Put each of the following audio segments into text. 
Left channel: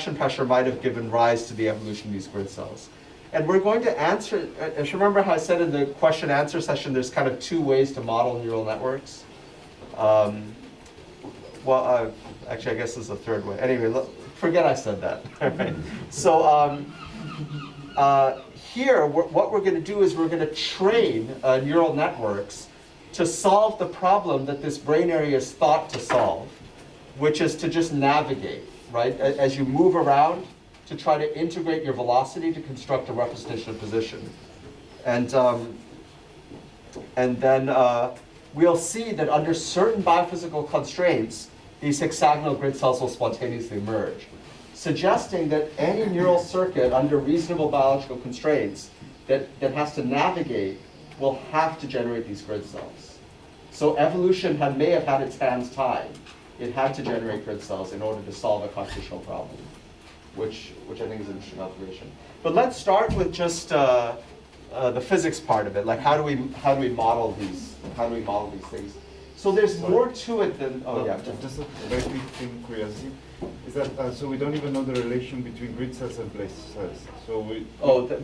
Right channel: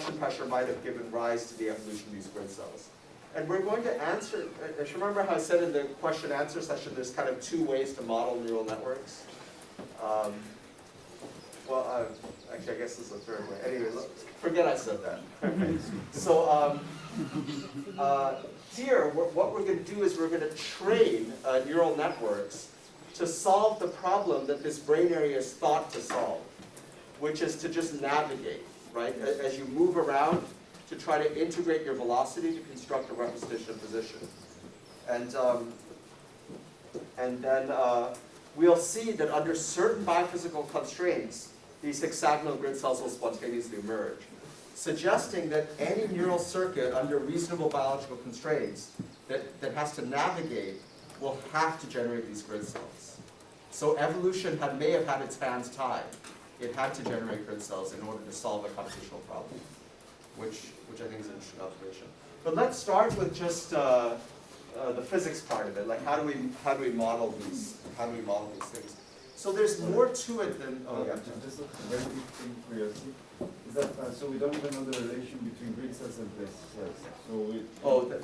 pressure might have given rise to the evolution of these grid cells. And we're going to answer, if you remember how I said in the question answer session, there's kind of two ways to model neural networks. Actually, I guess there's a third way. Anyway, forget I said that. Right. So here, what we're going to do is we're going to train neural networks to solve the problem that this brain area is thought to solve, which is to just navigate, right? As you move around, to try to integrate your velocity to construct a representation of position. And then we'll see that under certain biophysical constraints, these hexagonal grid cells will spontaneously emerge, suggesting that any neural circuit under reasonable biological constraints that has to navigate will have to generate these grid cells. So evolution may have had its hands tied. It had to generate grid cells in order to solve a computational problem, which I think is an interesting observation. But let's start with just the physics part of it. Like how do we model these things? So there's more to it than just a very quick thing, curiosity, is that so we don't even know the relation between grid cells and place cells. So we.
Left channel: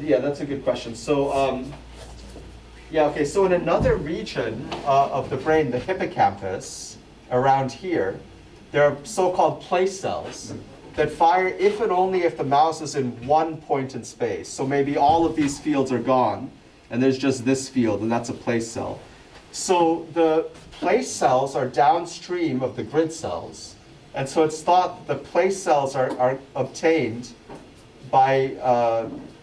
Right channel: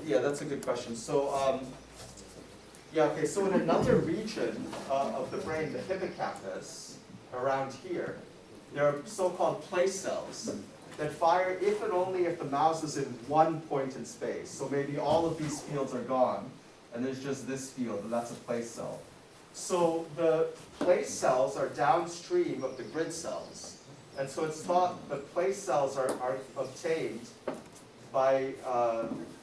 Yeah, that's a good question. So so in another region of the brain, the hippocampus, around here, there are so-called place cells that fire if and only if the mouse is in one point in space. So maybe all of these fields are gone, and there's just this field, and that's a place cell. So the place cells are downstream of the grid cells, and so it's thought the place cells are obtained by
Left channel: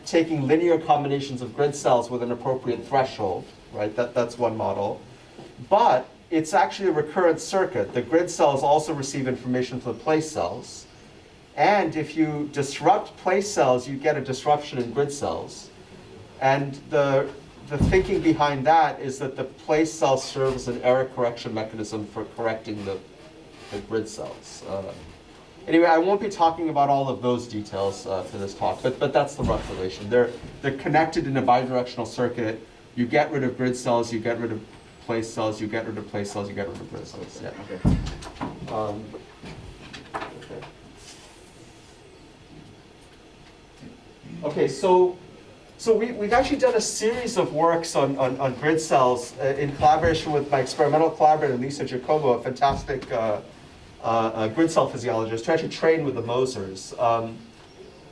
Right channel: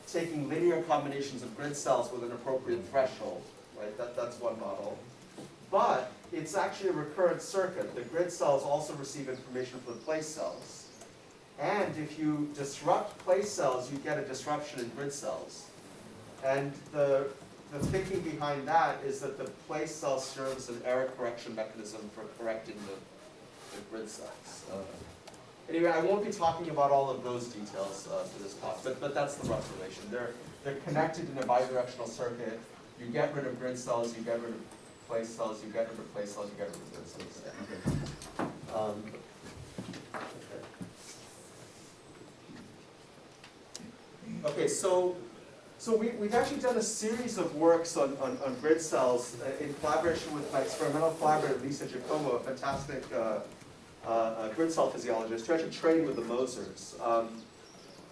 taking linear combinations of grid cells with an appropriate threshold, right? That's one model. But it's actually a recurrent circuit. The grid cells also receive information from the place cells. And if you disrupt place cells, you get a disruption in grid cells. And the thinking behind that is that the place cells serve as an error correction mechanism for correcting the grid cells. Anyway, I won't be talking about all of those details for this talk, but that's the rough relation. They're connected in a bidirectional circuit. You get rid of grid cells, you get rid of place cells, you get rid of place cells, you get rid of grid cells. Yeah. Okay. Okay, so we've actually done a series of works on grid cells in collaboration with my experimental collaborator, Lisa Giacomo, a fantastic grid cell physiologist, who actually trained with the Mosers.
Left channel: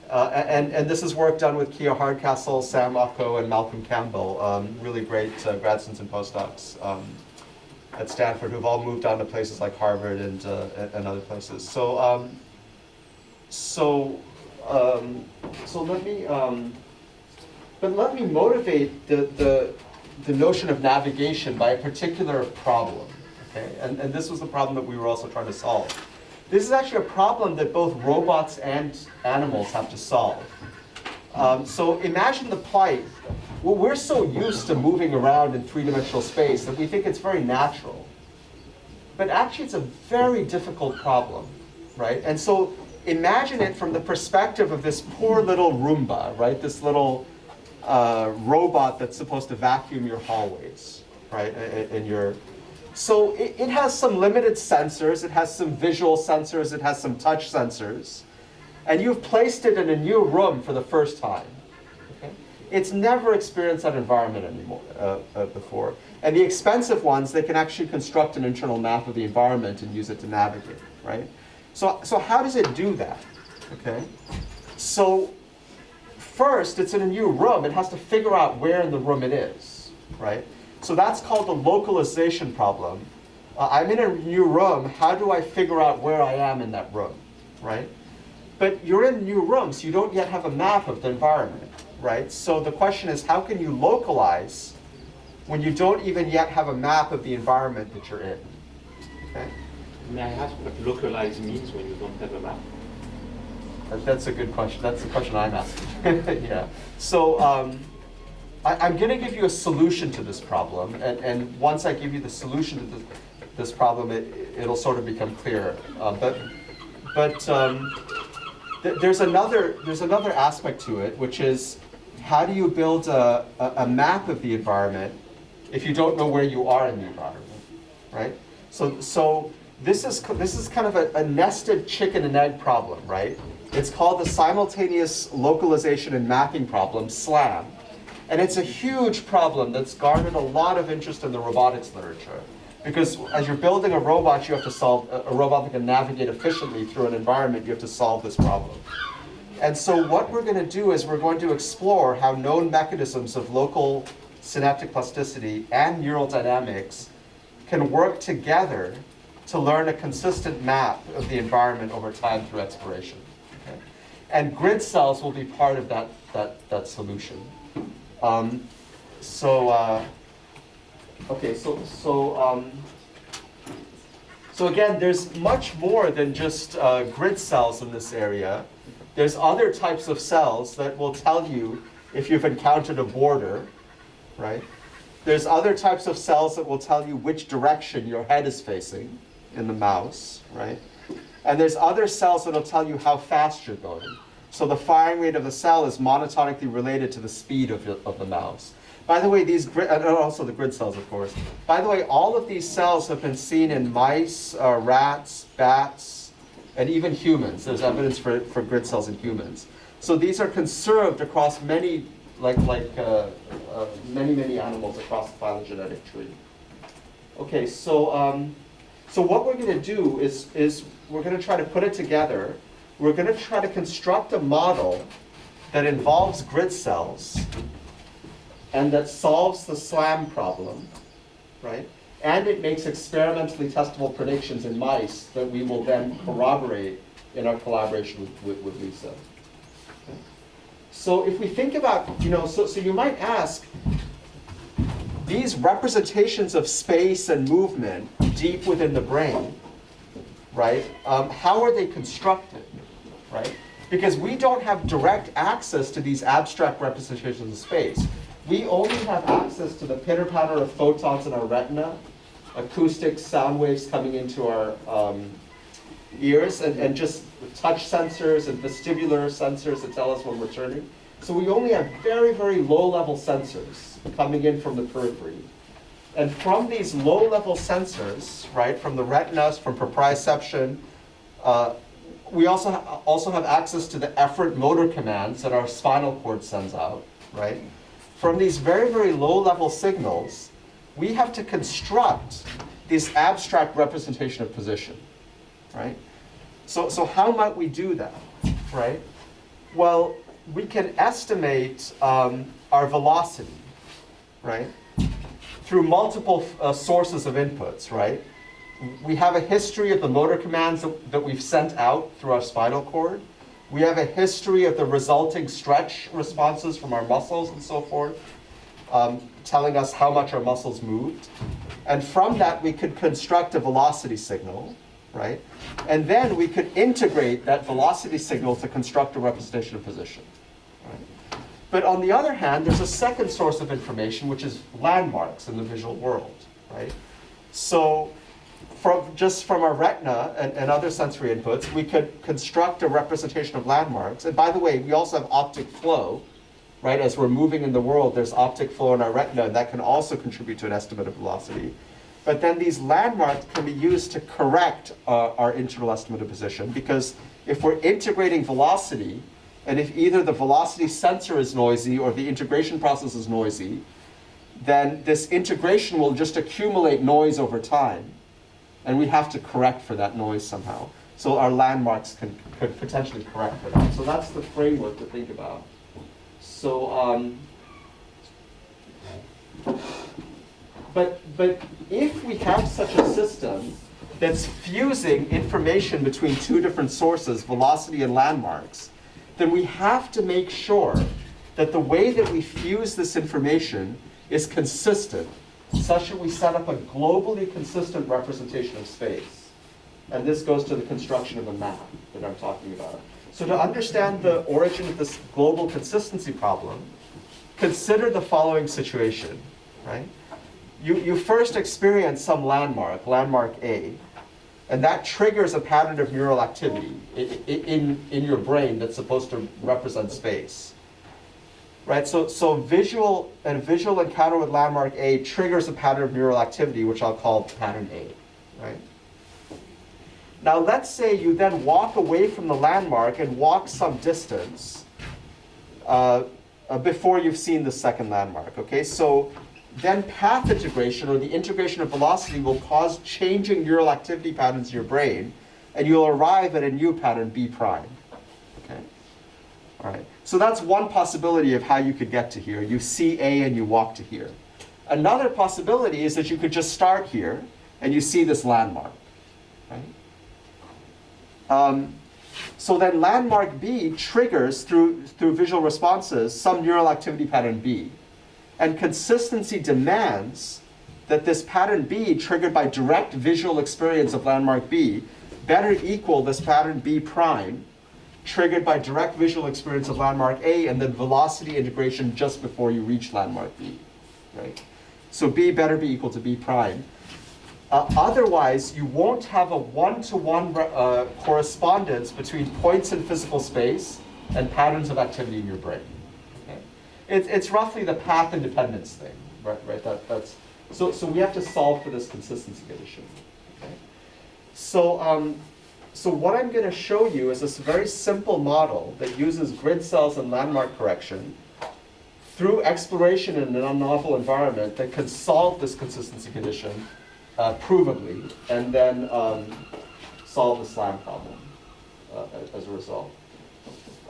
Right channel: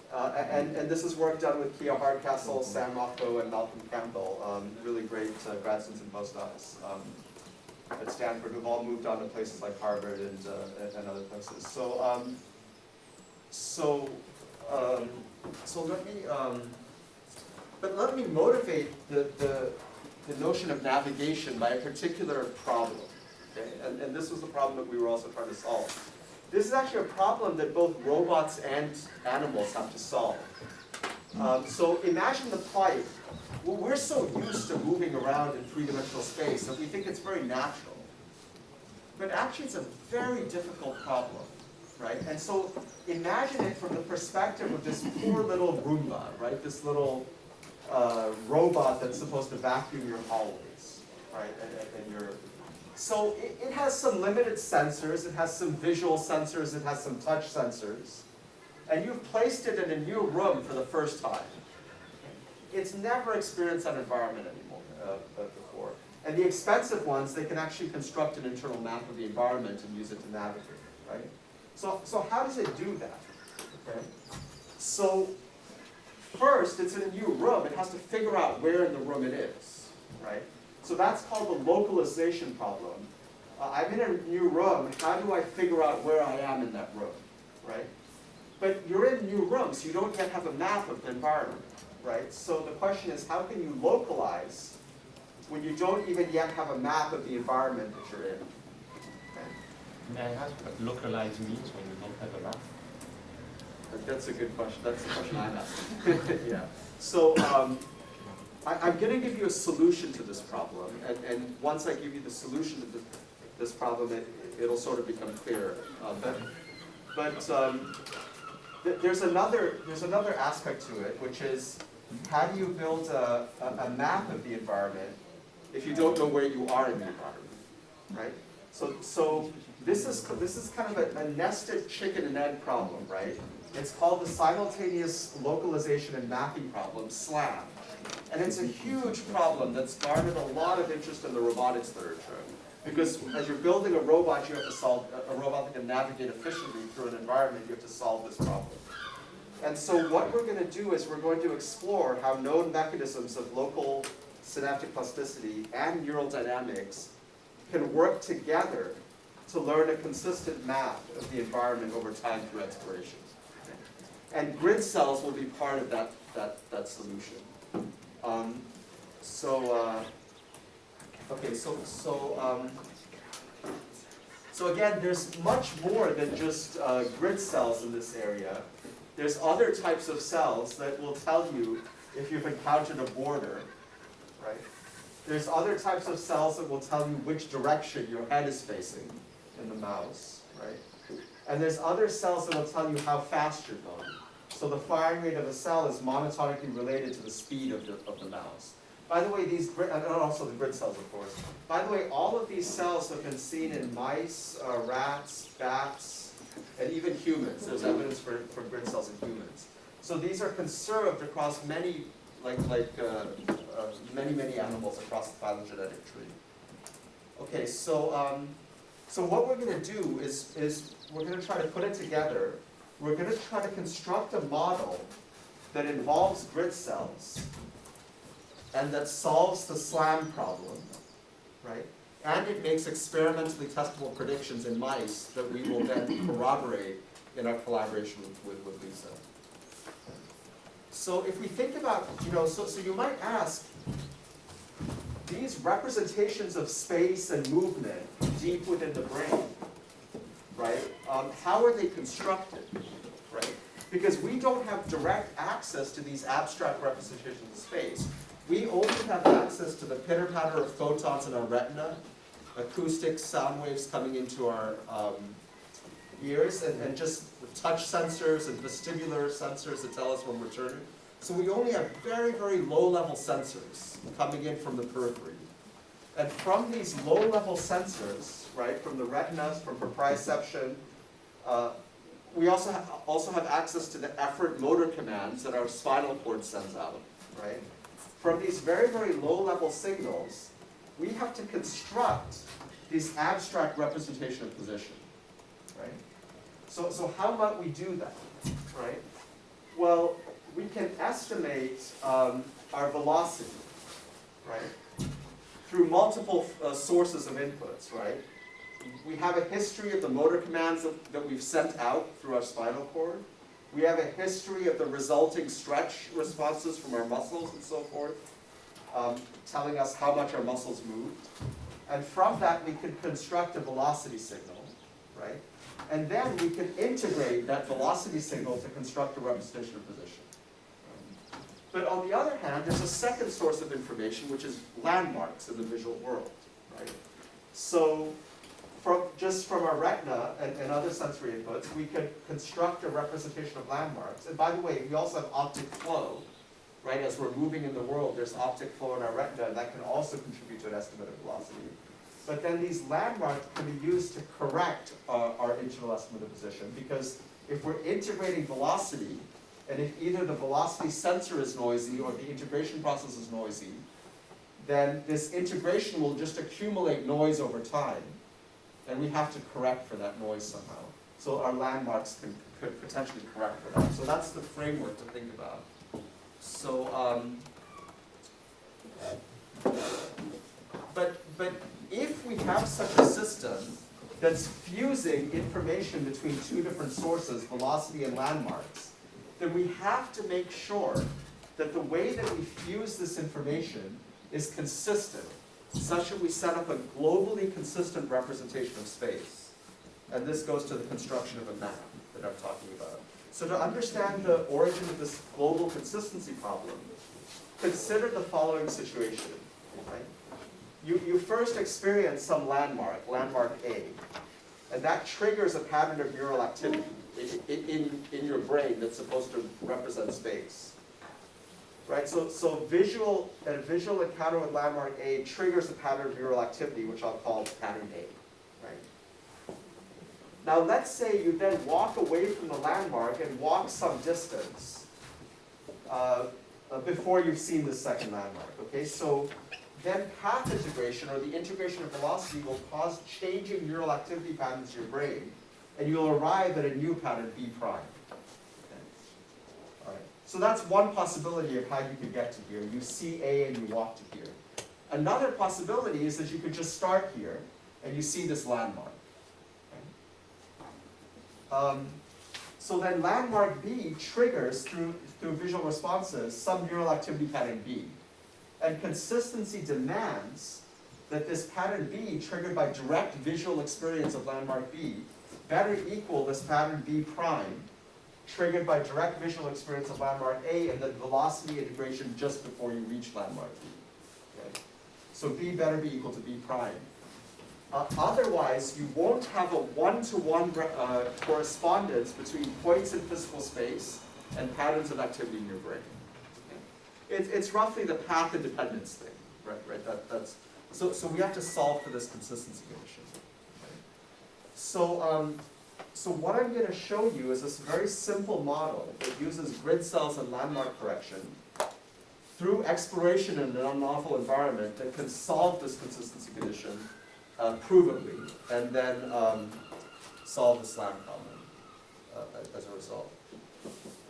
And this is work done with Kia Hardcastle, Sam Ocko, and Malcolm Campbell, really great grad students and postdocs at Stanford who've all moved on to places like Harvard and other places. So let me motivate the notion of navigation by a particular problem. Okay, and this was the problem that we were also trying to solve. This is actually a problem that both robots and animals have to solve. So imagine the plight. Well, we're so used to moving around in three-dimensional space that we think it's very natural. But actually, it's a very difficult problem, right? And so imagine it from the perspective of this poor little Roomba, right? This little robot that's supposed to vacuum your hallways, right? So it has some limited sensors, it has some visual sensors, it has some touch sensors, and you've placed it in a new room for the first time. Okay? It's never experienced that environment anymore before. And the expensive ones, they can actually construct an internal map of the environment and use it to navigate, right? So how does it do that? Okay? So first, it's in a new room, it has to figure out where in the room it is, right? So that's called the localization problem. I'm in a new room, how do I figure out where I am in that room, right? But you're in a new room, so you don't yet have a map of the environment, right? So the question is, how can you localize when you don't even yet have a map of the environment that you're in? Okay? May I ask what localize means when you don't have a map? That's a good question. That's the question I'm asking. Yeah. So I'm going to give you a solution to this problem, and once I give you the solution to this problem, it'll sort of become clearer. There's another aspect to it, which is how do you build a map of the environment if you don't know where you are in the environment, right? So this is kind of a nested chicken and egg problem, right? It's called the Simultaneous Localization and Mapping Problem, SLAM. And it's a huge problem that's garnered a lot of interest in the robotics literature. Because as you're building a robot, you have to solve, a robot that can navigate efficiently through an environment, you have to solve this problem. And so what we're going to do is we're going to explore how known mechanisms of local synaptic plasticity and neural dynamics can work together to learn a consistent map of the environment over time through exploration. Okay? And grid cells will be part of that solution. So again, there's much more than just grid cells in this area. There's other types of cells that will tell you if you've encountered a border, right? There's other types of cells that will tell you which direction your head is facing in the mouse, right? And there's other cells that will tell you how fast you're going. So the firing rate of a cell is monotonically related to the speed of the mouse. By the way, and also the grid cells, of course. By the way, all of these cells have been seen in mice, rats, bats, and even humans. There's evidence for grid cells in humans. So these are conserved across many, many animals across the phylogenetic tree. Okay, so what we're going to do is we're going to try to put it together. We're going to try to construct a model that involves grid cells and that solves the SLAM problem, right? And it makes experimentally testable predictions in mice that we will then corroborate in our collaboration with Lisa. Okay. So if we think about, so you might ask, these representations of space and movement deep within the brain, right? How are they constructed, right? Because we don't have direct access to these abstract representations of space. We only have access to the pitter-patter of photons in our retina, acoustic sound waves coming into our ears, and just touch sensors and vestibular sensors that tell us when we're turning. So we only have very, very low-level sensors coming in from the periphery. And from these low-level sensors, right, from the retinas, from proprioception, we also have access to the effort motor commands that our spinal cord sends out, right? From these very, very low-level signals, we have to construct this abstract representation of position, right? So how might we do that, right? Well, we can estimate our velocity, right? Through multiple sources of inputs, right? We have a history of the motor commands that we've sent out through our spinal cord. We have a history of the resulting stretch responses from our muscles and so forth, telling us how much our muscles moved. And from that, we could construct a velocity signal, right? And then we could integrate that velocity signal to construct a representation of position. Right? But on the other hand, there's a second source of information, which is landmarks in the visual world, right? So from our retina and other sensory inputs, we could construct a representation of landmarks. And by the way, we also have optic flow, right? As we're moving in the world, there's optic flow in our retina, and that can also contribute to an estimate of velocity. But then these landmarks can be used to correct our internal estimate of position, because if we're integrating velocity, and if either the velocity sensor is noisy or the integration process is noisy, then this integration will just accumulate noise over time. And we have to correct for that noise somehow. So our landmarks could potentially correct for that. So that's the framework to think about. So, but if we have such a system that's fusing information between two different sources, velocity and landmarks, then we have to make sure that the way that we fuse this information is consistent, such that we set up a globally consistent representation of space. And this goes to the construction of a map that I'm talking about. So to understand the origin of this global consistency problem, consider the following situation, right? You first experience some landmark A, and that triggers a pattern of neural activity in your brain that's supposed to represent space. Right, so visual encounter with landmark A triggers a pattern of neural activity, which I'll call pattern A, right? Now let's say you then walk away from the landmark and walk some distance before you've seen the second landmark, okay? So then path integration, or the integration of velocity, will cause changing neural activity patterns in your brain, and you'll arrive at a new pattern, B prime, okay? All right, so that's one possibility of how you could get to here. You see A and you walk to here. Another possibility is that you could just start here and you see this landmark, right? So then landmark B triggers through visual responses some neural activity pattern B. And consistency demands that this pattern B, triggered by direct visual experience of landmark B, better equal this pattern B prime, triggered by direct visual experience of landmark A, and then velocity integration just before you reach landmark B, right? So B better be equal to B prime. Otherwise, you won't have a one-to-one correspondence between points in physical space and patterns of activity in your brain. Okay? It's roughly the path independence thing, right? So we have to solve for this consistency condition. Okay? So what I'm going to show you is this very simple model that uses grid cells and landmark correction through exploration in an unnovel environment that can solve this consistency condition provably, and then solve the SLAM problem as a result.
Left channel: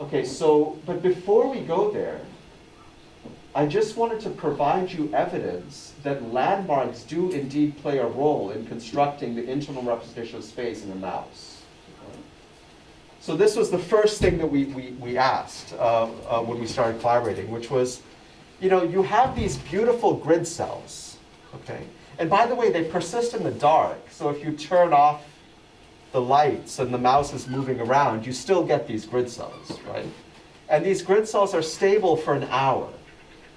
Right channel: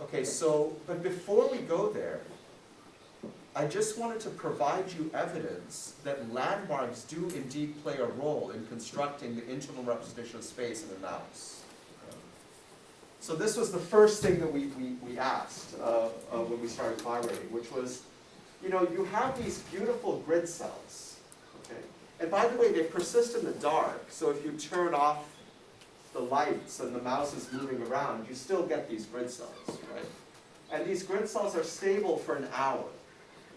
Okay, so, but before we go there, I just wanted to provide you evidence that landmarks do indeed play a role in constructing the internal representation of space in the mouse. So this was the first thing that we asked when we started collaborating, which was, you have these beautiful grid cells, okay? And by the way, they persist in the dark, so if you turn off the lights and the mouse is moving around, you still get these grid cells, right? And these grid cells are stable for an hour,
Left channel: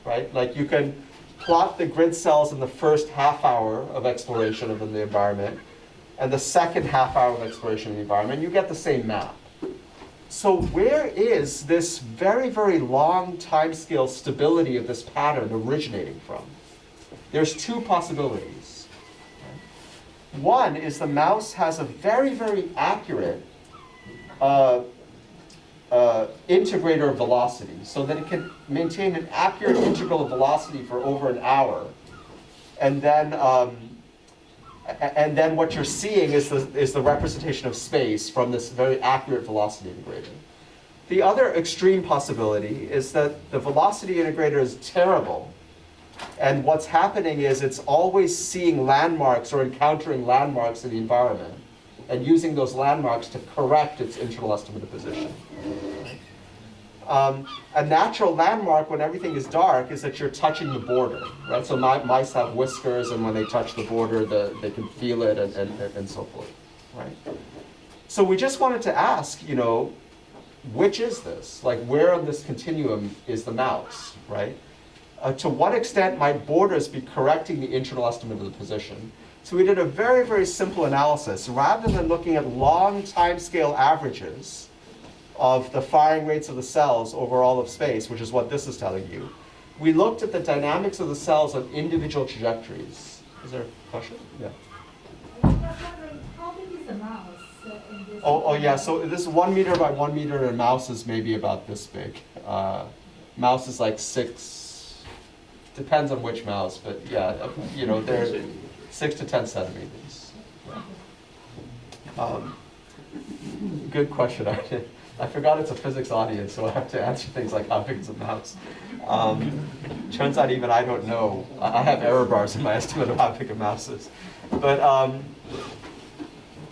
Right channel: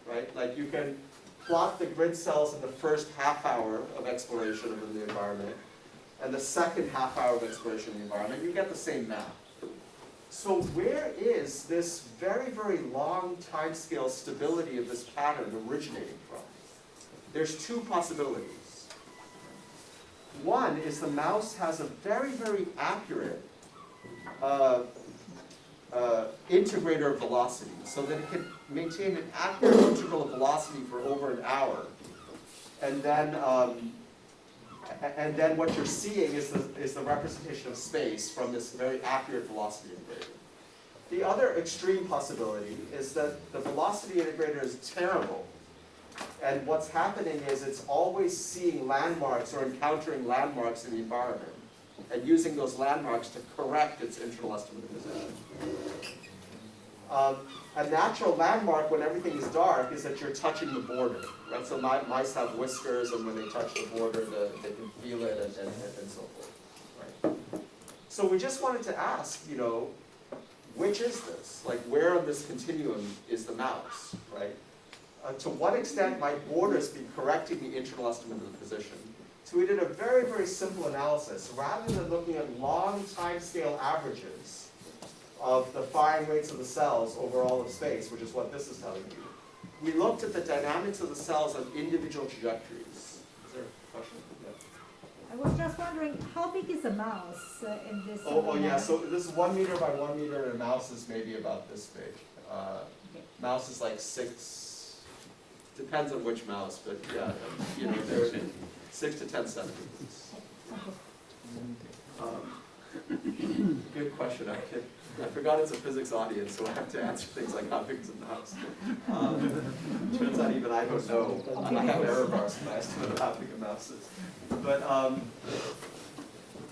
right? Like you can plot the grid cells in the first half hour of exploration of the environment and the second half hour of exploration of the environment, you get the same map. So where is this very, very long timescale stability of this pattern originating from? There's two possibilities. One is the mouse has a very, very accurate integrator of velocity, so that it can maintain an accurate integral of velocity for over an hour. And then what you're seeing is the representation of space from this very accurate velocity integrator. The other extreme possibility is that the velocity integrator is terrible, and what's happening is it's always seeing landmarks or encountering landmarks in the environment and using those landmarks to correct its internal estimate of position. A natural landmark when everything is dark is that you're touching the border, right? So mice have whiskers, and when they touch the border, they can feel it and so forth, right? So we just wanted to ask, which is this? Like, where on this continuum is the mouse, right? To what extent might borders be correcting the internal estimate of the position? So we did a very, very simple analysis. Rather than looking at long timescale averages of the firing rates of the cells over all of space, which is what this is telling you, we looked at the dynamics of the cells on individual trajectories. Is there a question? Yeah. I was just wondering, how big is a mouse in this? Oh yeah, so this is 1 meter by 1 meter, and a mouse is maybe about this big. Mouse is like 6, depends on which mouse, but yeah, they're 6 to 10 centimeters. Good question. I forgot it's a physics audience, so I have to answer things like how big is a mouse. Turns out even I don't know. I have error bars in my estimate of how big a mouse is. But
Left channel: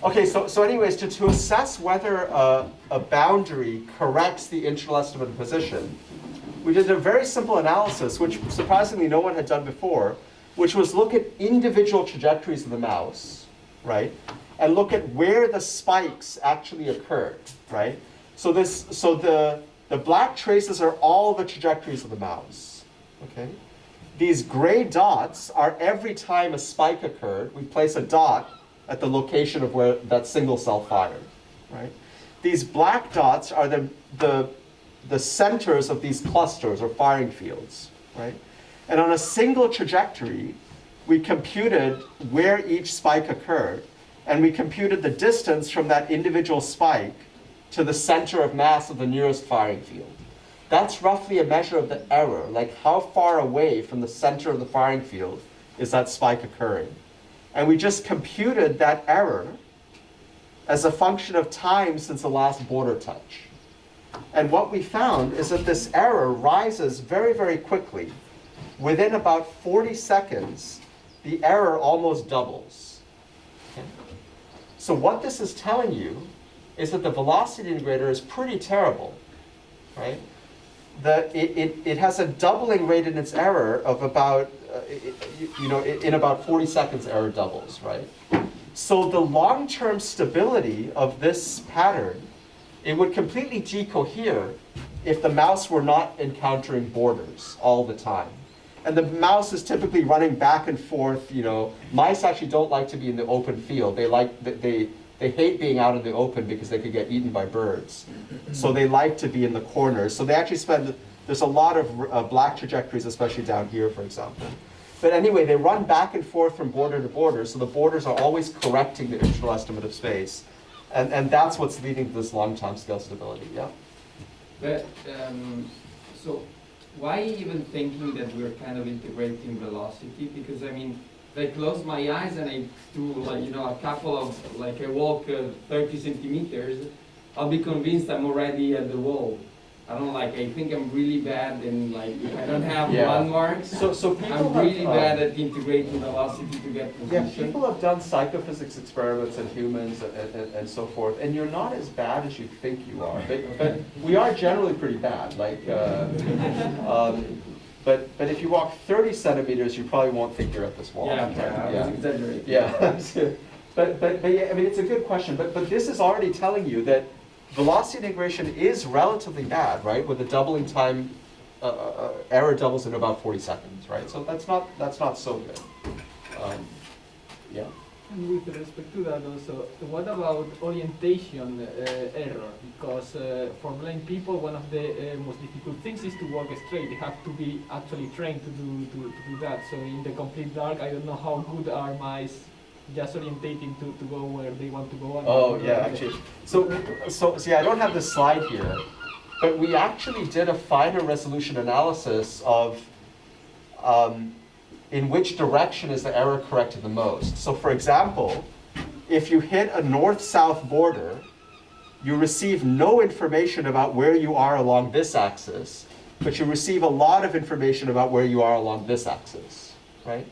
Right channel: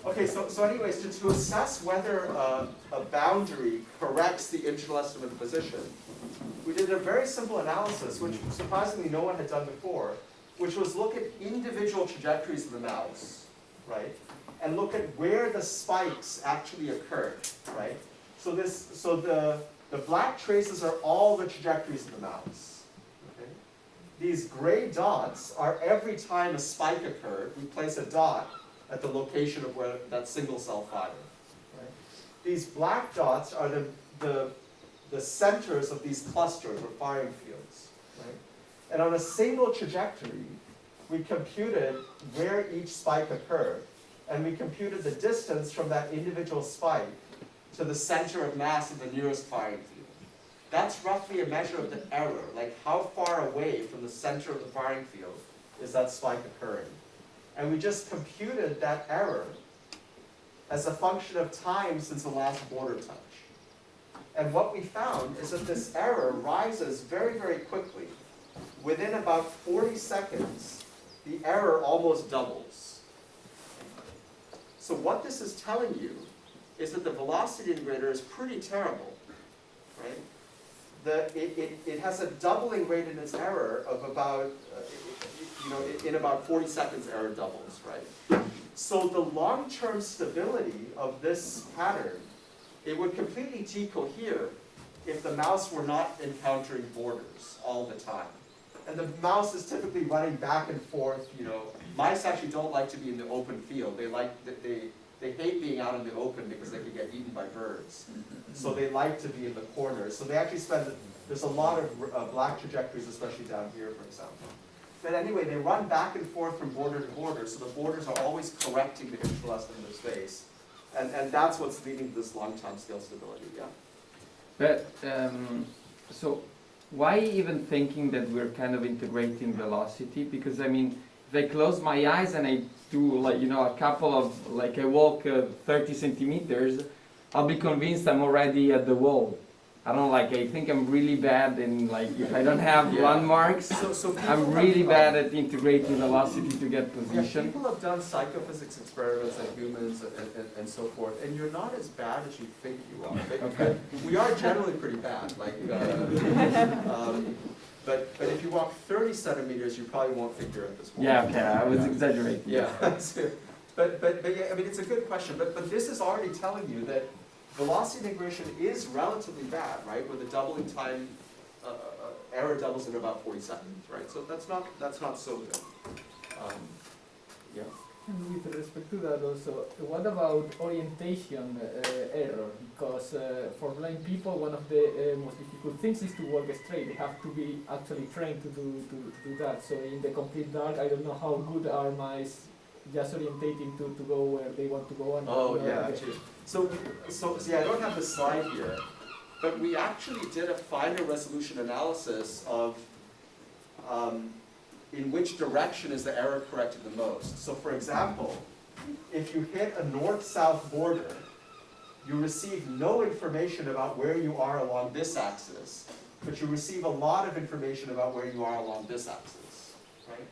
okay, so anyways, to assess whether a boundary corrects the internal estimate of position, we did a very simple analysis, which surprisingly no one had done before, which was look at individual trajectories of the mouse, right? And look at where the spikes actually occurred, right? So the black traces are all the trajectories of the mouse, okay? These gray dots are every time a spike occurred, we place a dot at the location of where that single cell fired, right? These black dots are the centers of these clusters or firing fields, right? And on a single trajectory, we computed where each spike occurred, and we computed the distance from that individual spike to the center of mass of the nearest firing field. That's roughly a measure of the error, like how far away from the center of the firing field is that spike occurring. And we just computed that error as a function of time since the last border touch. And what we found is that this error rises very, very quickly. Within about 40 seconds, the error almost doubles. Okay? So what this is telling you is that the velocity integrator is pretty terrible, right? It has a doubling rate in its error of about, in about 40 seconds error doubles, right? So the long-term stability of this pattern, it would completely decohere if the mouse were not encountering borders all the time. And the mouse is typically running back and forth, Mice actually don't like to be in the open field. They hate being out in the open because they could get eaten by birds. So they like to be in the corners. So they actually there's a lot of black trajectories, especially down here, for example. But anyway, they run back and forth from border to border, so the borders are always correcting the integral estimate of space. And that's what's leading to this long time scale stability, yeah? But, so why even thinking that we're kind of integrating velocity? Because I mean, if I close my eyes and I do a couple of, I walk 30 centimeters, I'll be convinced I'm already at the wall. I think I'm really bad in if I don't have landmarks, so I'm really bad at integrating velocity to get position. Yeah, people have done psychophysics experiments in humans and so forth, and you're not as bad as you think you are. But we are generally pretty bad. But if you walk 30 centimeters, you probably won't think you're at this wall. Yeah, okay, I was exaggerating. Yeah, but yeah, I mean, it's a good question. But this is already telling you that velocity integration is relatively bad, right? With the doubling time, error doubles in about 40 seconds, right? So that's not so good. Yeah. And with respect to that also, what about orientation error? Because for blind people, one of the most difficult things is to walk straight. They have to be actually trained to do that. So in the complete dark, I don't know how good are mice just orientating to go where they want to go. And Actually. So yeah, I don't have this slide here, but we actually did a finer resolution analysis of in which direction is the error corrected the most. So for example, if you hit a north-south border, you receive no information about where you are along this axis, but you receive a lot of information about where you are along this axis, right?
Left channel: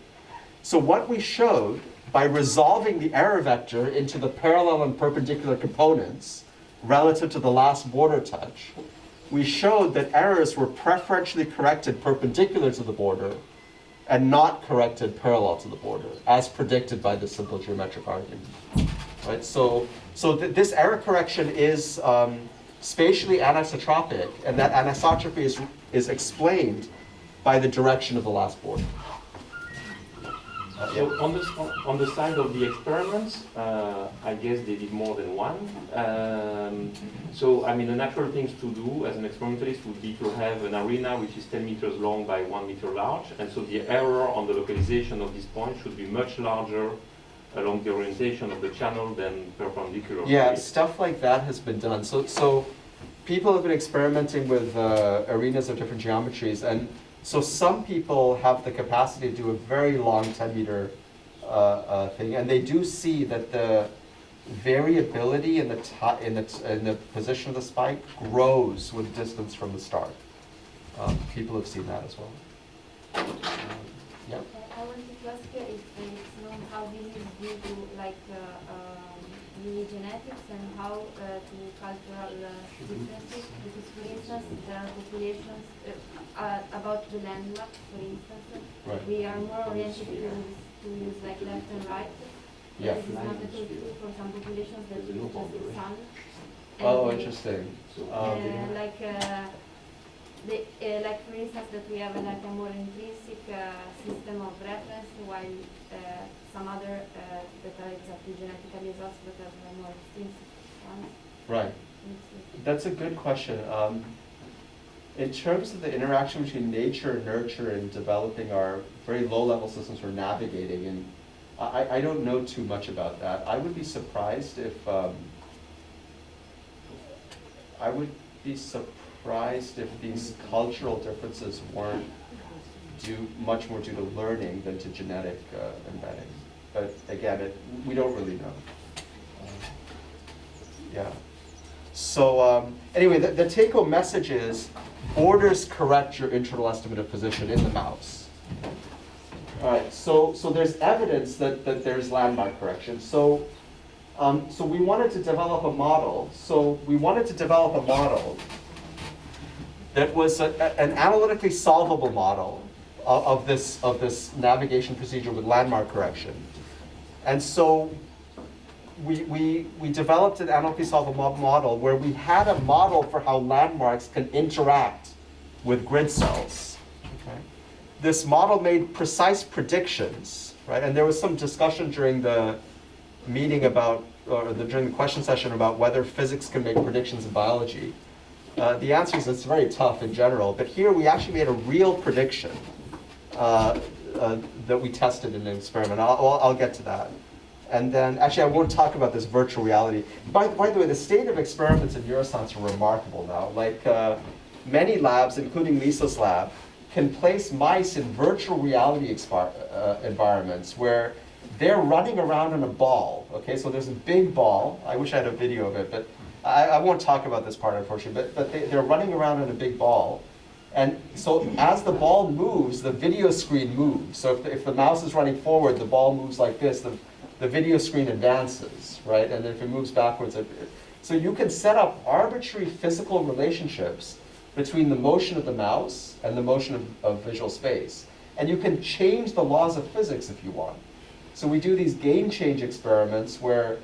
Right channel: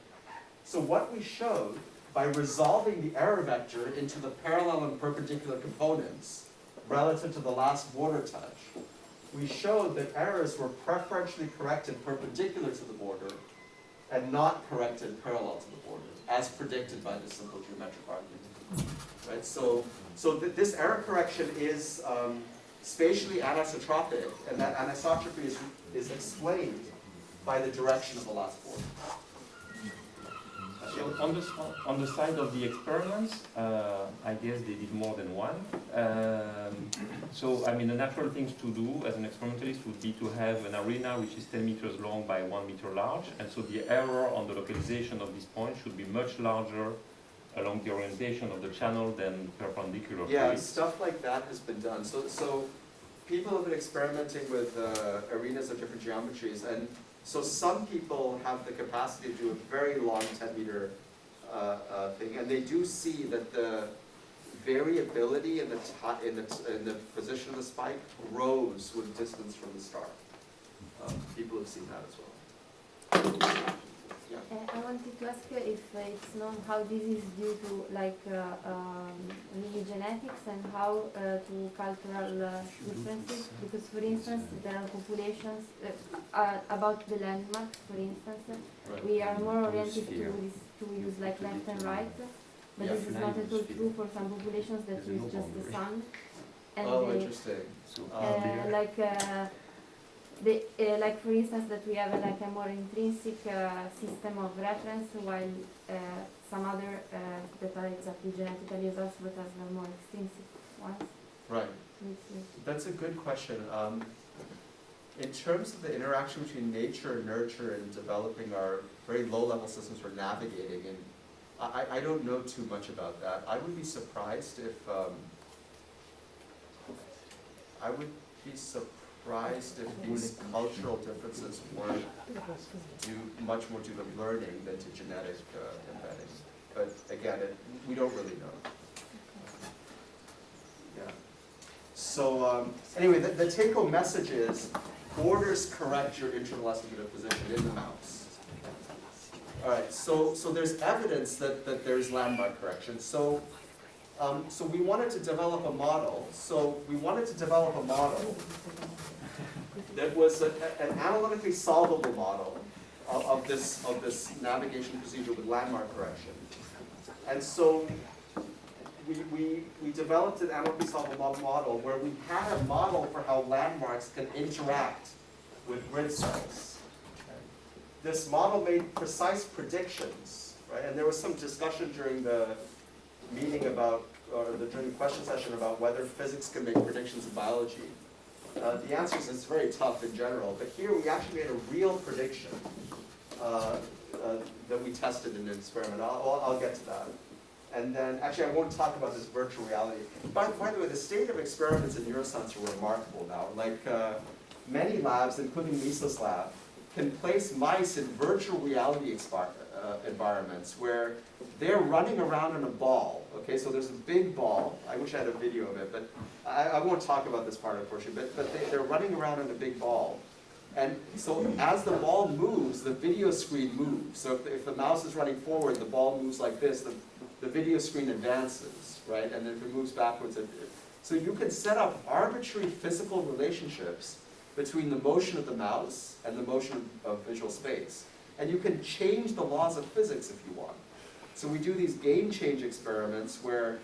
So what we showed by resolving the error vector into the parallel and perpendicular components relative to the last border touch, we showed that errors were preferentially corrected perpendicular to the border and not corrected parallel to the border, as predicted by this simple geometric argument. Right? So this error correction is spatially anisotropic, and that anisotropy is explained by the direction of the last border. So on the side of the experiments, I guess they did more than one. So I mean, the natural things to do as an experimentalist would be to have an arena which is 10 meters long by 1 meter large, and so the error on the localization of this point should be much larger along the orientation of the channel than perpendicular. Yeah, stuff like that has been done. So people have been experimenting with arenas of different geometries, and so some people have the capacity to do a very long 10-meter thing, and they do see that the variability in the position of the spike grows with distance from the start. People have seen that as well. Yeah. I wanted to ask if it's known how this is due to mini genetics and how to cultural differences. Because for instance, there are populations about the landmark, for instance, Right. we are more oriented to use left and right. Yeah. This is not at all true for some populations that use just the sun. And Interesting. like for instance that we have a more intrinsic system of reference, while some other that are exactly genetically exhausted but are more extrinsic ones. Right. That's a good question. In terms of the interaction between nature and nurture and developing our very low-level systems for navigating, and I don't know too much about that. I would be surprised if, these cultural differences weren't much more due to learning than to genetic embedding. But again, we don't really know. Yeah. So anyway, the take-home message is borders correct your internal estimate of position in the mouse. All right, so there's evidence that there's landmark correction. So we wanted to develop a model. So we wanted to develop a model that was an analytically solvable model of this navigation procedure with landmark correction. And so we developed an analytically solvable model where we had a model for how landmarks can interact with grid cells. Okay? This model made precise predictions, right? And there was some discussion during the meeting about, during the question session about whether physics can make predictions in biology. The answer is it's very tough in general, but here we actually made a real prediction that we tested in an experiment. I'll get to that. And then, actually I won't talk about this virtual reality. By the way, the state of experiments in neuroscience are remarkable now. Like many labs, including Lisa's lab, can place mice in virtual reality environments where they're running around in a ball. Okay, so there's a big ball. I wish I had a video of it, but I won't talk about this part, unfortunately. But they're running around in a big ball. And so as the ball moves, the video screen moves. So if the mouse is running forward, the ball moves like this, the video screen advances, right? And if it moves backwards, so you can set up arbitrary physical relationships between the motion of the mouse and the motion of visual space. And you can change the laws of physics if you want. So we do these game change experiments where,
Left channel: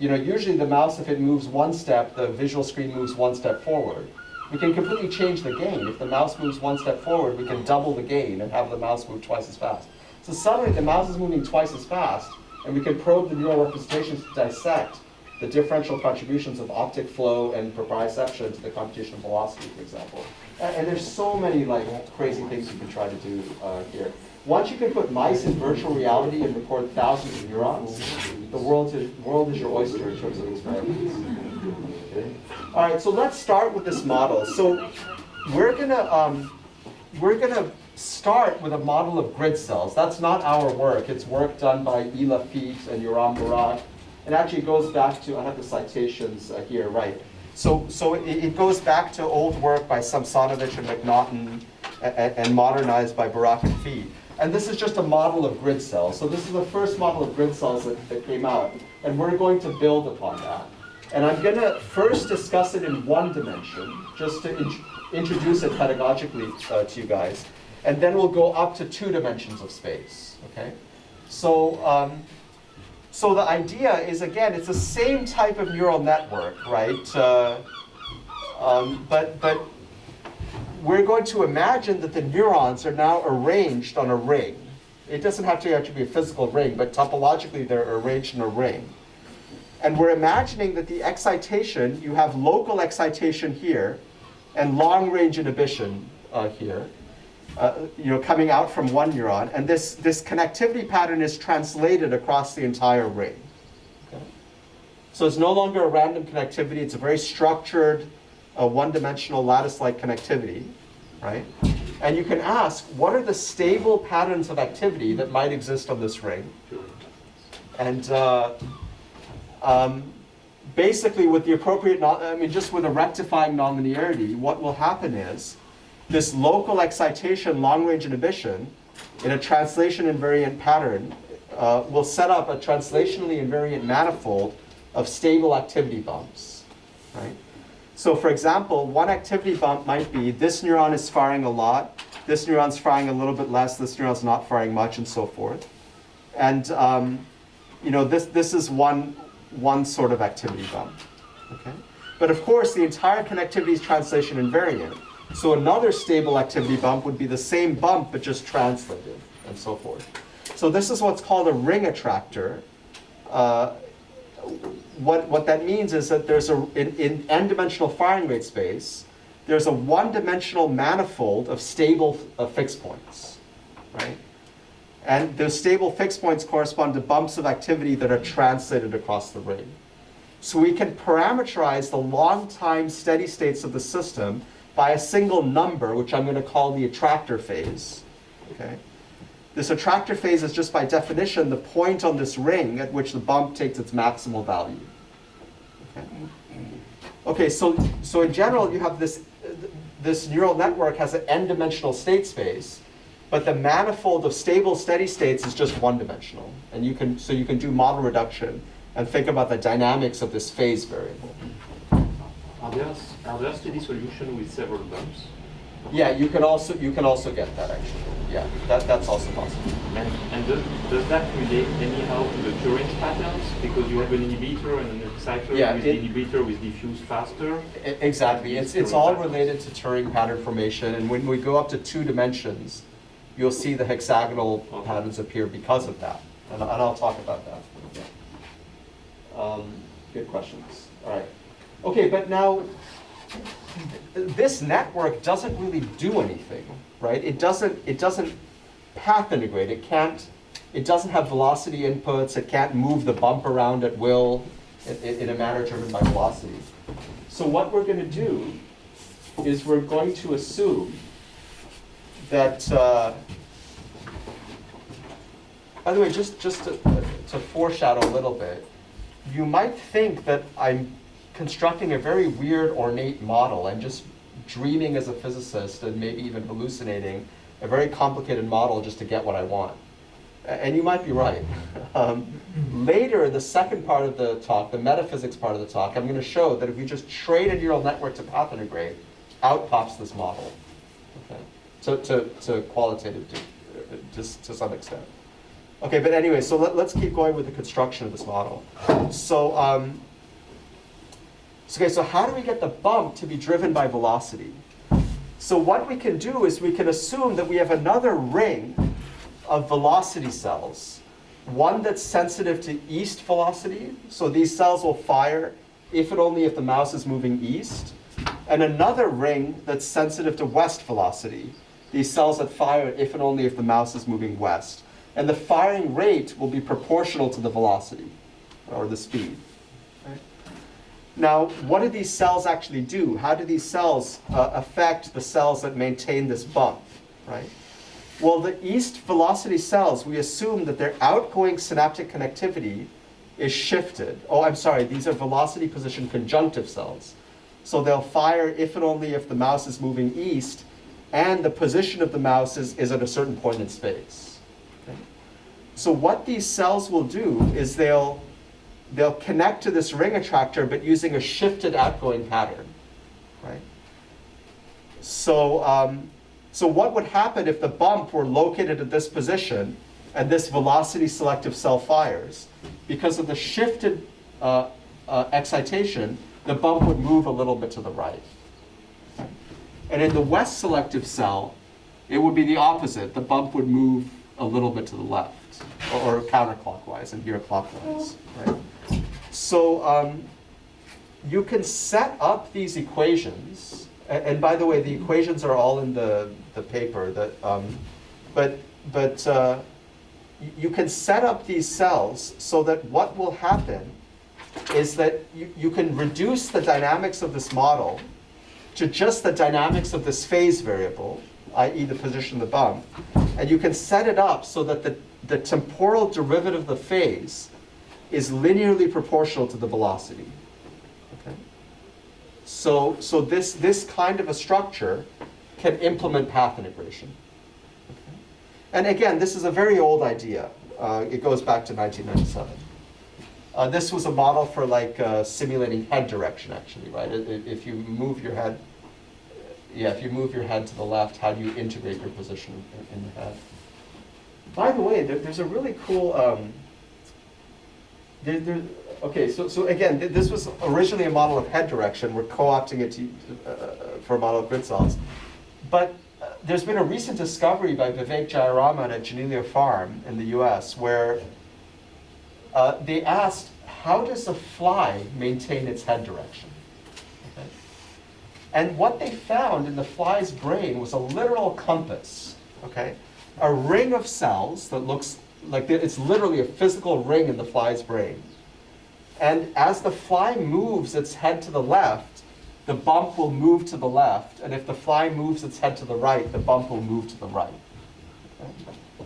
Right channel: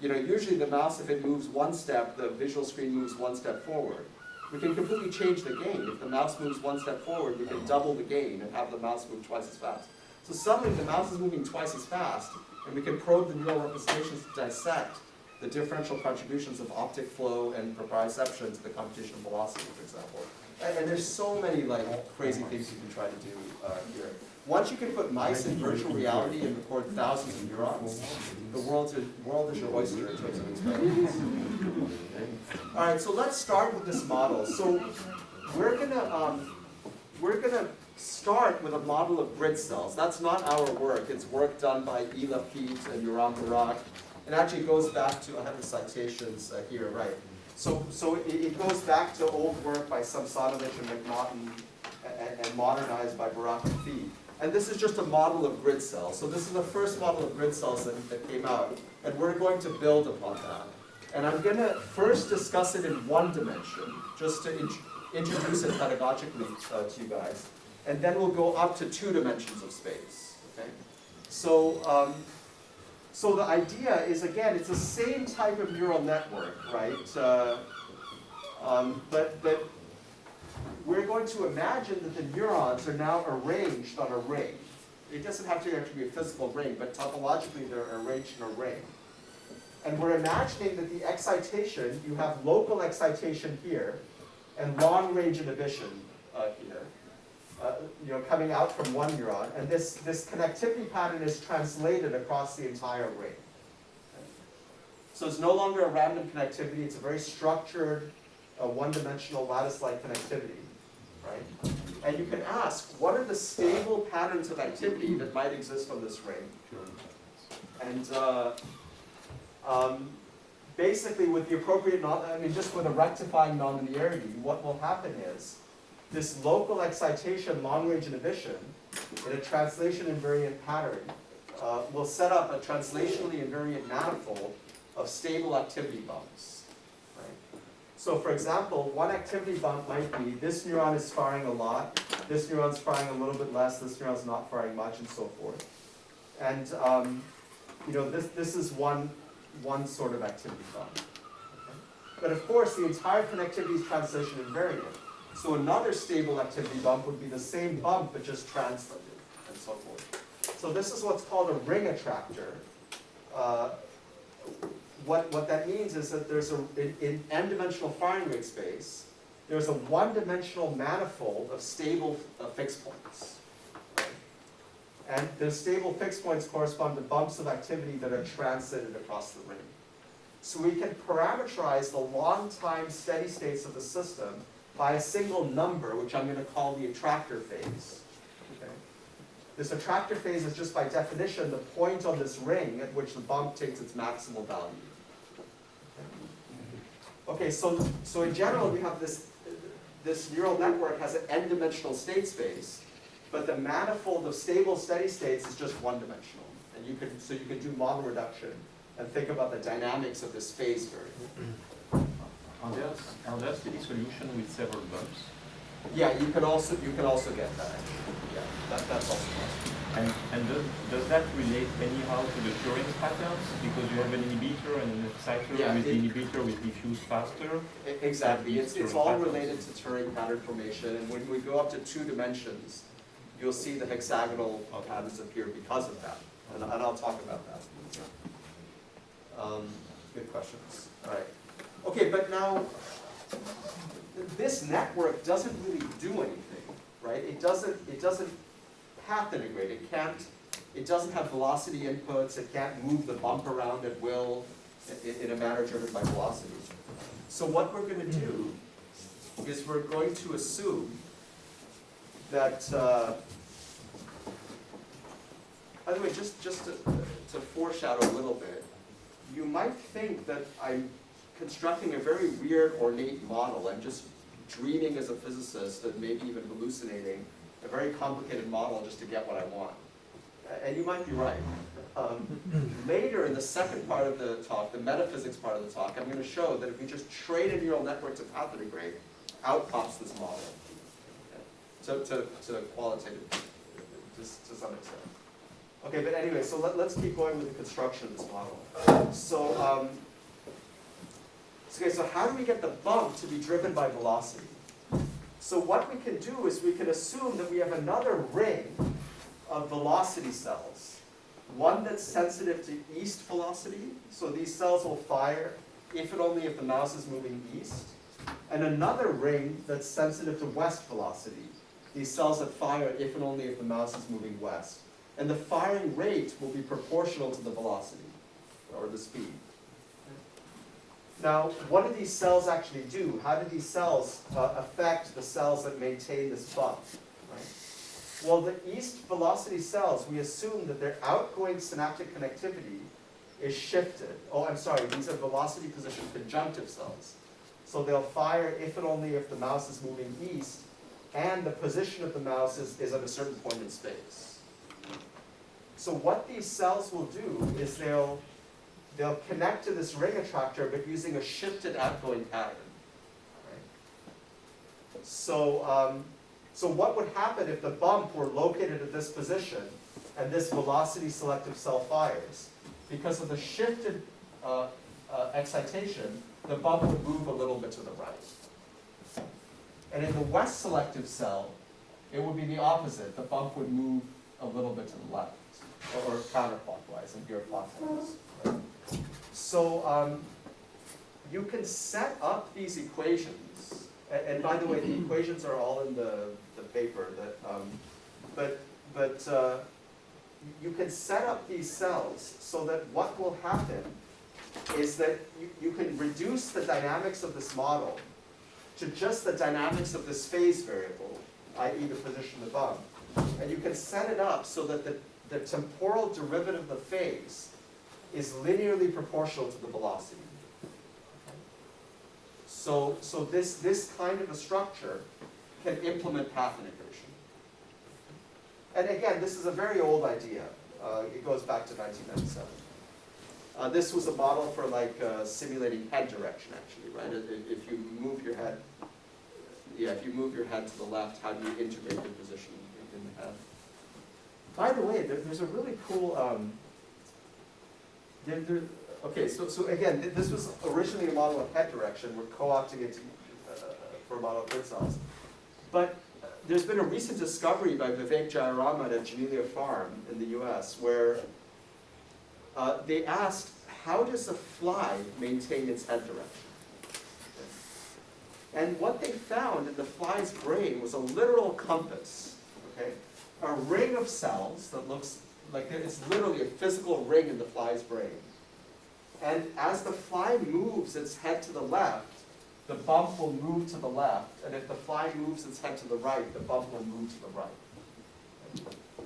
usually the mouse, if it moves one step, the visual screen moves one step forward. We can completely change the gain. If the mouse moves one step forward, we can double the gain and have the mouse move twice as fast. So suddenly the mouse is moving twice as fast, and we can probe the neural representations to dissect the differential contributions of optic flow and proprioception to the computational velocity, for example. And there's so many crazy things you can try to do here. Once you can put mice in virtual reality and record thousands of neurons, the world is your oyster in terms of experiments. Okay. All right, so let's start with this model. So we're gonna start with a model of grid cells. That's not our work. It's work done by Ela Feet and Yoram Barak. It actually goes back to, I have the citations here, right. So it goes back to old work by Samsonovich and McNaughton and modernized by Barak and Feet. And this is just a model of grid cells. So this is the first model of grid cells that came out. And we're going to build upon that. And I'm going to first discuss it in one dimension, just to introduce it pedagogically to you guys. And then we'll go up to 2 dimensions of space, okay? So, so the idea is, again, it's the same type of neural network, right? But we're going to imagine that the neurons are now arranged on a ring. It doesn't have to actually be a physical ring, but topologically they're arranged in a ring. And we're imagining that the excitation, you have local excitation here, and long-range inhibition here, coming out from one neuron, and this connectivity pattern is translated across the entire ring. Okay? So it's no longer a random connectivity, it's a very structured, one-dimensional lattice-like connectivity, right? And you can ask, what are the stable patterns of activity that might exist on this ring? And basically with the appropriate, just with a rectifying nonlinearity, what will happen is this local excitation, long-range inhibition, in a translation invariant pattern, will set up a translationally invariant manifold of stable activity bumps, right? So for example, one activity bump might be this neuron is firing a lot, this neuron's firing a little bit less, this neuron's not firing much, and so forth. And this is one sort of activity bump. Okay? But of course, the entire connectivity is translation invariant. So another stable activity bump would be the same bump, but just translated, and so forth. So this is what's called a ring attractor. What that means is that there's in n-dimensional firing rate space, there's a one-dimensional manifold of stable fixed points, right? And those stable fixed points correspond to bumps of activity that are translated across the ring. So we can parameterize the long time steady states of the system by a single number, which I'm going to call the attractor phase. Okay? This attractor phase is just by definition the point on this ring at which the bump takes its maximal value. Okay, so in general you have this neural network has an n-dimensional state space, but the manifold of stable steady states is just one-dimensional. And you can do model reduction and think about the dynamics of this phase variable. Are there steady solutions with several bumps? Yeah, you can also get that actually. Yeah, that's also possible. And does that relate anyhow to the Turing patterns? Because you have an inhibitor and an exciter. Yeah, with the inhibitor we diffuse faster. Exactly. It's Turing all patterns. related to Turing pattern formation, and when we go up to 2 dimensions, you'll see the hexagonal patterns appear because of that. And I'll talk about that. Good questions. All right. Okay, but now this network doesn't really do anything, right? It doesn't path integrate. It doesn't have velocity inputs. It can't move the bump around at will in a manner driven by velocity. So what we're going to do is we're going to assume that, by the way, just to foreshadow a little bit, you might think that I'm constructing a very weird, ornate model. I'm just dreaming as a physicist and maybe even hallucinating a very complicated model just to get what I want. And you might be right. Later, in the second part of the talk, the metaphysics part of the talk, I'm going to show that if you just train a neural network to path integrate, out pops this model. Okay? To qualitative, just to some extent. Okay, but anyway, so let's keep going with the construction of this model. So, okay, so how do we get the bump to be driven by velocity? So what we can do is we can assume that we have another ring of velocity cells, one that's sensitive to east velocity, so these cells will fire if and only if the mouse is moving east, and another ring that's sensitive to west velocity, these cells that fire if and only if the mouse is moving west. And the firing rate will be proportional to the velocity, or the speed. Right? Now, what do these cells actually do? How do these cells affect the cells that maintain this bump? Right? Well, the east velocity cells, we assume that their outgoing synaptic connectivity is shifted. Oh, I'm sorry, these are velocity position conjunctive cells. So they'll fire if and only if the mouse is moving east, and the position of the mouse is at a certain point in space. So what these cells will do is they'll connect to this ring attractor, but using a shifted outgoing pattern, right? So, so what would happen if the bump were located at this position and this velocity selective cell fires? Because of the shifted excitation, the bump would move a little bit to the right. And in the west selective cell, it would be the opposite. The bump would move a little bit to the left, or counterclockwise, and here clockwise, right? So you can set up these equations, and by the way, the equations are all in the paper. But you can set up these cells so that what will happen is that you can reduce the dynamics of this model to just the dynamics of this phase variable, i.e. the position of the bump, and you can set it up so that the temporal derivative of the phase is linearly proportional to the velocity. Okay? So this kind of a structure can implement path integration. Okay? And again, this is a very old idea. It goes back to 1997. This was a model for simulating head direction, actually, right? If you move your head, if you move your head to the left, how do you integrate your position in the head? By the way, there's a really cool. Okay, so again, this was originally a model of head direction. We're co-opting it for a model of grid cells, but there's been a recent discovery by Vivek Jayaraman at Janelia Farm in the U.S. where they asked, how does a fly maintain its head direction? Okay. And what they found in the fly's brain was a literal compass, okay? a ring of cells that looks like it's literally a physical ring in the fly's brain. And as the fly moves its head to the left, the bump will move to the left. And if the fly moves its head to the right, the bump will move to the right.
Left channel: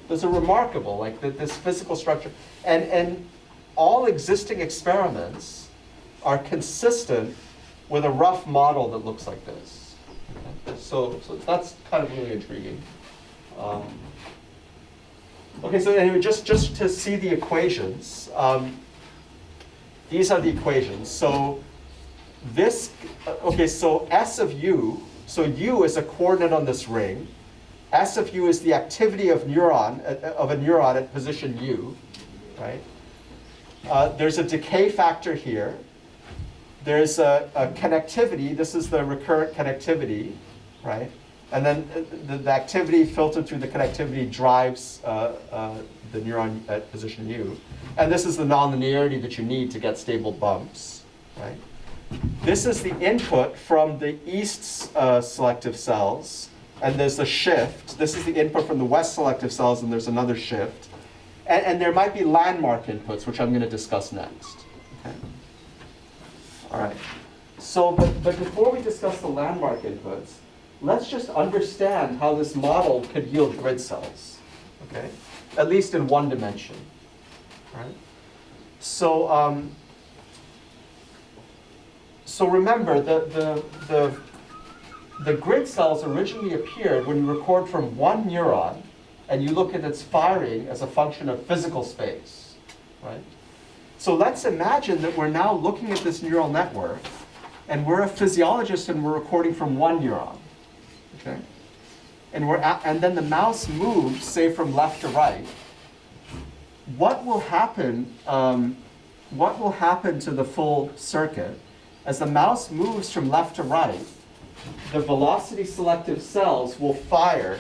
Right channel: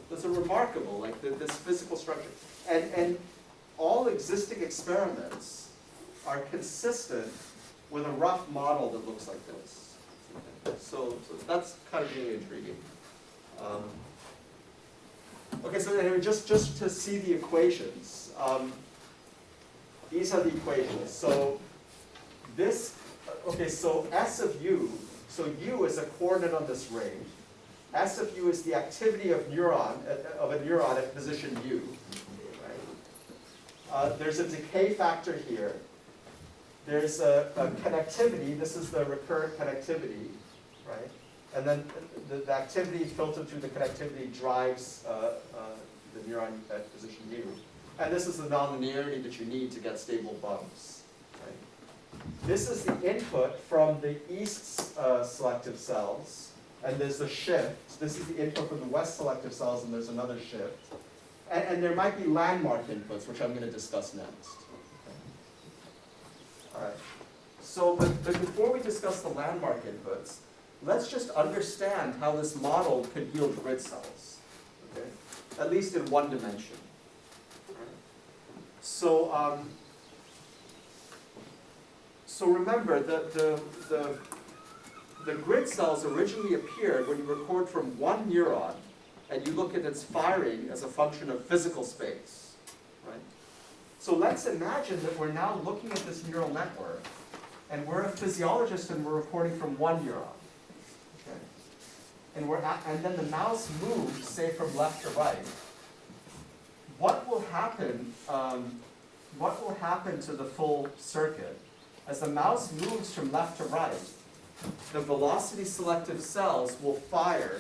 Those are remarkable, like this physical structure. And all existing experiments are consistent with a rough model that looks like this. Okay? So that's kind of really intriguing. Okay, so anyway, just to see the equations, these are the equations. So this, okay, so S of U, so U is a coordinate on this ring. S of U is the activity of a neuron at position U, right? There's a decay factor here. There's a connectivity. This is the recurrent connectivity, right? And then the activity filtered through the connectivity drives the neuron at position U. And this is the nonlinearity that you need to get stable bumps, right? This is the input from the east selective cells, and there's a shift. This is the input from the west selective cells, and there's another shift. And there might be landmark inputs, which I'm going to discuss next. Okay? All right. So, but before we discuss the landmark inputs, let's just understand how this model could yield grid cells, okay? At least in one dimension, right? So, so remember, the grid cells originally appeared when you record from one neuron and you look at its firing as a function of physical space, right? So let's imagine that we're now looking at this neural network and we're a physiologist and we're recording from one neuron. Okay? And then the mouse moves, say, from left to right. What will happen to the full circuit? As the mouse moves from left to right, the velocity selective cells will fire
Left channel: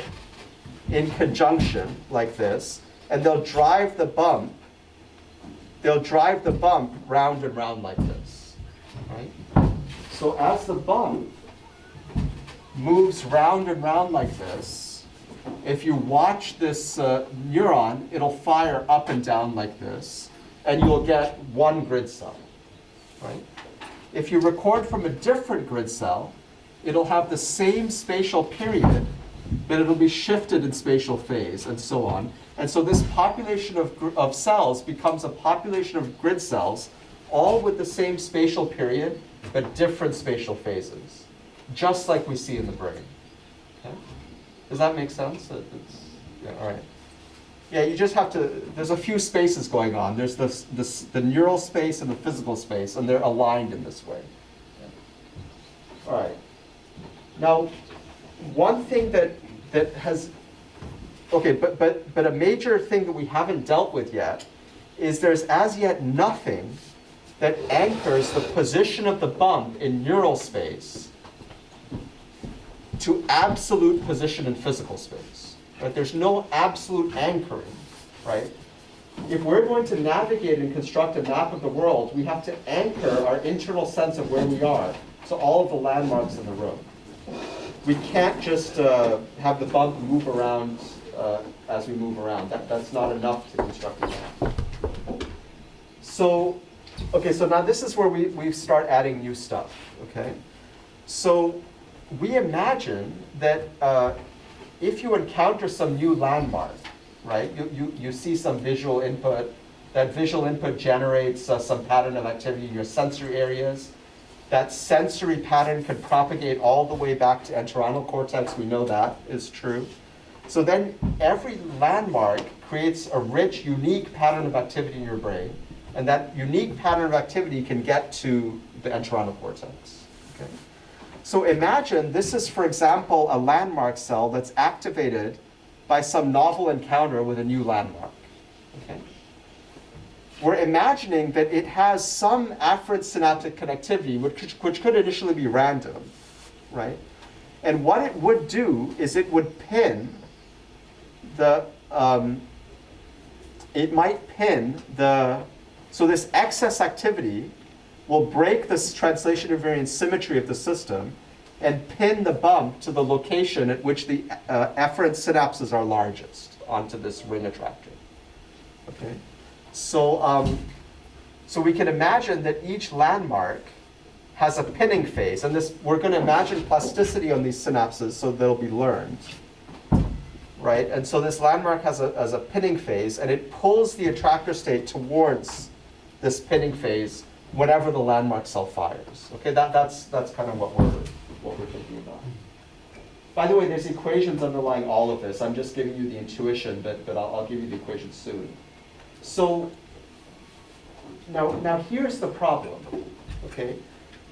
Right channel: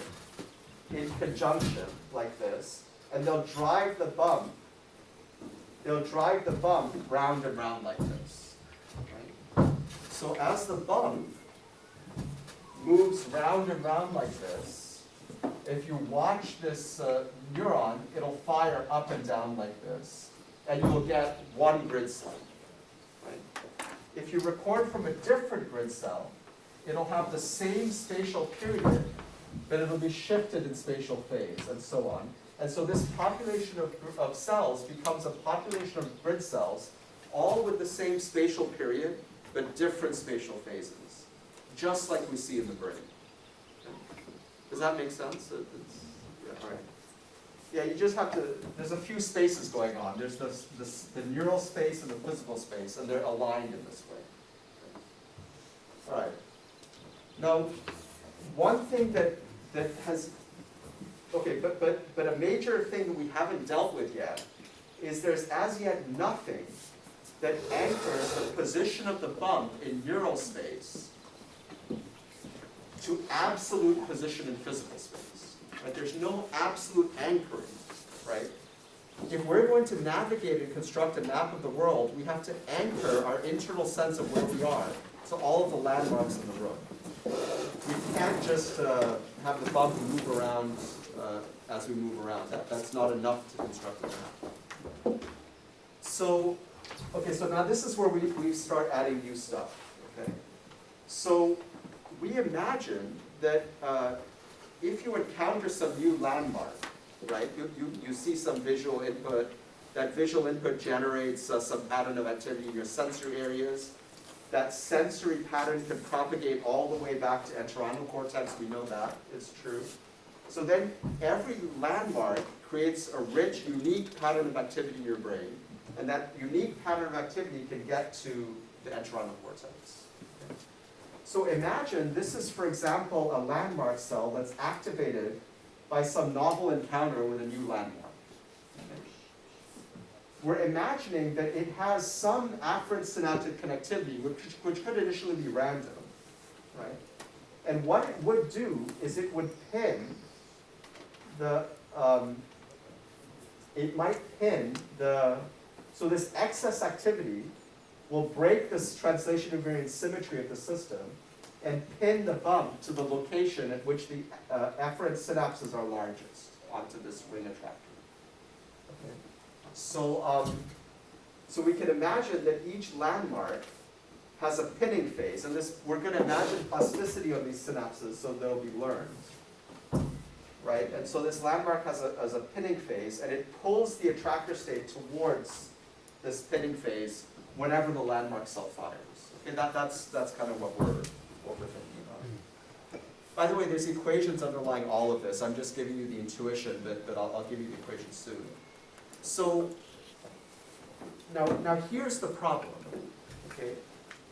in conjunction like this, and they'll drive the bump round and round like this. Right? So as the bump moves round and round like this, if you watch this neuron, it'll fire up and down like this, and you'll get one grid cell, right? If you record from a different grid cell, it'll have the same spatial period, but it'll be shifted in spatial phase, and so on. And so this population of cells becomes a population of grid cells, all with the same spatial period, but different spatial phases, just like we see in the brain. Okay? Does that make sense? Yeah, all right. Yeah, you just have to, there's a few spaces going on. There's the neural space and the physical space, and they're aligned in this way. Okay. All right. Now, one thing that has, okay, but a major thing that we haven't dealt with yet is there's as yet nothing that anchors the position of the bump in neural space to absolute position in physical space. Right? There's no absolute anchoring, right? If we're going to navigate and construct a map of the world, we have to anchor our internal sense of where we are, so all of the landmarks in the room. We can't just have the bump move around as we move around. That's not enough to construct a map. So, okay, so now this is where we start adding new stuff, okay? So we imagine that if you encounter some new landmark, right, you see some visual input, that visual input generates some pattern of activity in your sensory areas. That sensory pattern can propagate all the way back to entorhinal cortex. We know that is true. So then every landmark creates a rich, unique pattern of activity in your brain. And that unique pattern of activity can get to the entorhinal cortex. Okay? So imagine this is, for example, a landmark cell that's activated by some novel encounter with a new landmark. Okay? We're imagining that it has some afferent synaptic connectivity, which could initially be random, right? And what it would do is it would pin the, so this excess activity will break this translation invariant symmetry of the system and pin the bump to the location at which the afferent synapses are largest. onto this ring attractor. Okay, so so we can imagine that each landmark has a pinning phase, and this we're going to imagine plasticity on these synapses so they'll be learned, right? And so this landmark has a pinning phase, and it pulls the attractor state towards this pinning phase whenever the landmark cell fires. Okay, that's kind of what we're thinking about. By the way, there's equations underlying all of this. I'm just giving you the intuition, but I'll give you the equations soon. So now here's the problem. Okay,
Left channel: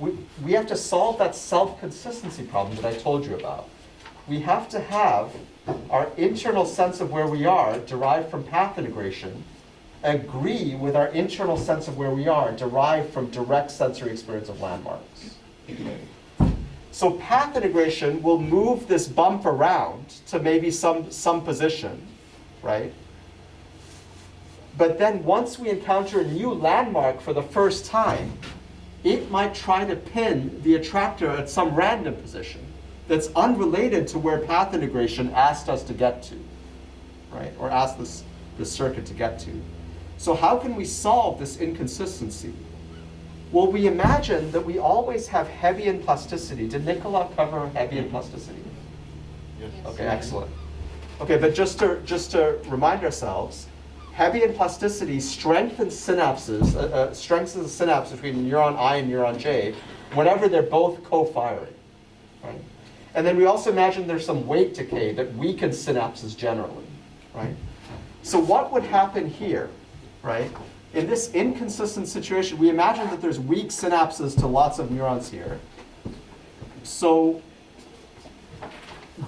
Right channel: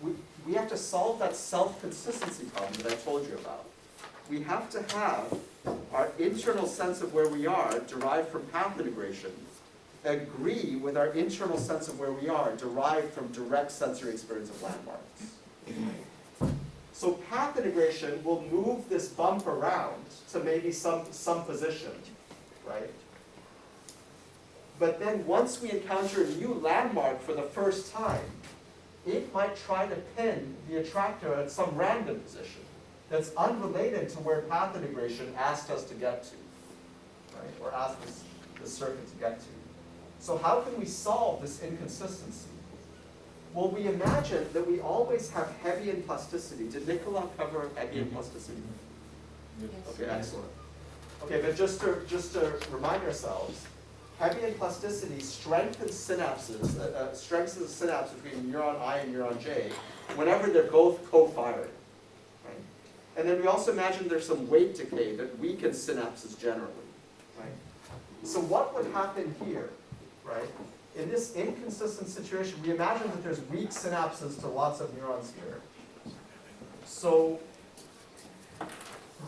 we have to solve that self-consistency problem that I told you about. We have to have our internal sense of where we are derived from path integration agree with our internal sense of where we are derived from direct sensory experience of landmarks. So path integration will move this bump around to maybe some position, right? But then once we encounter a new landmark for the first time, it might try to pin the attractor at some random position that's unrelated to where path integration asked us to get to, right? Or asked the circuit to get to. So how can we solve this inconsistency? Well, we imagine that we always have Hebbian plasticity. Did Nicola cover Hebbian plasticity? Yes. Okay, excellent. Okay, but just to remind ourselves, Hebbian plasticity strengthens synapses, strengthens the synapse between neuron I and neuron J whenever they're both co-firing, right? And then we also imagine there's some weight decay that weakens synapses generally, right? So what would happen here, right? In this inconsistent situation, we imagine that there's weak synapses to lots of neurons here. So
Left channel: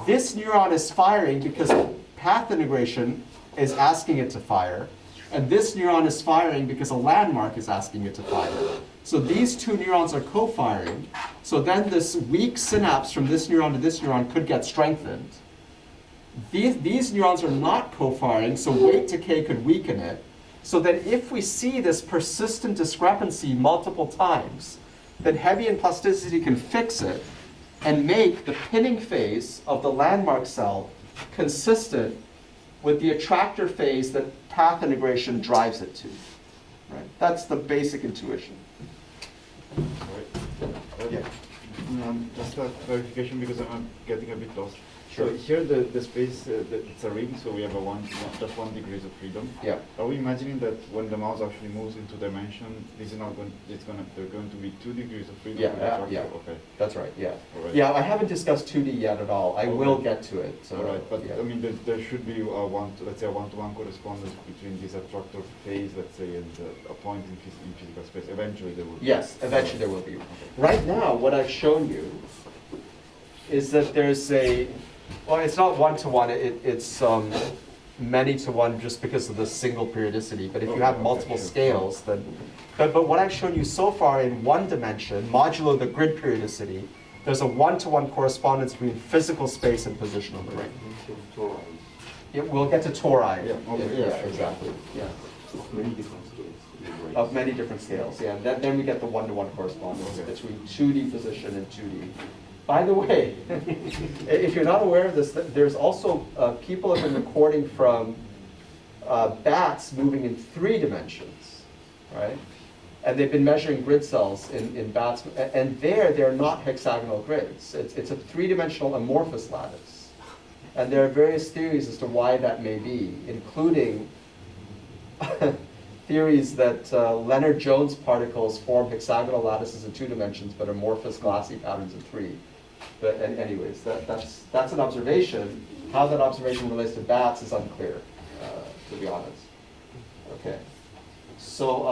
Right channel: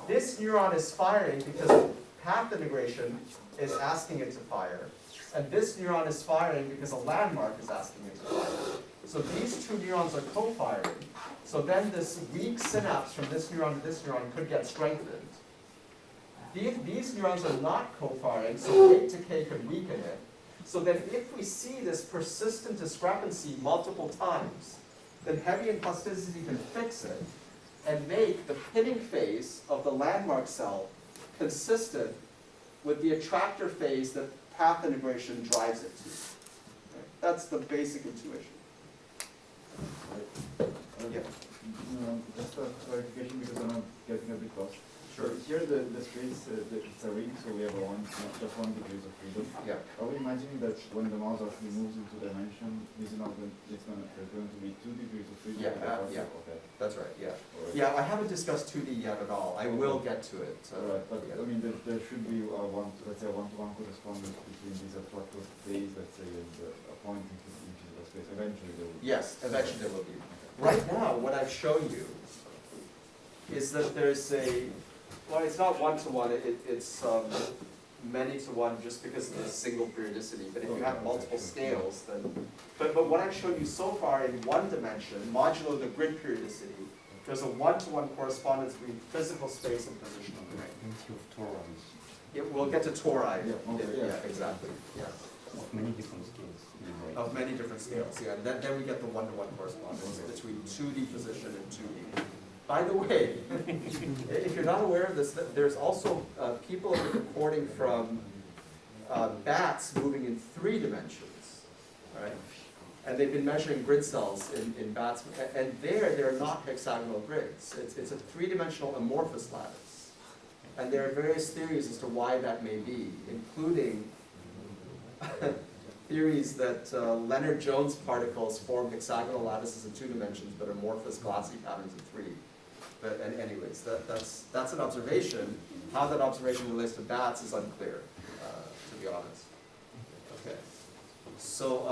this neuron is firing because path integration is asking it to fire, and this neuron is firing because a landmark is asking it to fire. So these two neurons are co-firing, so then this weak synapse from this neuron to this neuron could get strengthened. These neurons are not co-firing, so weight decay could weaken it. So then if we see this persistent discrepancy multiple times, then Hebbian plasticity can fix it and make the pinning phase of the landmark cell consistent with the attractor phase that path integration drives it to. Right? That's the basic intuition. Yeah. Just a clarification because I'm getting a bit lost. Sure. So here the space, it's a ring, so we have just 1 degree of freedom. Yeah. Are we imagining that when the mouse actually moves into dimension, this is not going, they're going to be 2 degrees of freedom? Yeah, for the attractor? yeah. Okay. That's right, yeah. All right. Yeah, I haven't discussed 2D yet at all. I Okay. will get to it. So, All right, but yeah. I mean, there should be let's say a one-to-one correspondence between this attractor phase, let's say, and a point in physical space. Eventually there will be. Yes, eventually there will be. Right now, what I've shown you is that there's well, it's not one-to-one, it's many-to-one just because of the single periodicity. But if you have Okay, multiple sure. scales, then, but what I've shown you so far in one dimension, modulo the grid periodicity, there's a one-to-one correspondence between physical space and position of the ring. We'll get to tori. Yeah, okay, yeah, exactly. Yeah. Of many different scales. Of many different scales, yeah. Then we get the one-to-one correspondence Okay. between 2D position and 2D. By the way, if you're not aware of this, there's also people have been recording from bats moving in 3 dimensions, right? And they've been measuring grid cells in bats, and they're not hexagonal grids. It's a 3-dimensional amorphous lattice. And there are various theories as to why that may be, including theories that Leonard-Jones particles form hexagonal lattices in 2 dimensions, but amorphous glassy patterns in 3. But anyways, that's an observation. How that observation relates to bats is unclear, to be honest. Okay. So,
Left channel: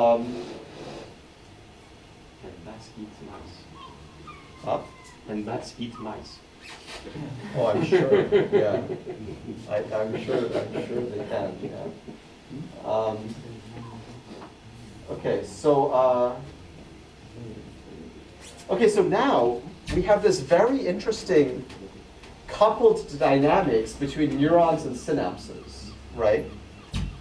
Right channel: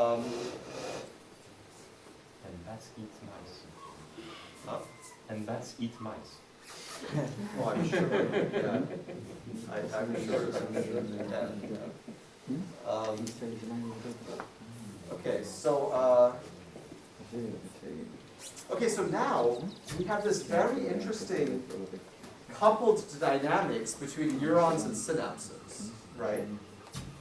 And bats eat mice. huh? And bats eat mice. Oh, I'm sure, yeah. I'm sure they can, yeah. Okay, so, okay, so now we have this very interesting coupled dynamics between neurons and synapses, right?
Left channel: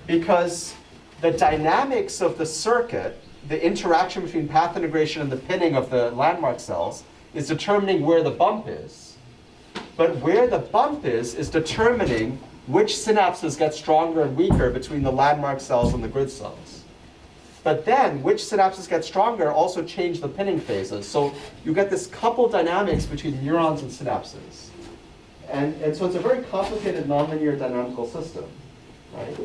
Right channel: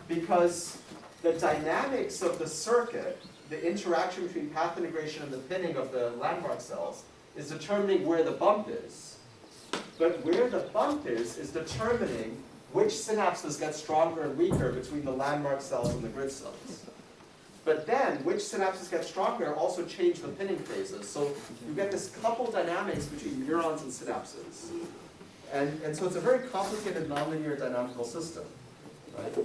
Because the dynamics of the circuit, the interaction between path integration and the pinning of the landmark cells, is determining where the bump is. But where the bump is determining which synapses get stronger and weaker between the landmark cells and the grid cells. But then, which synapses get stronger also change the pinning phases. So you get this coupled dynamics between neurons and synapses. And so it's a very complicated nonlinear dynamical system, right?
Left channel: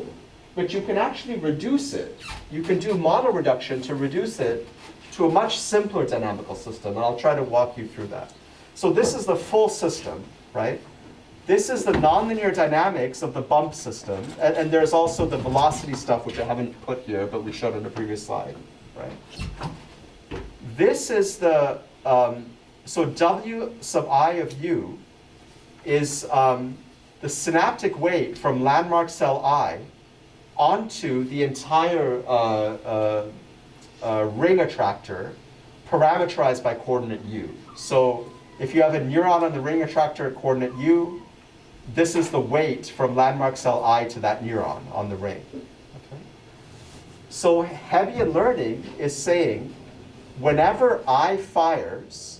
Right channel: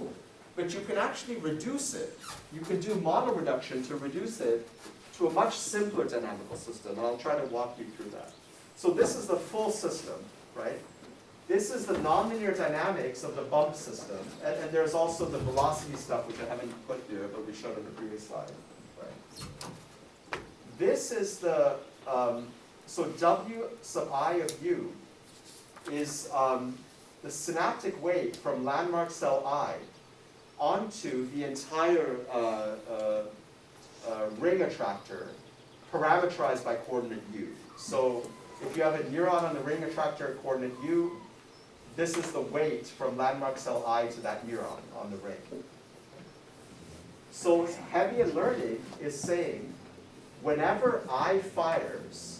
But you can actually reduce it. You can do model reduction to reduce it to a much simpler dynamical system, and I'll try to walk you through that. So this is the full system, right? This is the nonlinear dynamics of the bump system, and there's also the velocity stuff, which I haven't put here, but we showed on the previous slide, right? This is the, so W sub I of U is the synaptic weight from landmark cell I onto the entire ring attractor parameterized by coordinate U. So if you have a neuron on the ring attractor at coordinate U, this is the weight from landmark cell I to that neuron on the ring. Okay. So Hebbian learning is saying whenever I fires,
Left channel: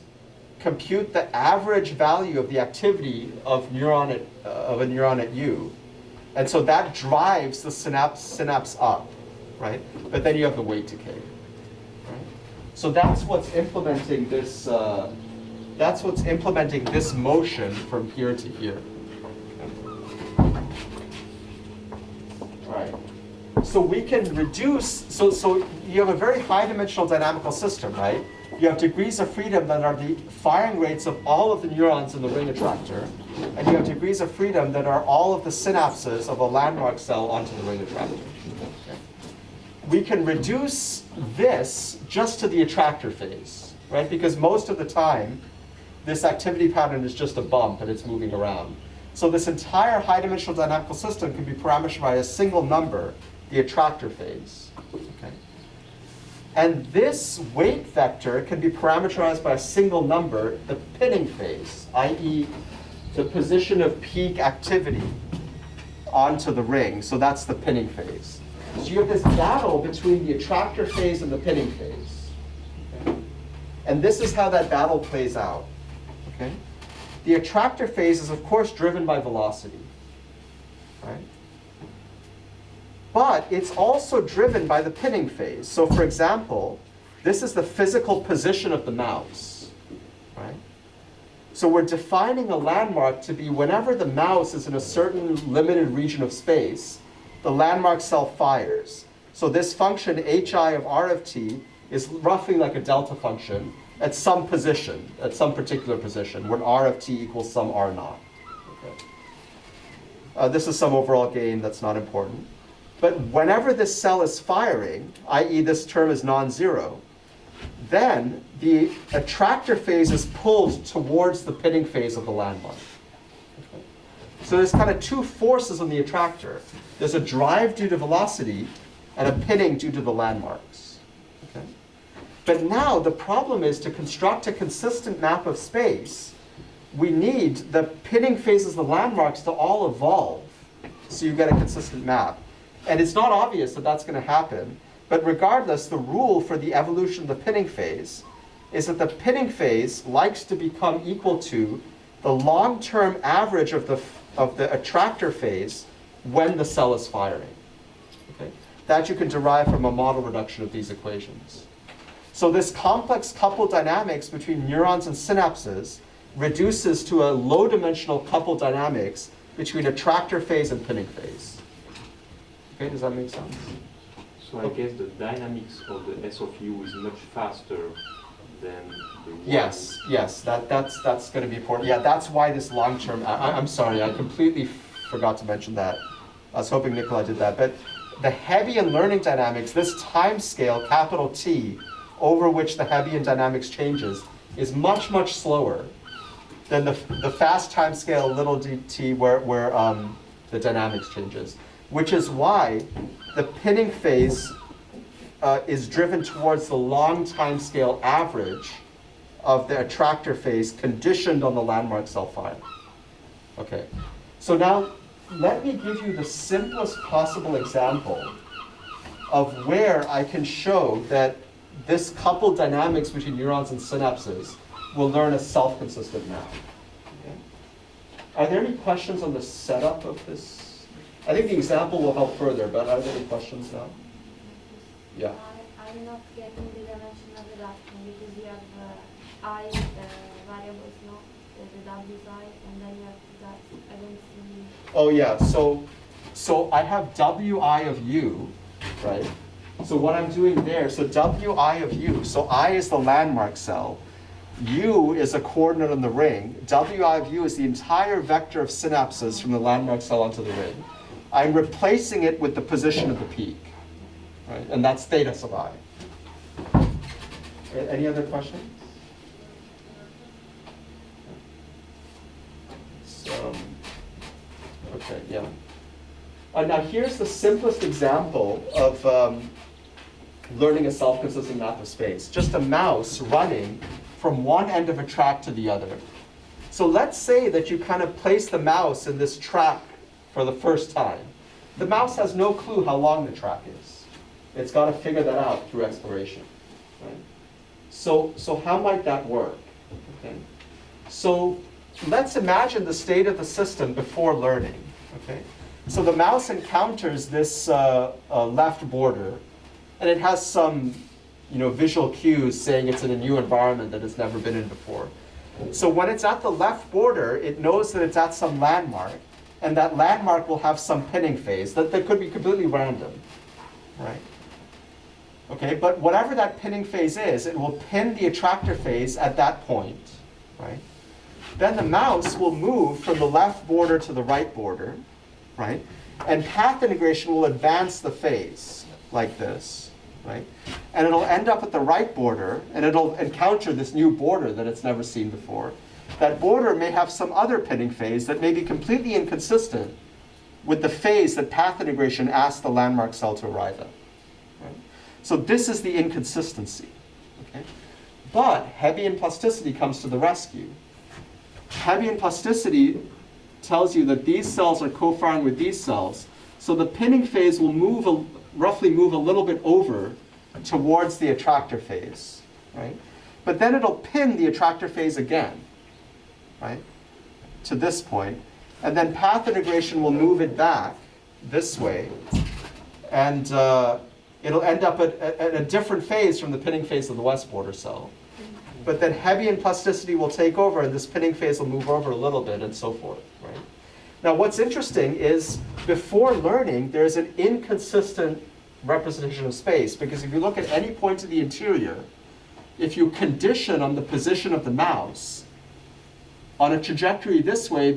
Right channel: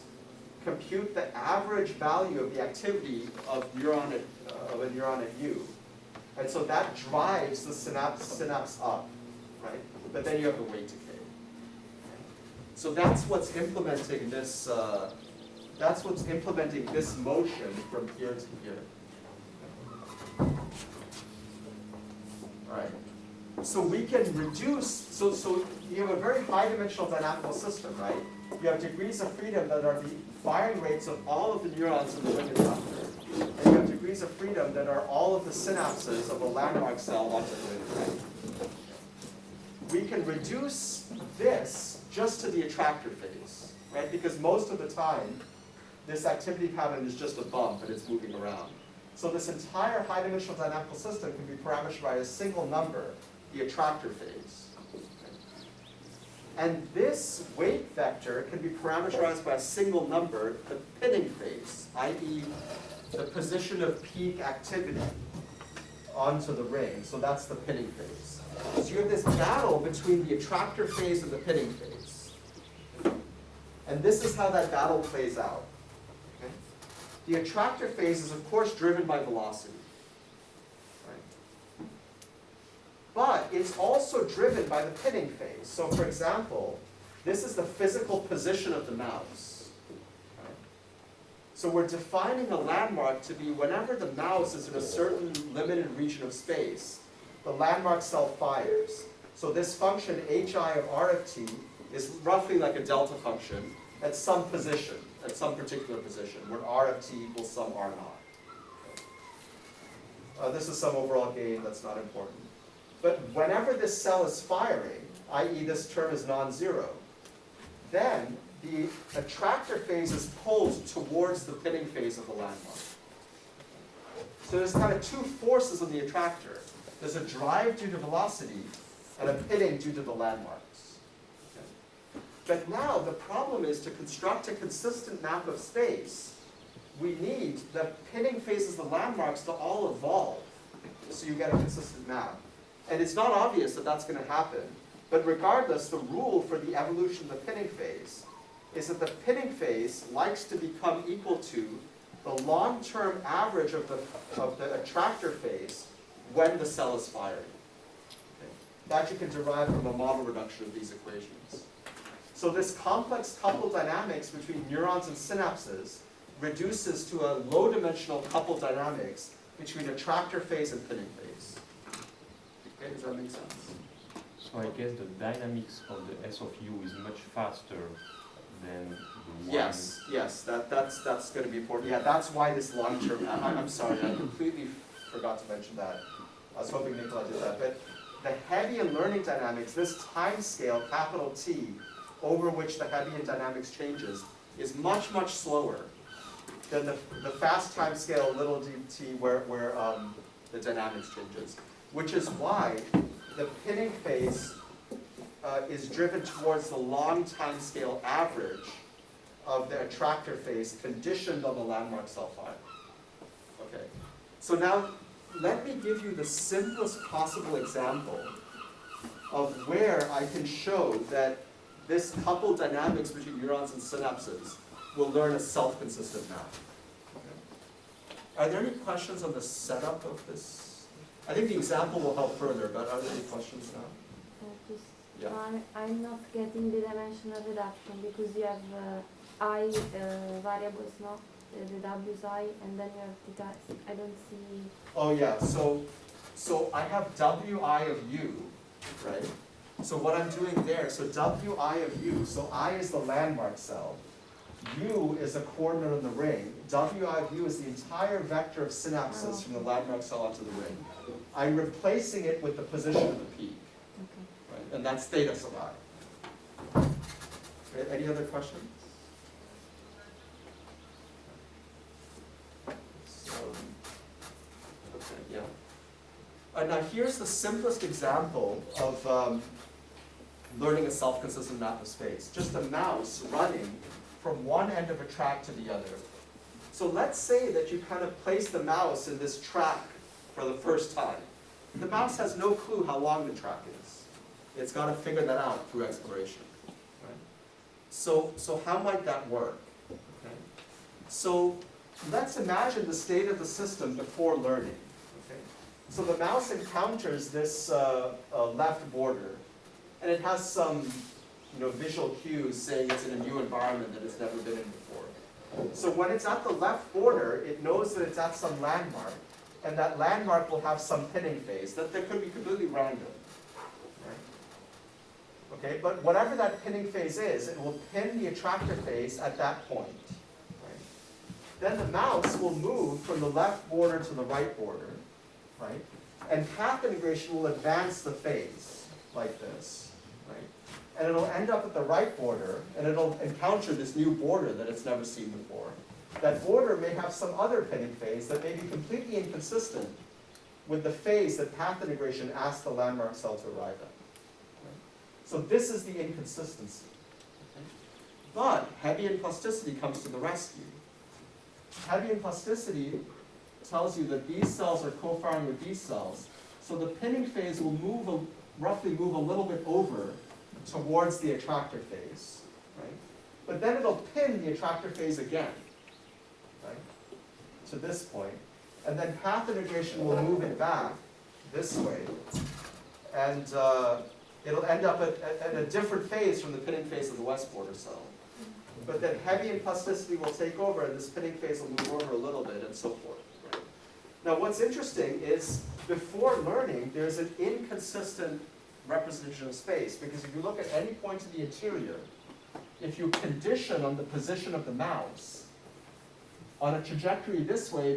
compute the average value of the activity of a neuron at U. And so that drives the synapse up, right? But then you have the weight decay. Right? So that's what's implementing this. That's what's implementing this motion from here to here. All right. So we can reduce. So you have a very high-dimensional dynamical system, right? You have degrees of freedom that are the firing rates of all of the neurons in the ring attractor, and you have degrees of freedom that are all of the synapses of a landmark cell onto the ring attractor. Okay. We can reduce this just to the attractor phase, right? Because most of the time, this activity pattern is just a bump and it's moving around. So this entire high-dimensional dynamical system can be parameterized by a single number, the attractor phase. Okay. And this weight vector can be parameterized by a single number, the pinning phase, i.e. the position of peak activity onto the ring. So that's the pinning phase. So you have this battle between the attractor phase and the pinning phase. Okay. And this is how that battle plays out. Okay. The attractor phase is, of course, driven by velocity. Right? But it's also driven by the pinning phase. So for example, this is the physical position of the mouse. Right? So we're defining a landmark to be whenever the mouse is in a certain limited region of space, the landmark cell fires. So this function hi of r of t is roughly like a delta function at some position, at some particular position, when r of t equals some r naught. Okay. This is some overall gain that's not important. But whenever this cell is firing, i.e. this term is non-zero, then the attractor phase is pulled towards the pinning phase of the landmark. Okay. So there's kind of two forces on the attractor. There's a drive due to velocity and a pinning due to the landmarks. Okay. But now the problem is to construct a consistent map of space, we need the pinning phases of the landmarks to all evolve so you get a consistent map. And it's not obvious that that's going to happen, but regardless, the rule for the evolution of the pinning phase is that the pinning phase likes to become equal to the long-term average of the attractor phase when the cell is firing. Okay? That you can derive from a model reduction of these equations. So this complex coupled dynamics between neurons and synapses reduces to a low-dimensional coupled dynamics between attractor phase and pinning phase. Okay, does that make sense? So I guess the dynamics of the S of U is much faster than the one. Yes, that's going to be important. Yeah, that's why this long-term, I'm sorry, I completely forgot to mention that. I was hoping Nikolai did that. But the Hebbian learning dynamics, this time scale, capital T, over which the Hebbian dynamics changes, is much, much slower than the fast time scale, little dt, where the dynamics changes. Which is why the pinning phase is driven towards the long time scale average of the attractor phase conditioned on the landmark cell fire. Okay, so now let me give you the simplest possible example of where I can show that this coupled dynamics between neurons and synapses will learn a self-consistent map. Okay. Are there any questions on the setup of this I think the example will help further, but are there any questions now? Yeah. I'm not getting the dimensional reduction because you have I variables, no? The W is I, and then you have theta. I don't see. Oh yeah, so I have Wi of u, right? So what I'm doing there, so Wi of u, so I is the landmark cell, u is a coordinate on the ring, Wi of u is the entire vector of synapses from the landmark cell onto the ring. I'm replacing it with the position of the peak, right? And that's theta sub I. Any other questions? Okay, yeah. Now here's the simplest example of learning a self-consistent map of space. Just a mouse running from one end of a track to the other. So let's say that you kind of place the mouse in this track for the first time. The mouse has no clue how long the track is. It's got to figure that out through exploration. Right? So how might that work? Okay. So let's imagine the state of the system before learning. Okay. So the mouse encounters this left border, and it has some visual cues saying it's in a new environment that it's never been in before. So when it's at the left border, it knows that it's at some landmark, and that landmark will have some pinning phase that could be completely random, right? Okay, but whatever that pinning phase is, it will pin the attractor phase at that point, right? Then the mouse will move from the left border to the right border, right? And path integration will advance the phase like this, right? And it'll end up at the right border, and it'll encounter this new border that it's never seen before. That border may have some other pinning phase that may be completely inconsistent with the phase that path integration asked the landmark cell to arrive at. Right? So this is the inconsistency. Okay? But Hebbian plasticity comes to the rescue. Hebbian plasticity tells you that these cells are co-firing with these cells, so the pinning phase will roughly move a little bit over towards the attractor phase, right? But then it'll pin the attractor phase again, right, to this point, and then path integration will move it back this way, and it'll end up at a different phase from the pinning phase of the west border cell. But then Hebbian plasticity will take over, and this pinning phase will move over a little bit, and so forth. Right? Now, what's interesting is before learning, there's an inconsistent representation of space, because if you look at any point of the interior, if you condition on the position of the mouse, on a trajectory this way,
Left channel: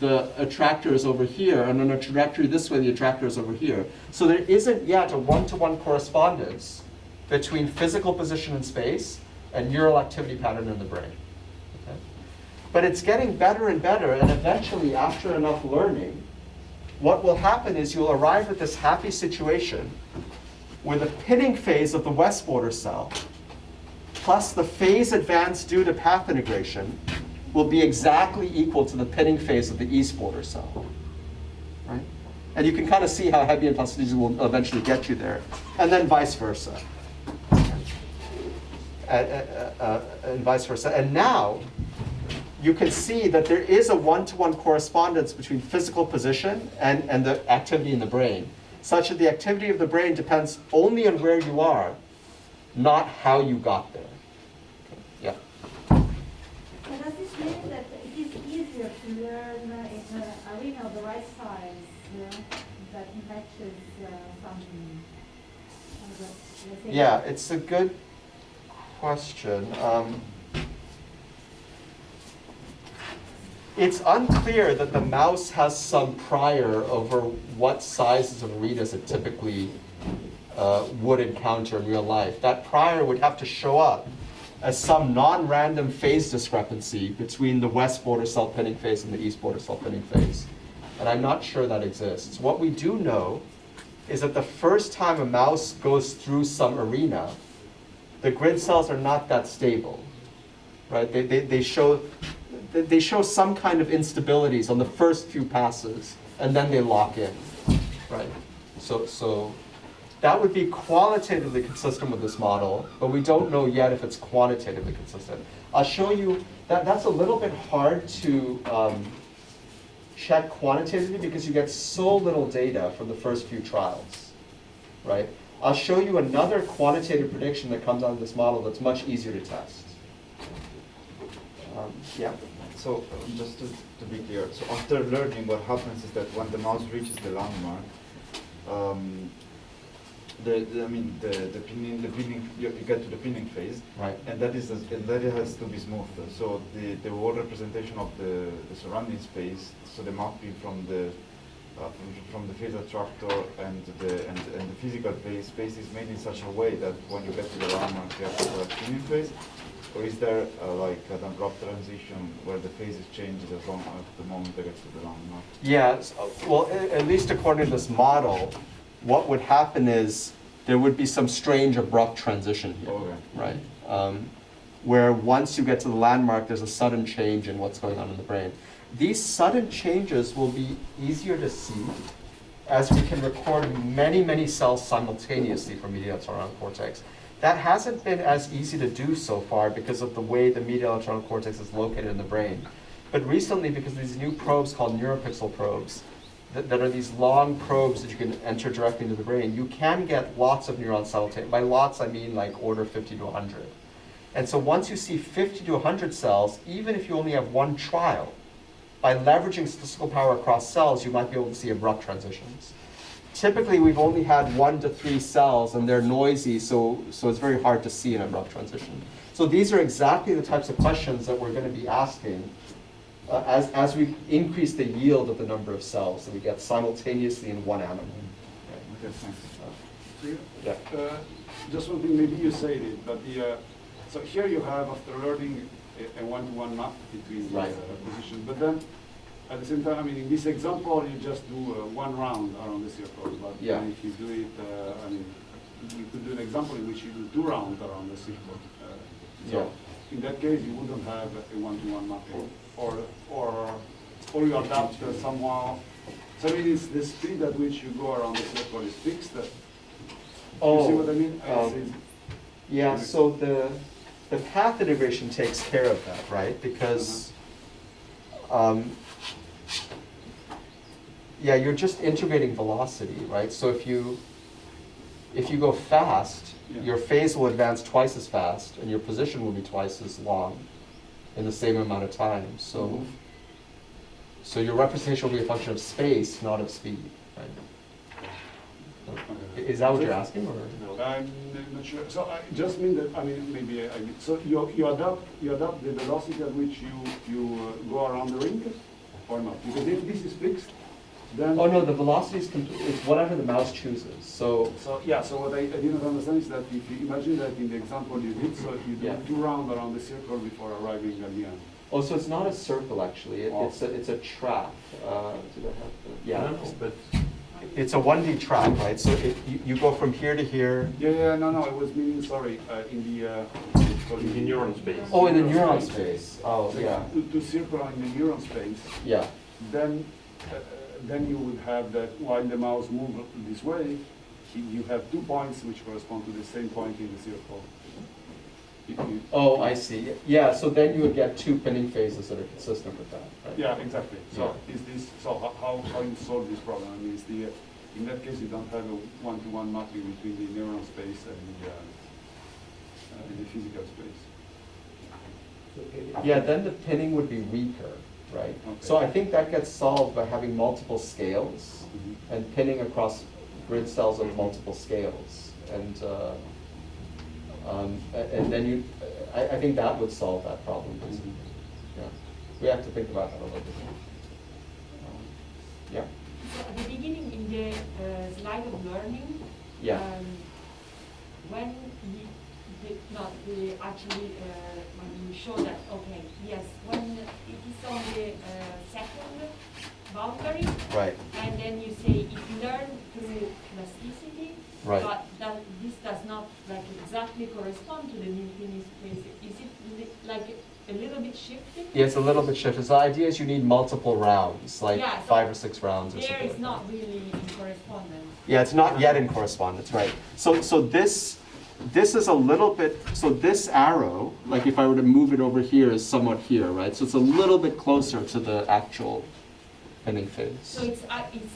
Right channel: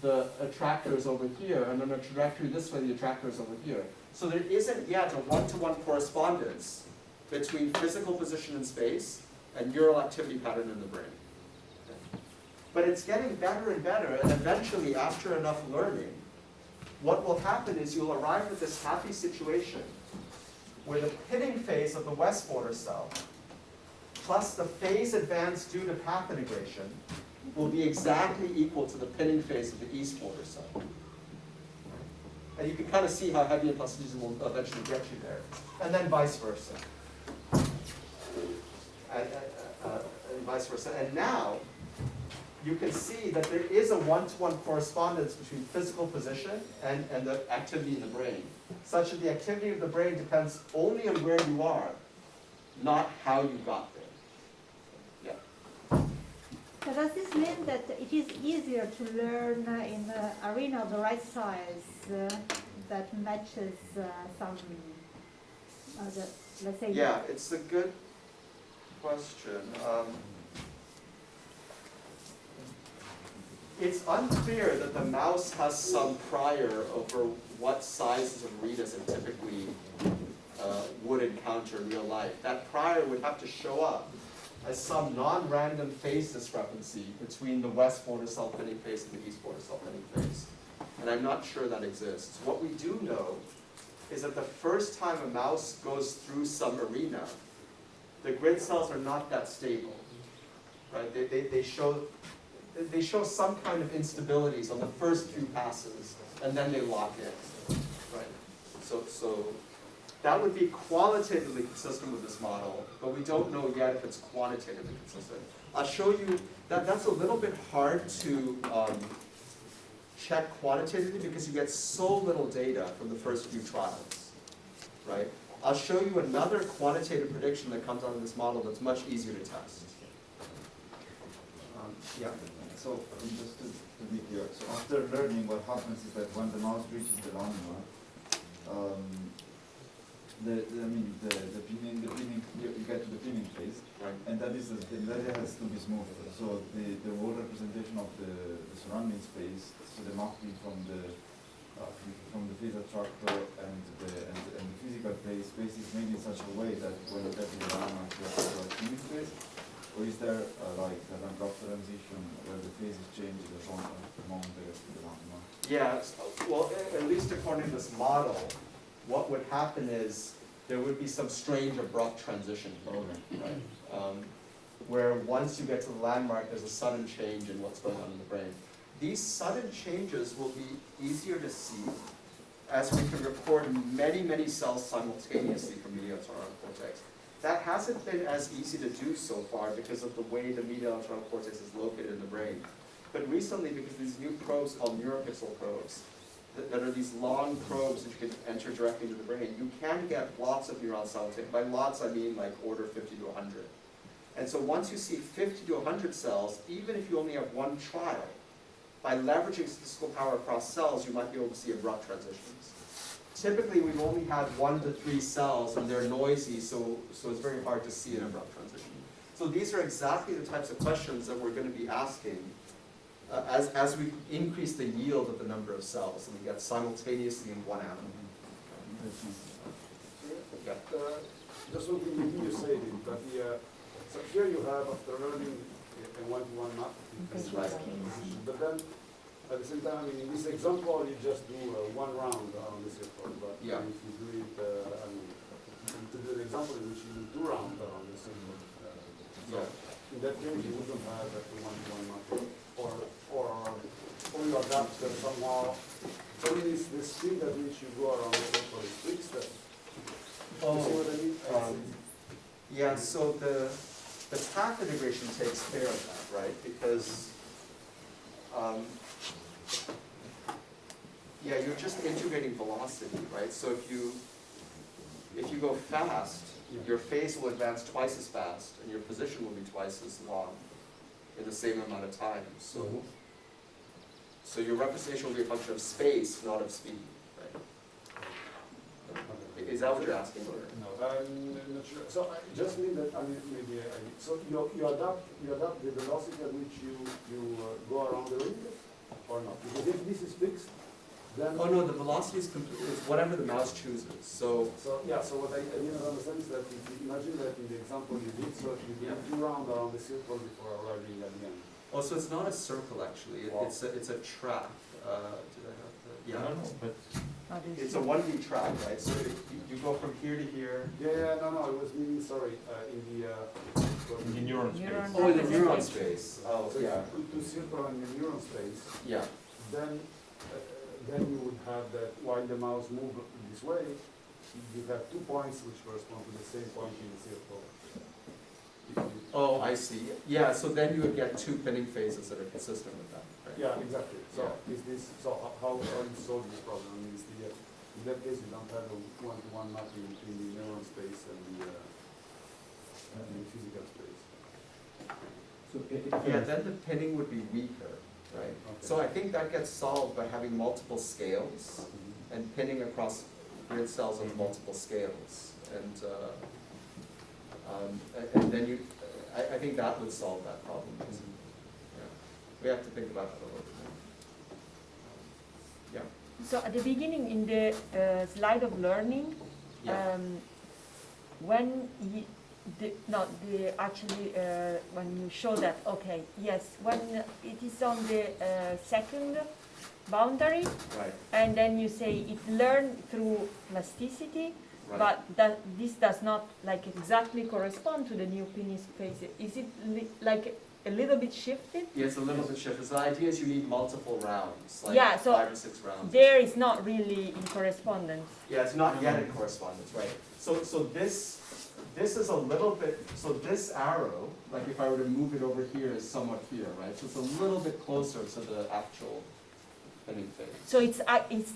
the attractor is over here, and on a trajectory this way, the attractor is over here. So there isn't yet a one-to-one correspondence between physical position in space and neural activity pattern in the brain. Okay? But it's getting better and better, and eventually, after enough learning, what will happen is you'll arrive at this happy situation where the pinning phase of the west border cell plus the phase advance due to path integration will be exactly equal to the pinning phase of the east border cell. Right? And you can kind of see how Hebbian plasticity will eventually get you there, and then vice versa. And vice versa. And now, you can see that there is a one-to-one correspondence between physical position and the activity in the brain, such that the activity of the brain depends only on where you are, not how you got there. Yeah? So does this mean that it is easier to learn in an arena of the right size that matches some other, let's say... Yeah, it's a good question. It's unclear that the mouse has some prior over what sizes of arenas it typically would encounter in real life. That prior would have to show up as some non-random phase discrepancy between the west border cell pinning phase and the east border cell pinning phase. And I'm not sure that exists. What we do know is that the first time a mouse goes through some arena, the grid cells are not that stable, right? They show some kind of instabilities on the first few passes, and then they lock in, right? So that would be qualitatively consistent with this model, but we don't know yet if it's quantitatively consistent. I'll show you, that's a little bit hard to check quantitatively because you get so little data from the first few trials, right? I'll show you another quantitative prediction that comes out of this model that's much easier to test. Yeah. So just to be clear, so after learning, what happens is that when the mouse reaches the landmark, you get to the pinning phase, Right. and that has to be smooth. So the whole representation of the surrounding space, so the mapping from the phase attractor and the physical space is made in such a way that when you get to the landmark, you have the pinning phase. Or is there like an abrupt transition where the phases change as long as the moment they get to the landmark? Yeah, well, at least according to this model, what would happen is there would be some strange abrupt transition here, Okay. right? Where once you get to the landmark, there's a sudden change in what's going on in the brain. These sudden changes will be easier to see as we can record many, many cells simultaneously from medial axonal cortex. That hasn't been as easy to do so far because of the way the medial axonal cortex is located in the brain. But recently, because of these new probes called neuropixel probes, that are these long probes that you can enter directly into the brain, you can get lots of neurons simultaneously. By lots, I mean like order 50 to 100. And so once you see 50 to 100 cells, even if you only have one trial, by leveraging statistical power across cells, you might be able to see abrupt transitions. Typically, we've only had 1 to 3 cells, and they're noisy, so it's very hard to see an abrupt transition. So these are exactly the types of questions that we're going to be asking as we increase the yield of the number of cells that we get simultaneously in one animal. Yeah, okay, thanks. Yeah. Just one thing, maybe you said it, but so here you have, after learning, a one-to-one map between the Right. positions. But then, at the same time, I mean, in this example, you just do one round around the circle. But Yeah. if you do it, you could do an example in which you do 2 rounds around the circle. So in that case, you wouldn't have a one-to-one mapping, or you adapt somehow. So I mean, it's the speed at which you go around the circle is fixed. You see what I mean? Yeah, so the path integration takes care of that, right? Because, yeah, you're just integrating velocity, right? So if you go fast, your phase will advance twice as fast, and your position will be twice as long in the same amount of time. So, so your representation will be a function of space, not of speed, right? Is that what you're asking, or no? I'm not sure. So I just mean that, I mean, maybe so you adapt the velocity at which you go around the ring, or not? Because if this is fixed, then... Oh no, the velocity is it's whatever the mouse chooses. So yeah, so what I didn't understand is that if you imagine that in the example you did, so you do 2 rounds around the circle before arriving at the end. oh, so it's not a circle actually. It's a track. Did I have the, yeah? I don't know, but It's a 1D track, right? So you go from here to here. Yeah, no, I was meaning, sorry, in the neuron space. Oh, in the neuron space. Oh, yeah. To circle in the neuron space, Yeah. then you would have that while the mouse moves this way, you have 2 points which correspond to the same point in the circle. Oh, I see. Yeah, so then you would get 2 pinning phases that are consistent with that, right? Yeah, exactly. So how you solve this problem? I mean, in that case, you don't have a one-to-one mapping between the neuron space and the physical space. Yeah, then the pinning would be weaker, right? Okay. So I think that gets solved by having multiple scales and pinning across grid cells of multiple scales. And then I think that would solve that problem. Yeah. We have to think about that a little bit. Yeah. So at the beginning, in the slide of learning, Yeah. when when you show that, okay, yes, when it is on the second boundary, Right. and then you say it learned through plasticity, Right. but this does not like exactly correspond to the new finished phase. Is it like a little bit shifted? Yeah, it's a little bit shifted. So the idea is you need multiple rounds, like Yeah, so 5 or 6 rounds. or There something is like not really in correspondence. Yeah, it's not yet in correspondence, right? So this is a little bit, so this arrow, like if I were to move it over here, is somewhat here, right? So it's a little bit closer to the actual ending phase. So it's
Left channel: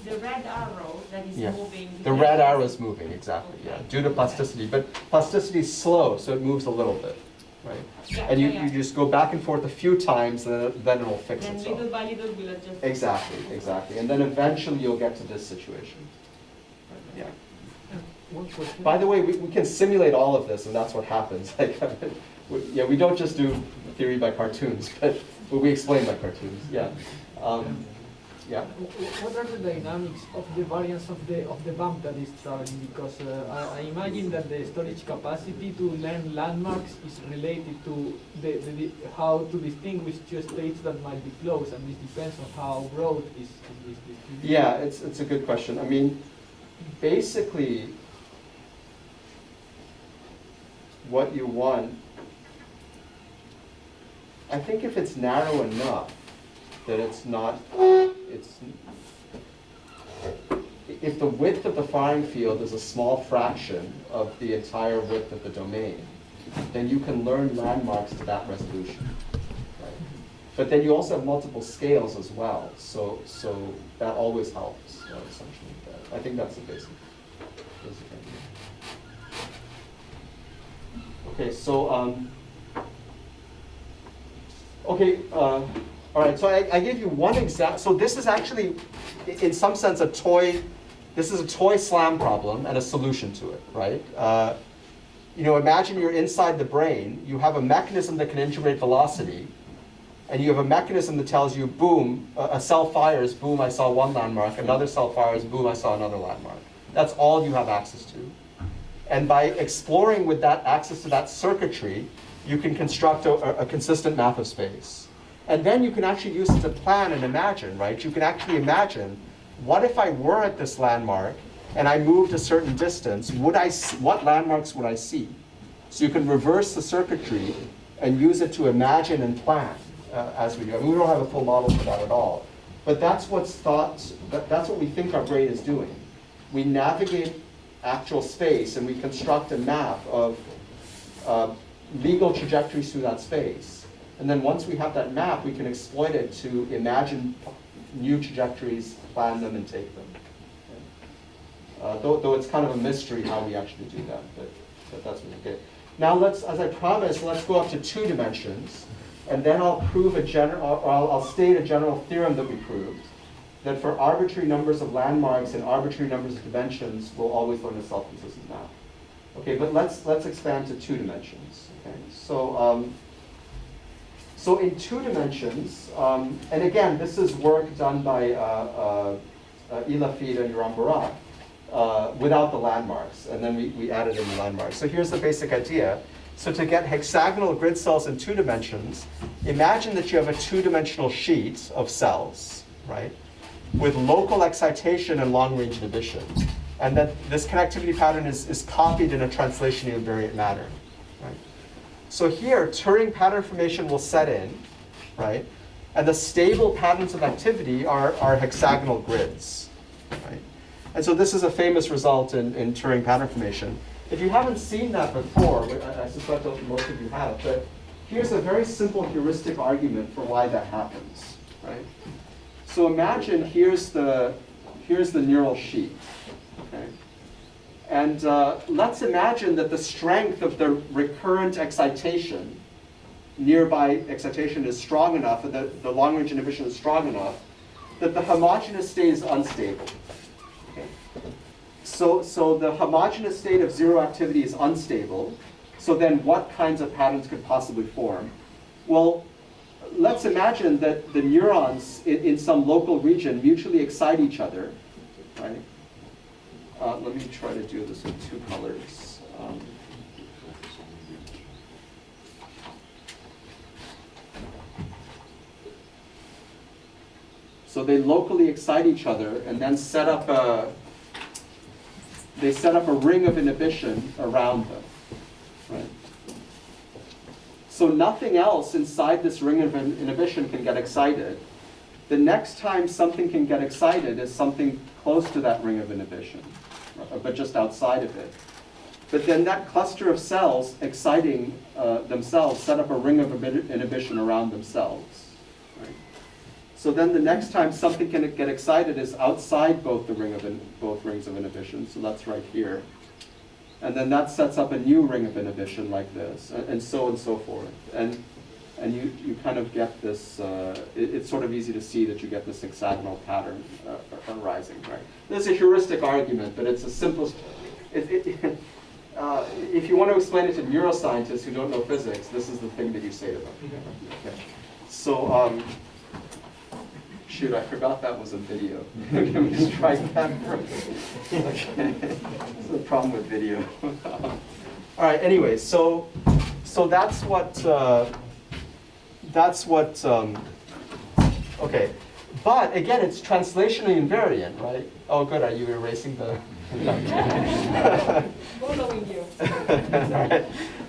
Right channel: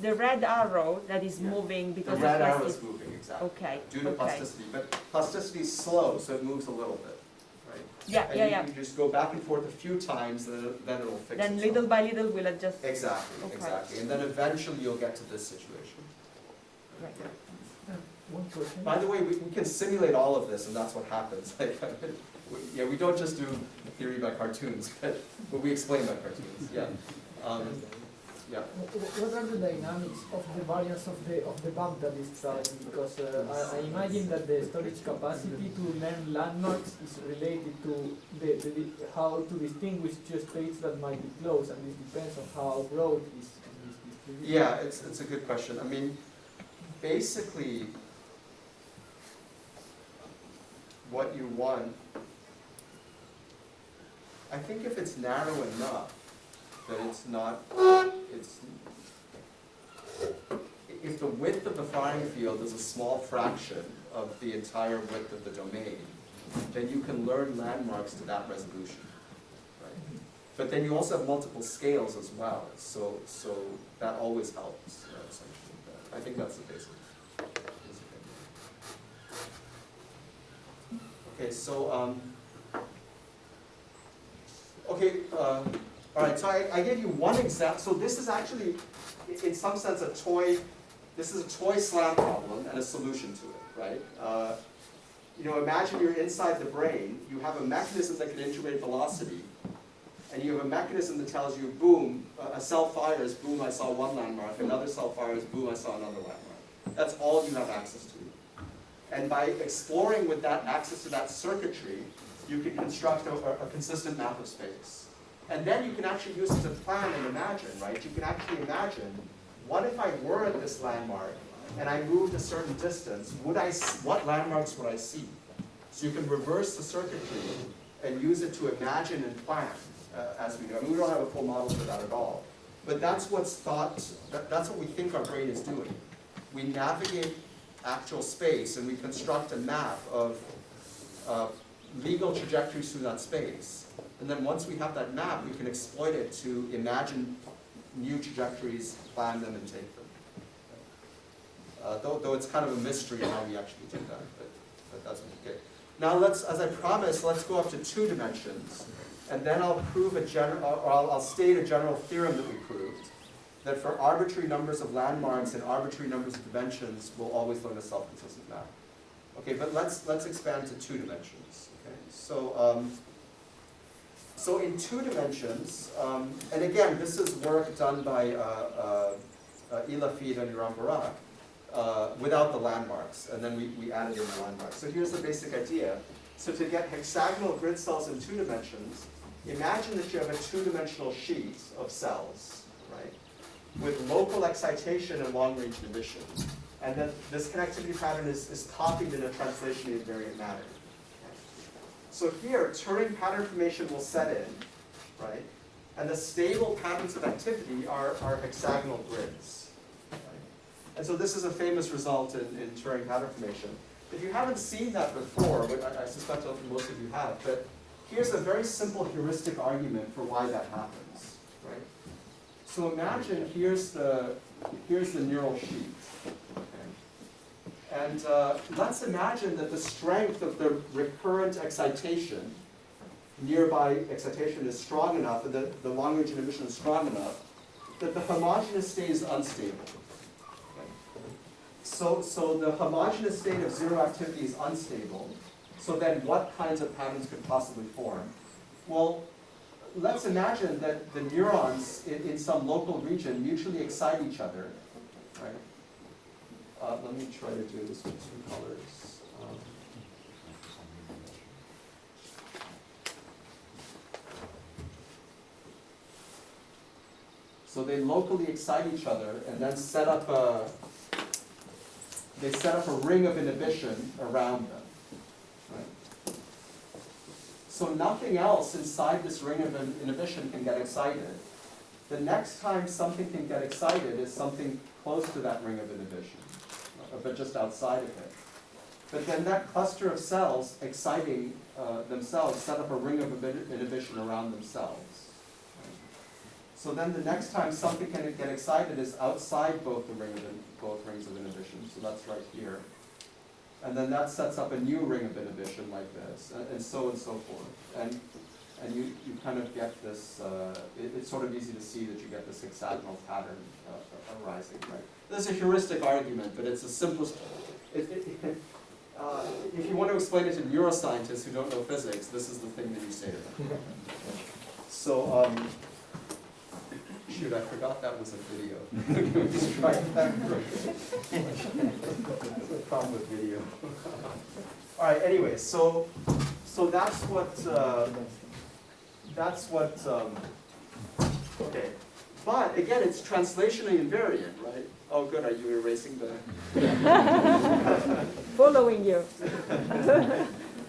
the red arrow that is Yeah. moving. The because red it's- arrow is moving, exactly, yeah, Okay, due to okay. plasticity. But plasticity is slow, so it moves a little bit, right? Yeah, And yeah, you, yeah. you just go back and forth a few times, and then it'll fix Then itself. little by little we'll adjust. Exactly, Okay. exactly. And then eventually you'll get to this situation. Alright. Yeah. One question. By the way, we can simulate all of this, and that's what happens. Like, we don't just do theory by cartoons, but we explain by cartoons, yeah. Yeah. What are the dynamics of the variance of the bump that is traveling? Because I imagine that the storage capacity to learn landmarks is related to the how to distinguish two states that might be close, and this depends on how broad is this distribution. Yeah, it's a good question. I mean, basically, what you want, I think if it's narrow enough, that it's not, if the width of the flying field is a small fraction of the entire width of the domain, then you can learn landmarks to that resolution. Right? But then you also have multiple scales as well, so that always helps, essentially. I think that's the basic idea. Okay, so, all right, so I gave you one example. So this is actually, in some sense, this is a toy slam problem and a solution to it, right? Imagine you're inside the brain, you have a mechanism that can integrate velocity, and you have a mechanism that tells you, boom, a cell fires, boom, I saw one landmark, another cell fires, boom, I saw another landmark. That's all you have access to. And by exploring with that access to that circuitry, you can construct a consistent map of space. And then you can actually use it to plan and imagine, right? You can actually imagine, what if I were at this landmark and I moved a certain distance, what landmarks would I see? So you can reverse the circuitry and use it to imagine and plan as we go. And we don't have a full model for that at all. But that's what's thought, that's what we think our brain is doing. We navigate actual space and we construct a map of legal trajectories through that space. And then once we have that map, we can exploit it to imagine new trajectories, plan them, and take them. Though it's kind of a mystery how we actually do that, but that's what we get. Now let's, as I promised, let's go up to 2 dimensions, and then I'll prove I'll state a general theorem that we proved, that for arbitrary numbers of landmarks and arbitrary numbers of dimensions, we'll always learn a self-consistent map. Okay, but let's expand to 2 dimensions. Okay, so in 2 dimensions, and again, this is work done by Ilafid and Yoram Barak without the landmarks, and then we added in the landmarks. So here's the basic idea. So to get hexagonal grid cells in 2 dimensions, imagine that you have a 2-dimensional sheet of cells, right, with local excitation and long-range inhibition, and that this connectivity pattern is copied in a translation invariant manner. So here, Turing pattern formation will set in, right? And the stable patterns of activity are hexagonal grids, right? And so this is a famous result in Turing pattern formation. If you haven't seen that before, but I suspect that most of you have, but here's a very simple heuristic argument for why that happens, right? So imagine here's the neural sheet, okay? And let's imagine that the strength of the recurrent excitation, nearby excitation, is strong enough, and the long-range inhibition is strong enough, that the homogeneous state is unstable. Okay? So the homogeneous state of 0 activity is unstable. So then what kinds of patterns could possibly form? Well, let's imagine that the neurons in some local region mutually excite each other, right? Let me try to do this with 2 colors. So they locally excite each other and then set up a ring of inhibition around them. Right? So nothing else inside this ring of inhibition can get excited. The next time something can get excited is something close to that ring of inhibition, but just outside of it. But then that cluster of cells exciting themselves set up a ring of inhibition around themselves. Right? So then the next time something can get excited is outside both both rings of inhibition, so that's right here. And then that sets up a new ring of inhibition like this, and so forth. And you kind of get this, it's sort of easy to see that you get this hexagonal pattern arising, right? This is a heuristic argument, but it's the simplest. If you want to explain it to neuroscientists who don't know physics, this is the thing that you say to them. Okay. So, shoot, I forgot that was a video. Can we strike that? Okay. That's the problem with video. All right, anyway, so that's what, okay. But again, it's translationally invariant, right? Oh, good, are you erasing the? Following you.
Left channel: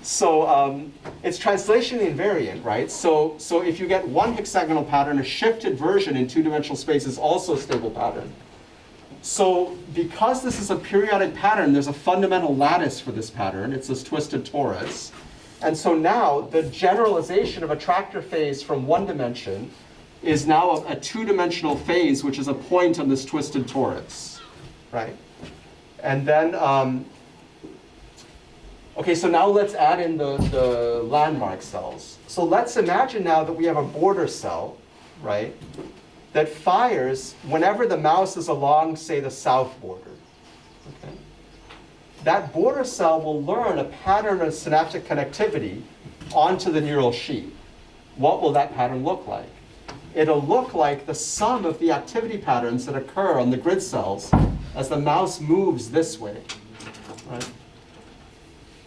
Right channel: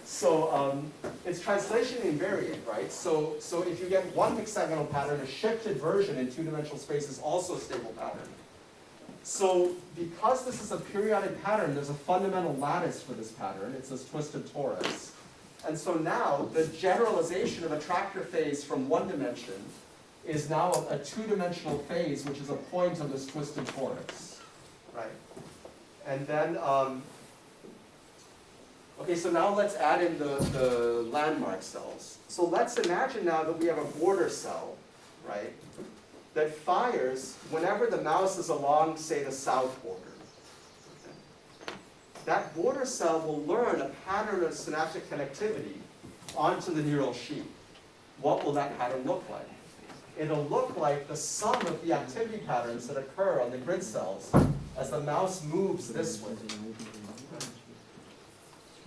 So it's translationally invariant, right? So if you get one hexagonal pattern, a shifted version in two-dimensional space is also a stable pattern. So because this is a periodic pattern, there's a fundamental lattice for this pattern. It's this twisted torus. And so now the generalization of a tractor phase from one dimension is now a two-dimensional phase, which is a point on this twisted torus, right? And then, okay, so now let's add in the landmark cells. So let's imagine now that we have a border cell, right, that fires whenever the mouse is along, say, the south border. Okay? That border cell will learn a pattern of synaptic connectivity onto the neural sheet. What will that pattern look like? It'll look like the sum of the activity patterns that occur on the grid cells as the mouse moves this way, right?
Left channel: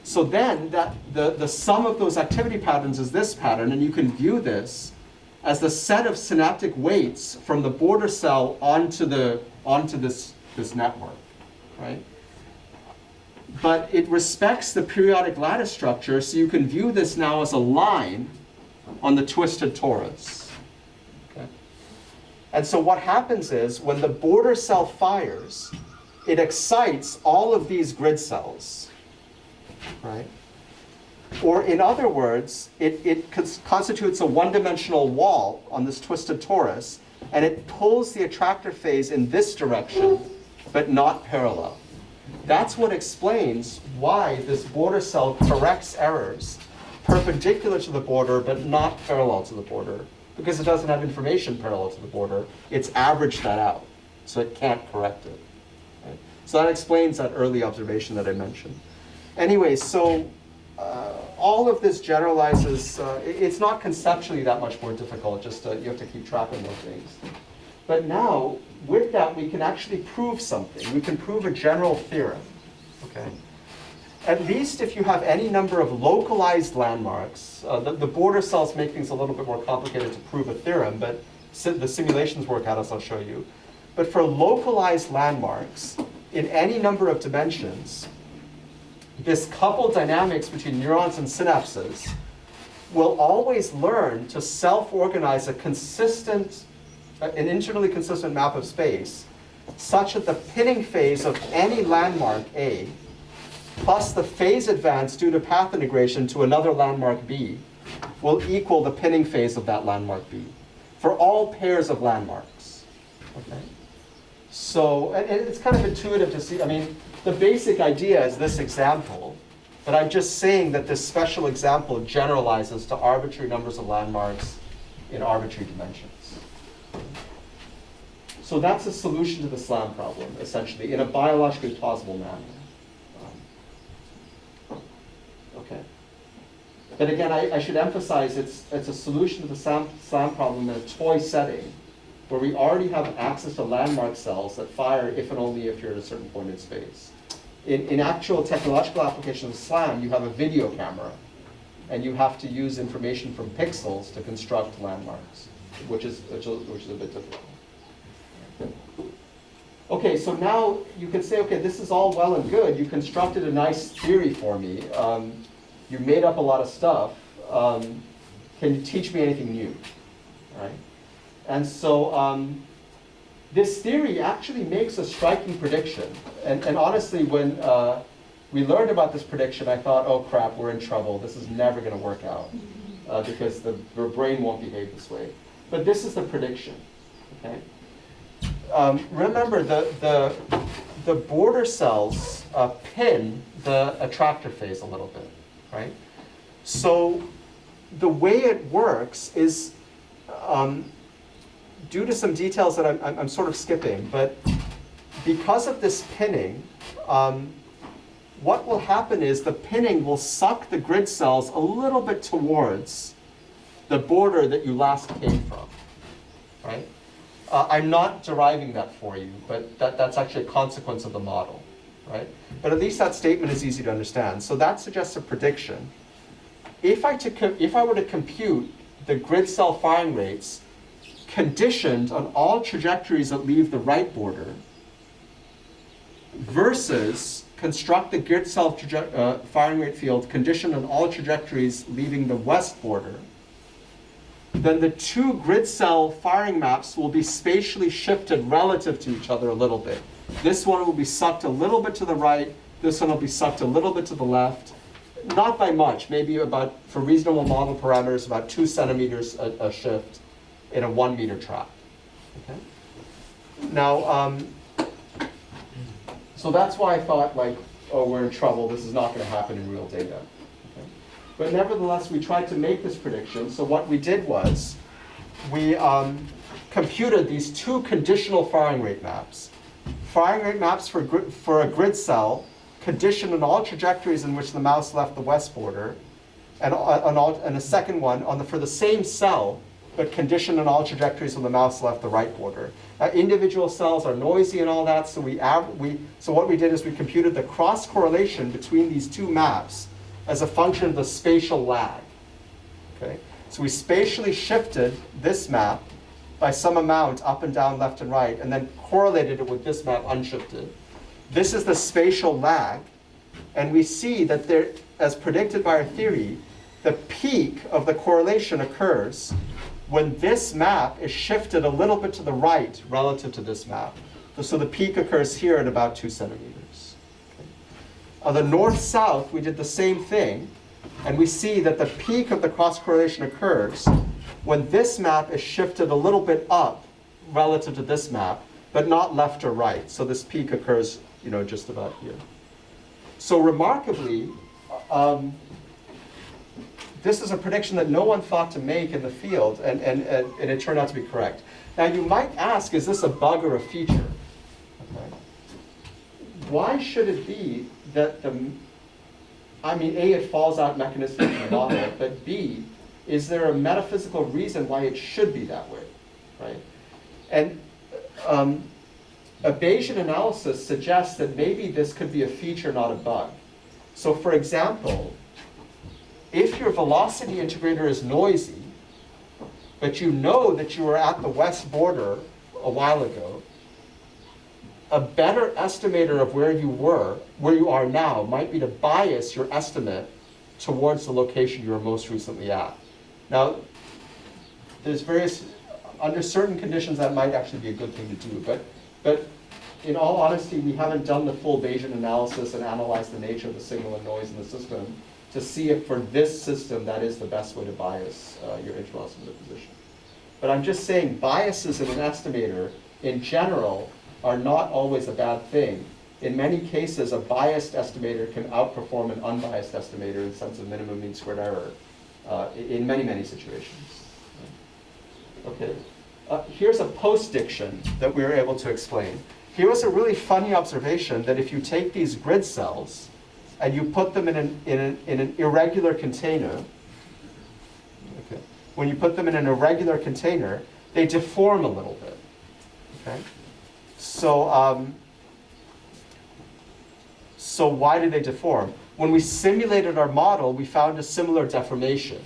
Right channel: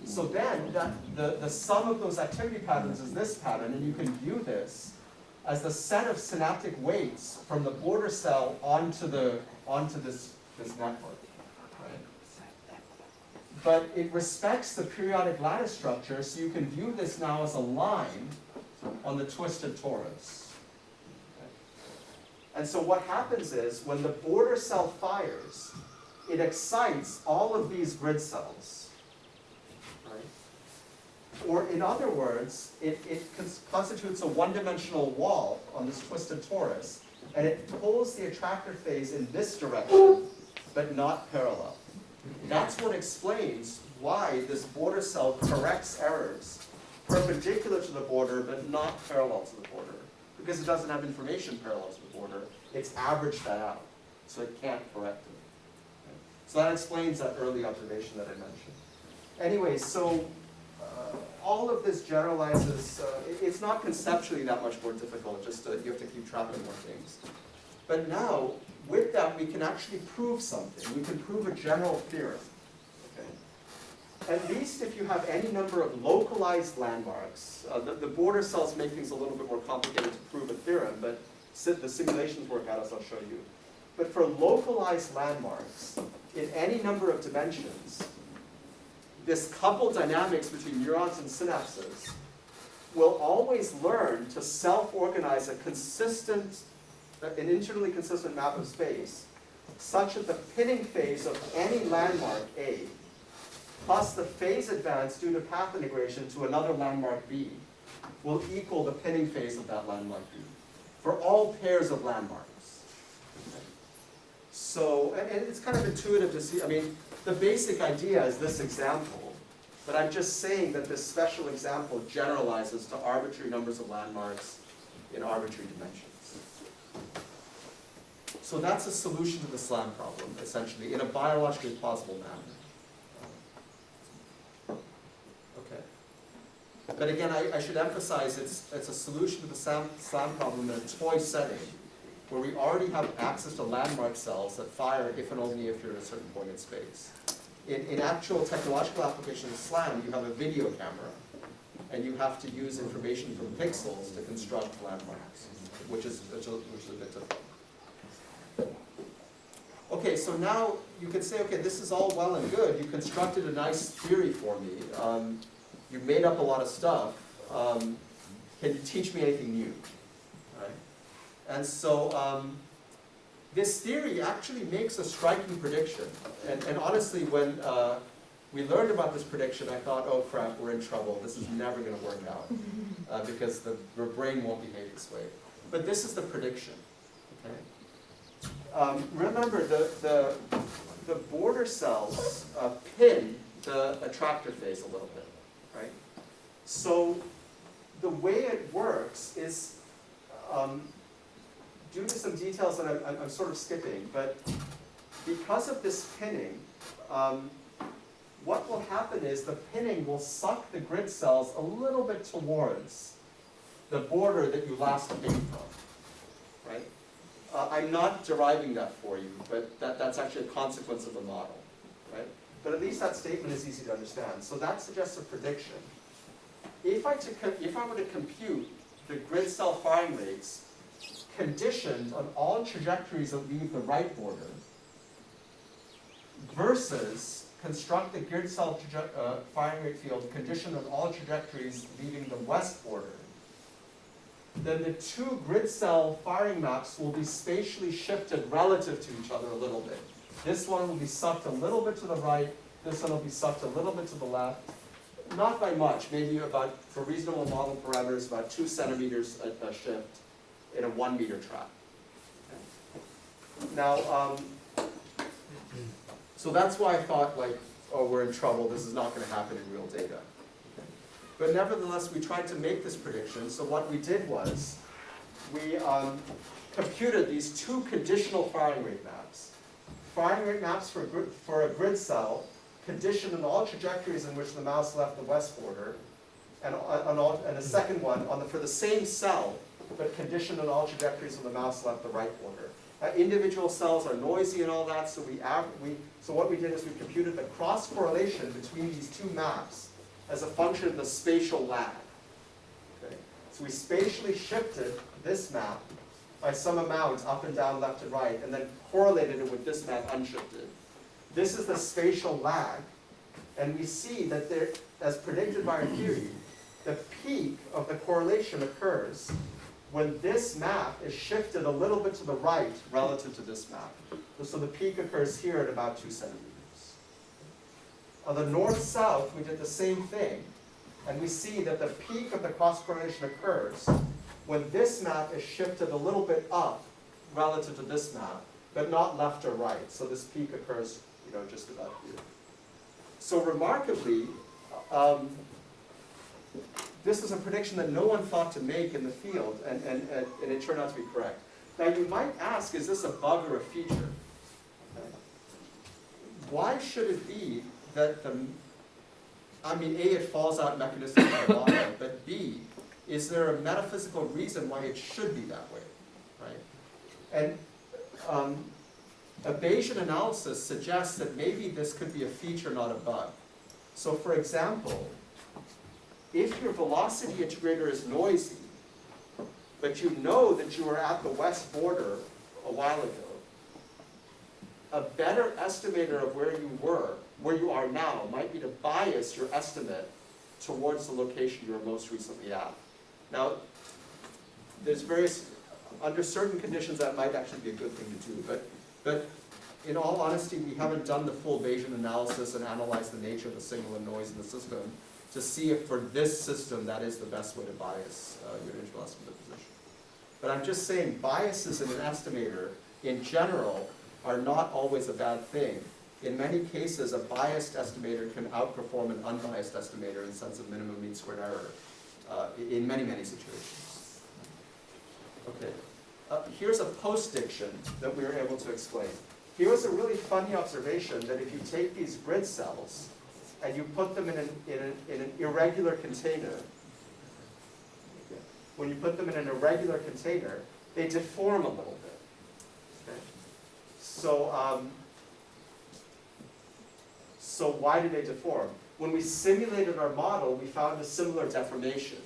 So then the sum of those activity patterns is this pattern, and you can view this as the set of synaptic weights from the border cell onto this network, right? But it respects the periodic lattice structure, so you can view this now as a line on the twisted torus. Okay? And so what happens is, when the border cell fires, it excites all of these grid cells, right? Or in other words, it constitutes a one-dimensional wall on this twisted torus, and it pulls the attractor phase in this direction, but not parallel. That's what explains why this border cell corrects errors perpendicular to the border, but not parallel to the border, because it doesn't have information parallel to the border. It's averaged that out, so it can't correct it. Right? So that explains that early observation that I mentioned. Anyway, so all of this generalizes, it's not conceptually that much more difficult, just you have to keep track of those things. But now, with that, we can actually prove something. We can prove a general theorem, okay? At least if you have any number of localized landmarks, the border cells make things a little bit more complicated to prove a theorem, but the simulations work out, as I'll show you. But for localized landmarks, in any number of dimensions, this coupled dynamics between neurons and synapses will always learn to self-organize an internally consistent map of space, such that the pinning phase of any landmark A, plus the phase advance due to path integration to another landmark B, will equal the pinning phase of that landmark B, for all pairs of landmarks. Okay? So, and it's kind of intuitive to see, I mean, the basic idea is this example, but I'm just saying that this special example generalizes to arbitrary numbers of landmarks in arbitrary dimensions. So that's a solution to the SLAM problem, essentially, in a biologically plausible manner. Okay. But again, I should emphasize it's a solution to the SLAM problem in a toy setting, where we already have access to landmark cells that fire if and only if you're at a certain point in space. In actual technological application of SLAM, you have a video camera, and you have to use information from pixels to construct landmarks, which is a bit difficult. Okay, so now you could say, okay, this is all well and good. You constructed a nice theory for me. You made up a lot of stuff. Can you teach me anything new? Right? And so this theory actually makes a striking prediction. And honestly, when we learned about this prediction, I thought, oh crap, we're in trouble. This is never going to work out because your brain won't behave this way. But this is the prediction. okay? Remember, the border cells pin the attractor phase a little bit, right? So the way it works is, due to some details that I'm sort of skipping, but because of this pinning, what will happen is the pinning will suck the grid cells a little bit towards the border that you last came from, right? I'm not deriving that for you, but that's actually a consequence of the model, right? But at least that statement is easy to understand. So that suggests a prediction. If I were to compute the grid cell firing rates conditioned on all trajectories that leave the right border versus construct the grid cell firing rate field conditioned on all trajectories leaving the west border, then the two grid cell firing maps will be spatially shifted relative to each other a little bit. This one will be sucked a little bit to the right, this one will be sucked a little bit to the left. Not by much, maybe about, for reasonable model parameters, about 2 centimeters a shift in a 1 meter track. Okay? Now, so that's why I thought, like, oh, we're in trouble, this is not going to happen in real data. Okay? But nevertheless, we tried to make this prediction. So what we did was, we computed these two conditional firing rate maps. Firing rate maps for a grid cell conditioned on all trajectories in which the mouse left the west border, and a second one for the same cell, but conditioned on all trajectories when the mouse left the right border. Individual cells are noisy and all that, so so what we did is we computed the cross correlation between these two maps as a function of the spatial lag. Okay? So we spatially shifted this map by some amount up and down, left and right, and then correlated it with this map unshifted. This is the spatial lag, and we see that there, as predicted by our theory, the peak of the correlation occurs when this map is shifted a little bit to the right relative to this map. So the peak occurs here at about 2 centimeters. Okay. On the north-south, we did the same thing, and we see that the peak of the cross-correlation occurs when this map is shifted a little bit up relative to this map, but not left or right. So this peak occurs, just about here. So remarkably, this is a prediction that no one thought to make in the field, and it turned out to be correct. Now you might ask, is this a bug or a feature? Okay. Why should it be that A, it falls out mechanistically from the model, but B, is there a metaphysical reason why it should be that way, right? And a Bayesian analysis suggests that maybe this could be a feature, not a bug. So for example, if your velocity integrator is noisy, but you know that you were at the west border a while ago, a better estimator of where you are now, might be to bias your estimate towards the location you were most recently at. Now, there's under certain conditions that might actually be a good thing to do, but in all honesty, we haven't done the full Bayesian analysis and analyzed the nature of the signal and noise in the system to see if for this system that is the best way to bias your interval estimate of position. But I'm just saying biases in an estimator in general are not always a bad thing. In many cases, a biased estimator can outperform an unbiased estimator in the sense of minimum mean squared error in many, many situations. Okay, here's a post-diction that we were able to explain. Here was a really funny observation that if you take these grid cells and you put them in an irregular container, okay, when you put them in an irregular container, they deform a little bit. Okay? So, so why do they deform? When we simulated our model, we found a similar deformation.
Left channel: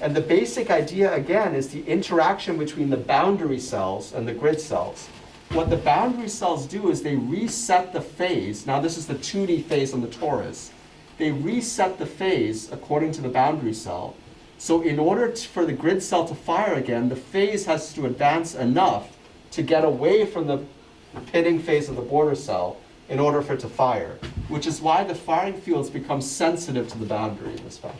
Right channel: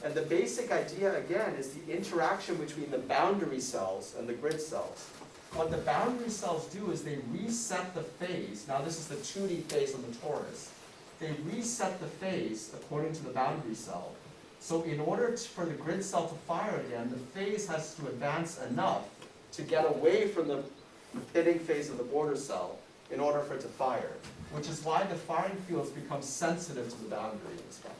And the basic idea, again, is the interaction between the boundary cells and the grid cells. What the boundary cells do is they reset the phase. Now this is the 2D phase on the torus. They reset the phase according to the boundary cell. So in order for the grid cell to fire again, the phase has to advance enough to get away from the pitting phase of the border cell in order for it to fire, which is why the firing fields become sensitive to the boundary in this fashion.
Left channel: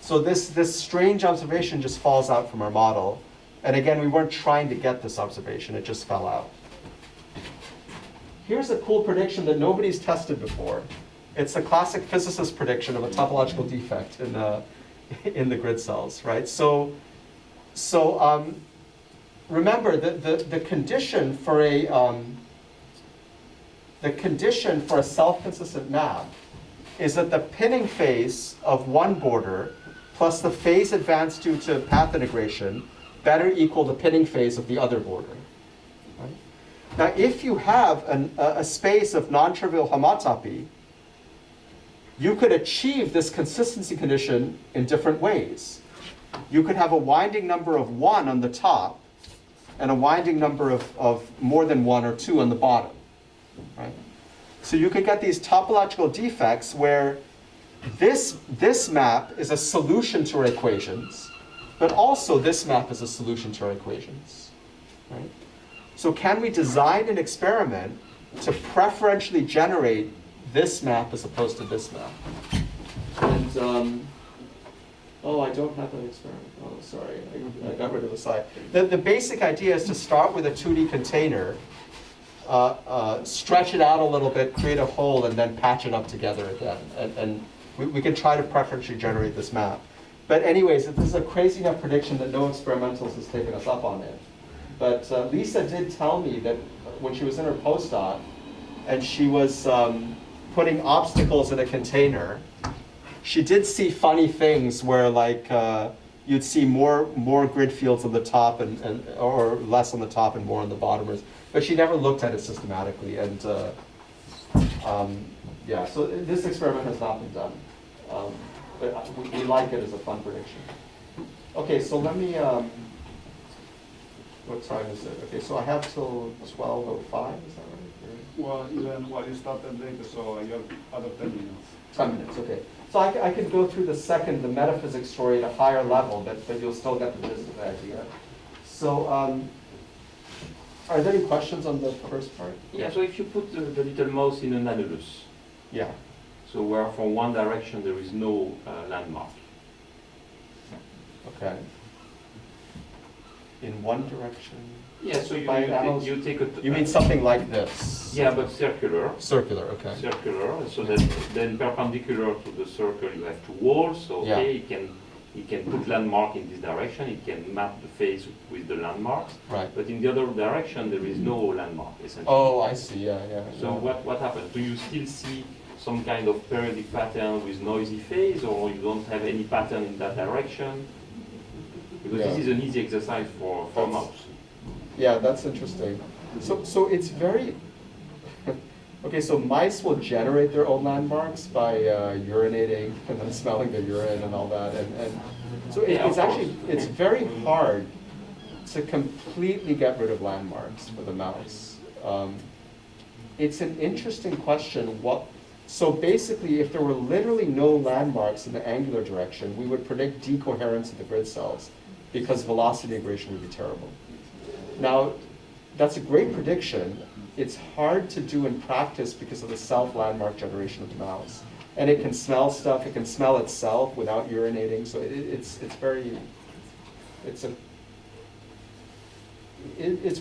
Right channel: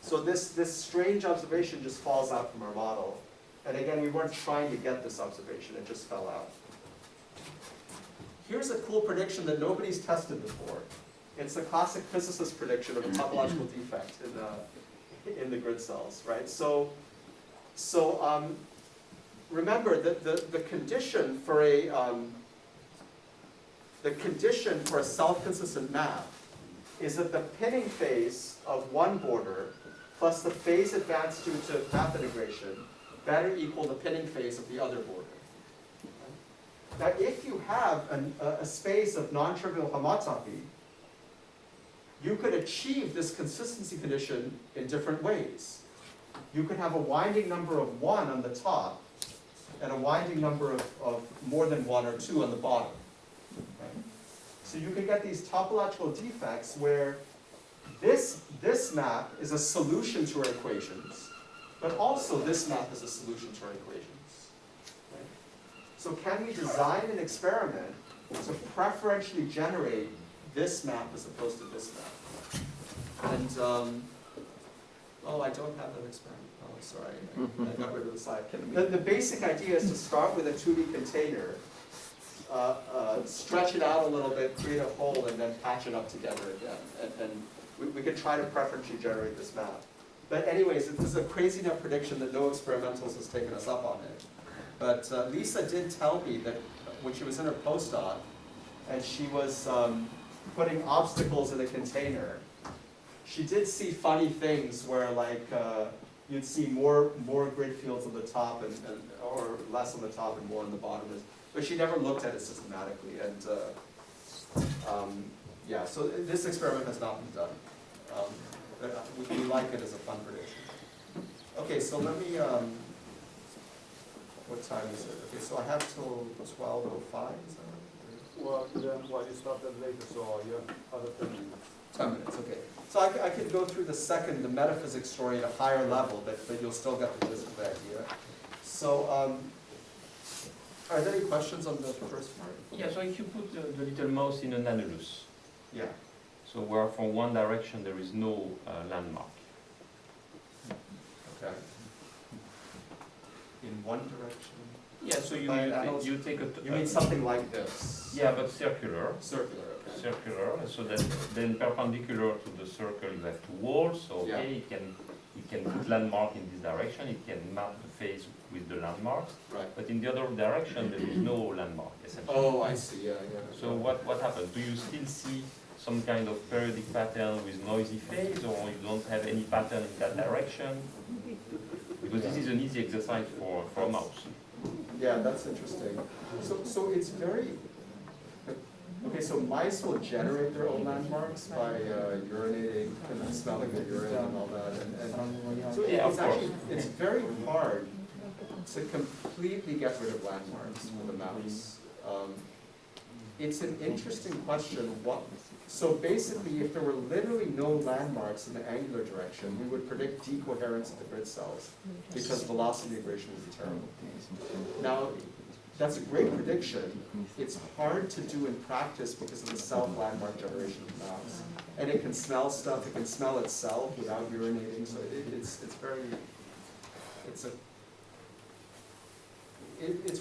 So this strange observation just falls out from our model. And again, we weren't trying to get this observation, it just fell out. Here's a cool prediction that nobody's tested before. It's a classic physicist prediction of a topological defect in the grid cells, right? So remember that the condition for a self-consistent map is that the pinning phase of one border plus the phase advanced due to path integration better equal the pinning phase of the other border. Right? Now, if you have a space of non-trivial homotopy, you could achieve this consistency condition in different ways. You could have a winding number of 1 on the top and a winding number of more than 1 or 2 on the bottom. Right? So you could get these topological defects where this map is a solution to our equations, but also this map is a solution to our equations. Right? So can we design an experiment to preferentially generate this map as opposed to this map? And oh, I don't have that experiment. Oh, sorry, I got rid of the slide. The basic idea is to start with a 2D container, stretch it out a little bit, create a hole, and then patch it up together again. And we can try to preferentially generate this map. But anyways, this is a crazy enough prediction that no experimentals has taken us up on it. But Lisa did tell me that when she was in her postdoc, and she was putting obstacles in a container, she did see funny things where like you'd see more grid fields on the top or less on the top and more on the bottom. But she never looked at it systematically. And yeah, so this experiment has not been done. But we like it as a fun prediction. Okay, so let me, what time is it? Okay, so I have till 12:05, is that right? Well, then, you started later, so you have other 10 minutes. 10 minutes, okay. So I could go through the metaphysics story at a higher level, but you'll still get the gist of the idea. So, are there any questions on the first part? Yeah, so if you put the little mouse in an annulus, Yeah. so where from one direction there is no landmark. Okay. In one direction? Yeah, so By annulus? you take a... You mean something like this? Yeah, but circular. Circular, okay. Circular, so that then perpendicular to the circle you have two walls, so Yeah. okay, it can put landmark in this direction, it can map the face with the landmarks, Right. but in the other direction there is no landmark, essentially. Oh, I see, yeah. So what happens? Do you still see some kind of periodic pattern with noisy phase, or you don't have any pattern in that direction? Because this Yeah. is an easy exercise for a mouse. Yeah, that's interesting. So it's very, okay, so mice will generate their own landmarks by urinating and then smelling the urine and all that. And so Yeah, it's of actually, it's very hard to completely get rid of landmarks with a mouse. It's an interesting question. So basically, if there were literally no landmarks in the angular direction, we would predict decoherence of the grid cells because velocity integration would be terrible. Now, that's a great prediction. It's hard to do in practice because of the self-landmark generation of the mouse. And it can smell stuff, it can smell itself without urinating, so it's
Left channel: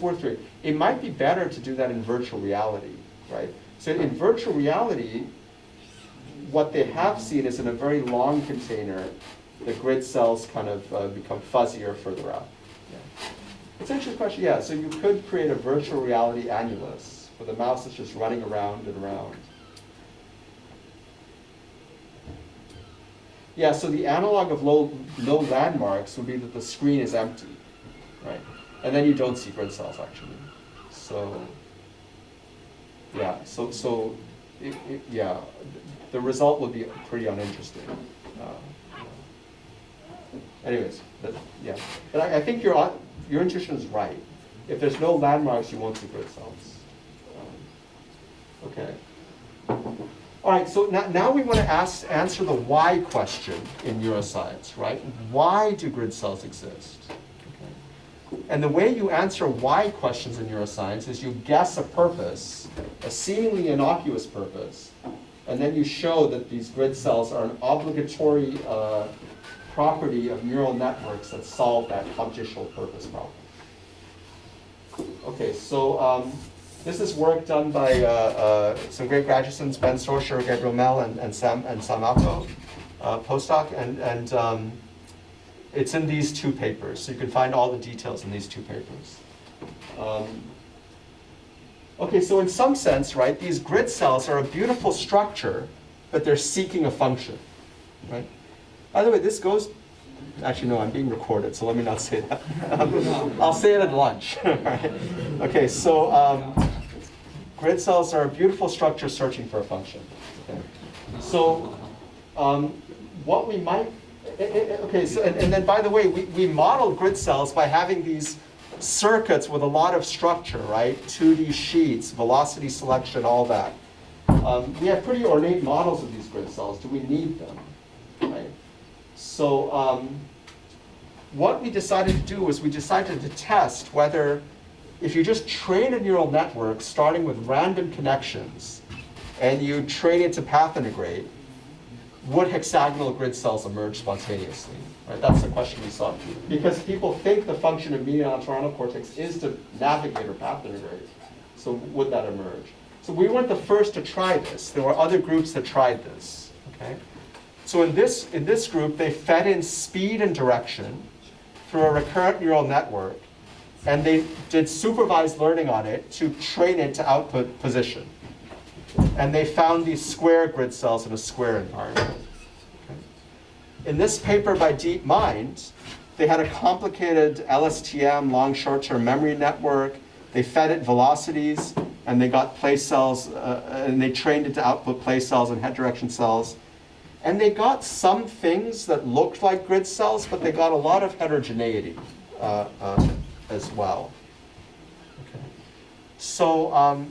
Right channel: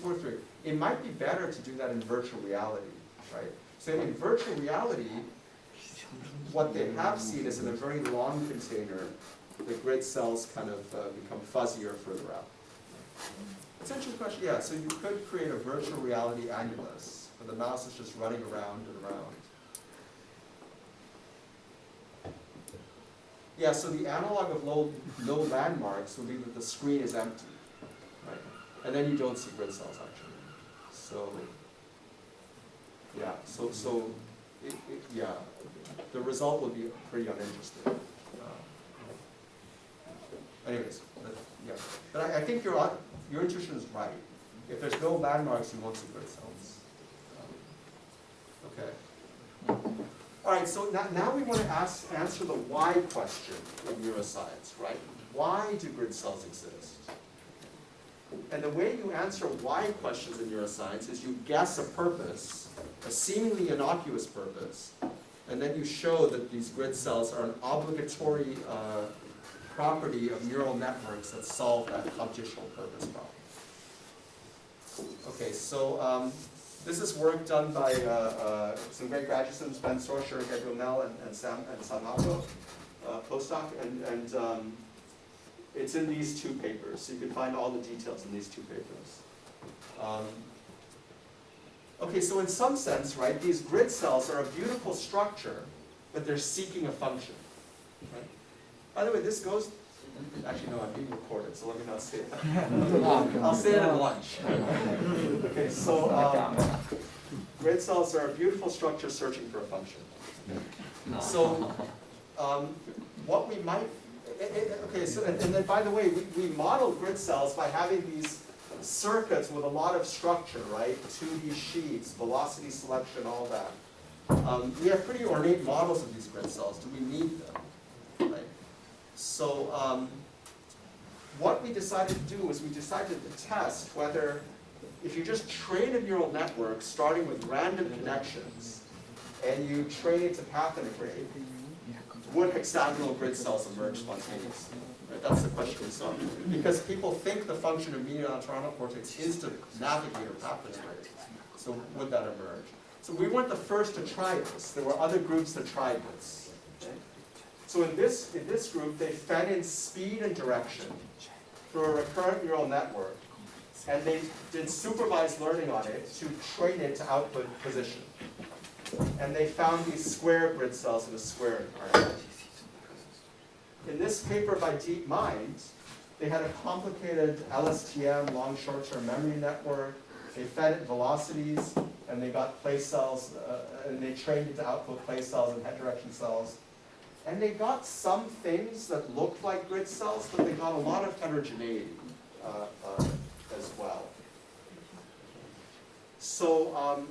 worth doing. It might be better to do that in virtual reality, right? So in virtual reality, what they have seen is in a very long container, the grid cells kind of become fuzzier further out. Yeah. It's an interesting question, yeah. So you could create a virtual reality annulus where the mouse is just running around and around. Yeah, so the analog of low landmarks would be that the screen is empty, right? And then you don't see grid cells actually. So, yeah, yeah, the result would be pretty uninteresting. Anyways, yeah, but I think your intuition is right. If there's no landmarks, you won't see grid cells. Okay. All right, so now we want to answer the why question in neuroscience, right? Why do grid cells exist? Okay. And the way you answer why questions in neuroscience is you guess a purpose, a seemingly innocuous purpose, and then you show that these grid cells are an obligatory property of neural networks that solve that computational purpose problem. Okay, so this is work done by some great graduate students, Ben Sorcher, Gabriel Mel, and Sam Alco, postdoc, and it's in these two papers. So you can find all the details in these two papers. Okay, so in some sense, right, these grid cells are a beautiful structure, but they're seeking a function, right? By the way, this goes, actually no, I'm being recorded, so let me not say that. I'll say it at lunch. Okay, so grid cells are a beautiful structure searching for a function. So what we might, okay, so, and then by the way, we modeled grid cells by having these circuits with a lot of structure, right? 2D sheets, velocity selection, all that. We have pretty ornate models of these grid cells. Do we need them, right? So what we decided to do was we decided to test whether if you just train a neural network starting with random connections and you train it to path integrate, would hexagonal grid cells emerge spontaneously? Right? That's the question we saw. Because people think the function of median entorhinal cortex is to navigate or path integrate. So would that emerge? So we weren't the first to try this. There were other groups that tried this. Okay? So in this group, they fed in speed and direction through a recurrent neural network, and they did supervised learning on it to train it to output position. And they found these square grid cells in a square environment. In this paper by DeepMind, they had a complicated LSTM, long short-term memory network. They fed it velocities, and they got place cells, and they trained it to output place cells and head direction cells. And they got some things that looked like grid cells, but they got a lot of heterogeneity as well. Okay. So,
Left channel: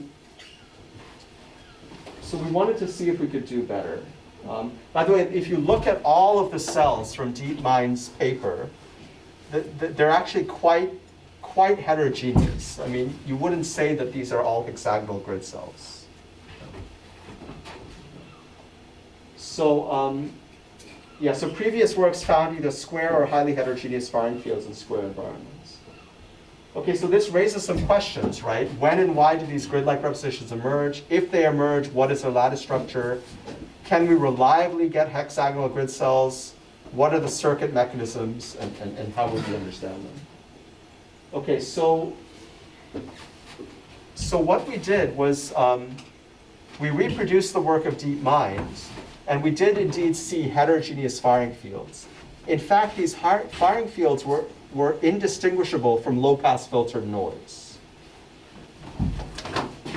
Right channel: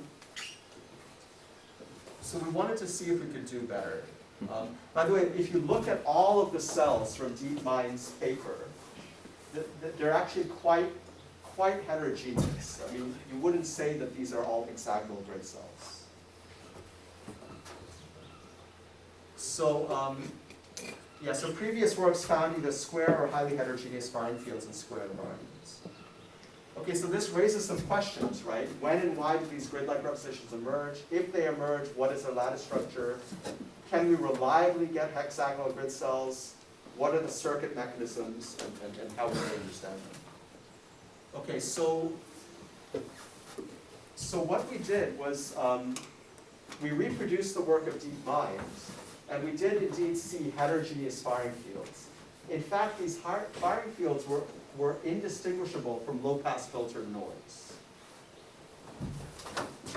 so we wanted to see if we could do better. By the way, if you look at all of the cells from DeepMind's paper, they're actually quite heterogeneous. I mean, you wouldn't say that these are all hexagonal grid cells. So, yeah, so previous works found either square or highly heterogeneous firing fields in square environments. Okay, so this raises some questions, right? When and why do these grid-like representations emerge? If they emerge, what is their lattice structure? Can we reliably get hexagonal grid cells? What are the circuit mechanisms, and how would we understand them? Okay, so what we did was we reproduced the work of DeepMind, and we did indeed see heterogeneous firing fields. In fact, these firing fields were indistinguishable from low-pass filtered noise.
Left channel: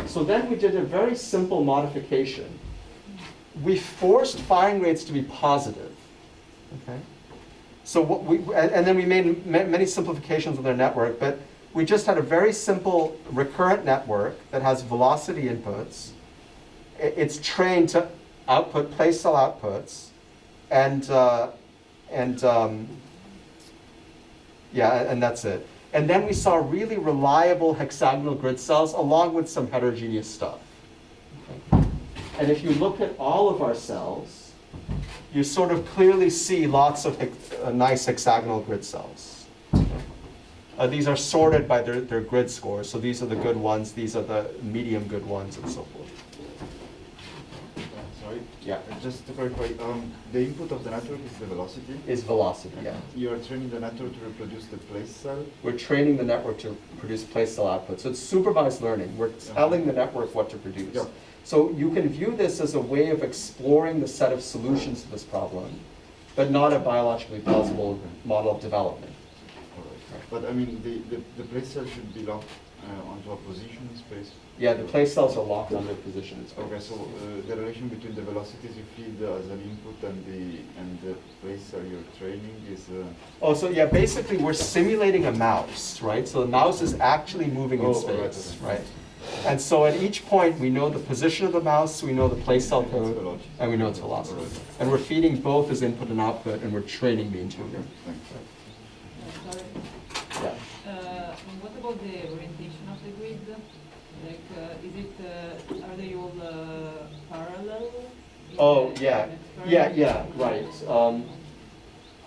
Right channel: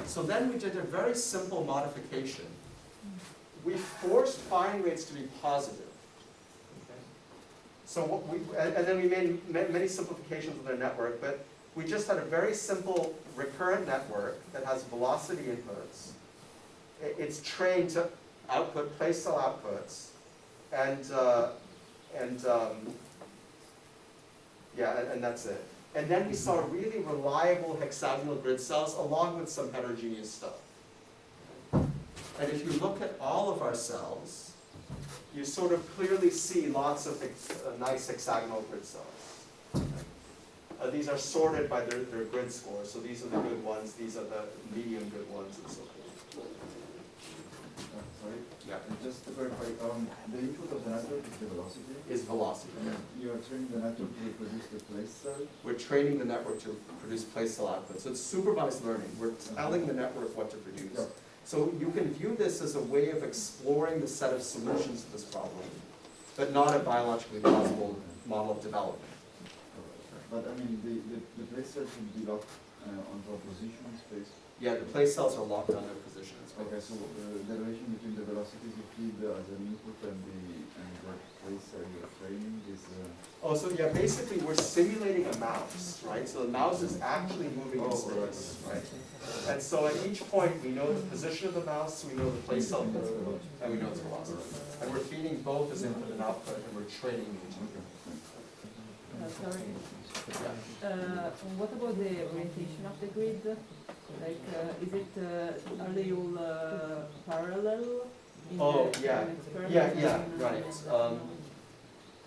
So then we did a very simple modification. We forced firing rates to be positive. Okay? So and then we made many simplifications with our network, but we just had a very simple recurrent network that has velocity inputs. It's trained to output place cell outputs, and that's it. And then we saw really reliable hexagonal grid cells along with some heterogeneous stuff. Okay. And if you look at all of our cells, you sort of clearly see lots of nice hexagonal grid cells. These are sorted by their grid scores. So these are the good ones, these are the medium good ones, and so forth. Sorry? Yeah. Just to clarify, the input of the network is the velocity? Is velocity, yeah. You are training the network to reproduce the place cell? We're training the network to produce place cell output. So it's supervised learning. We're telling the network what to produce. Yep. So you can view this as a way of exploring the set of solutions to this problem, but not a biologically plausible model of development. But I mean, the place cell should be locked onto a position in space? Yeah, the place cells are locked on their position in space. Okay, so the relation between the velocities you feed as an input and the place cell you're training is... Oh, so yeah, basically we're simulating a mouse, right? So the mouse is actually moving in space, right? And so at each point, we know the position of the mouse, we know the place cell code, and we know its velocity. And we're feeding both as input and output, and we're training the intuitor. Sorry. Yeah. What about the orientation of the grid? Like, are they all parallel? Oh, yeah. Yeah, right.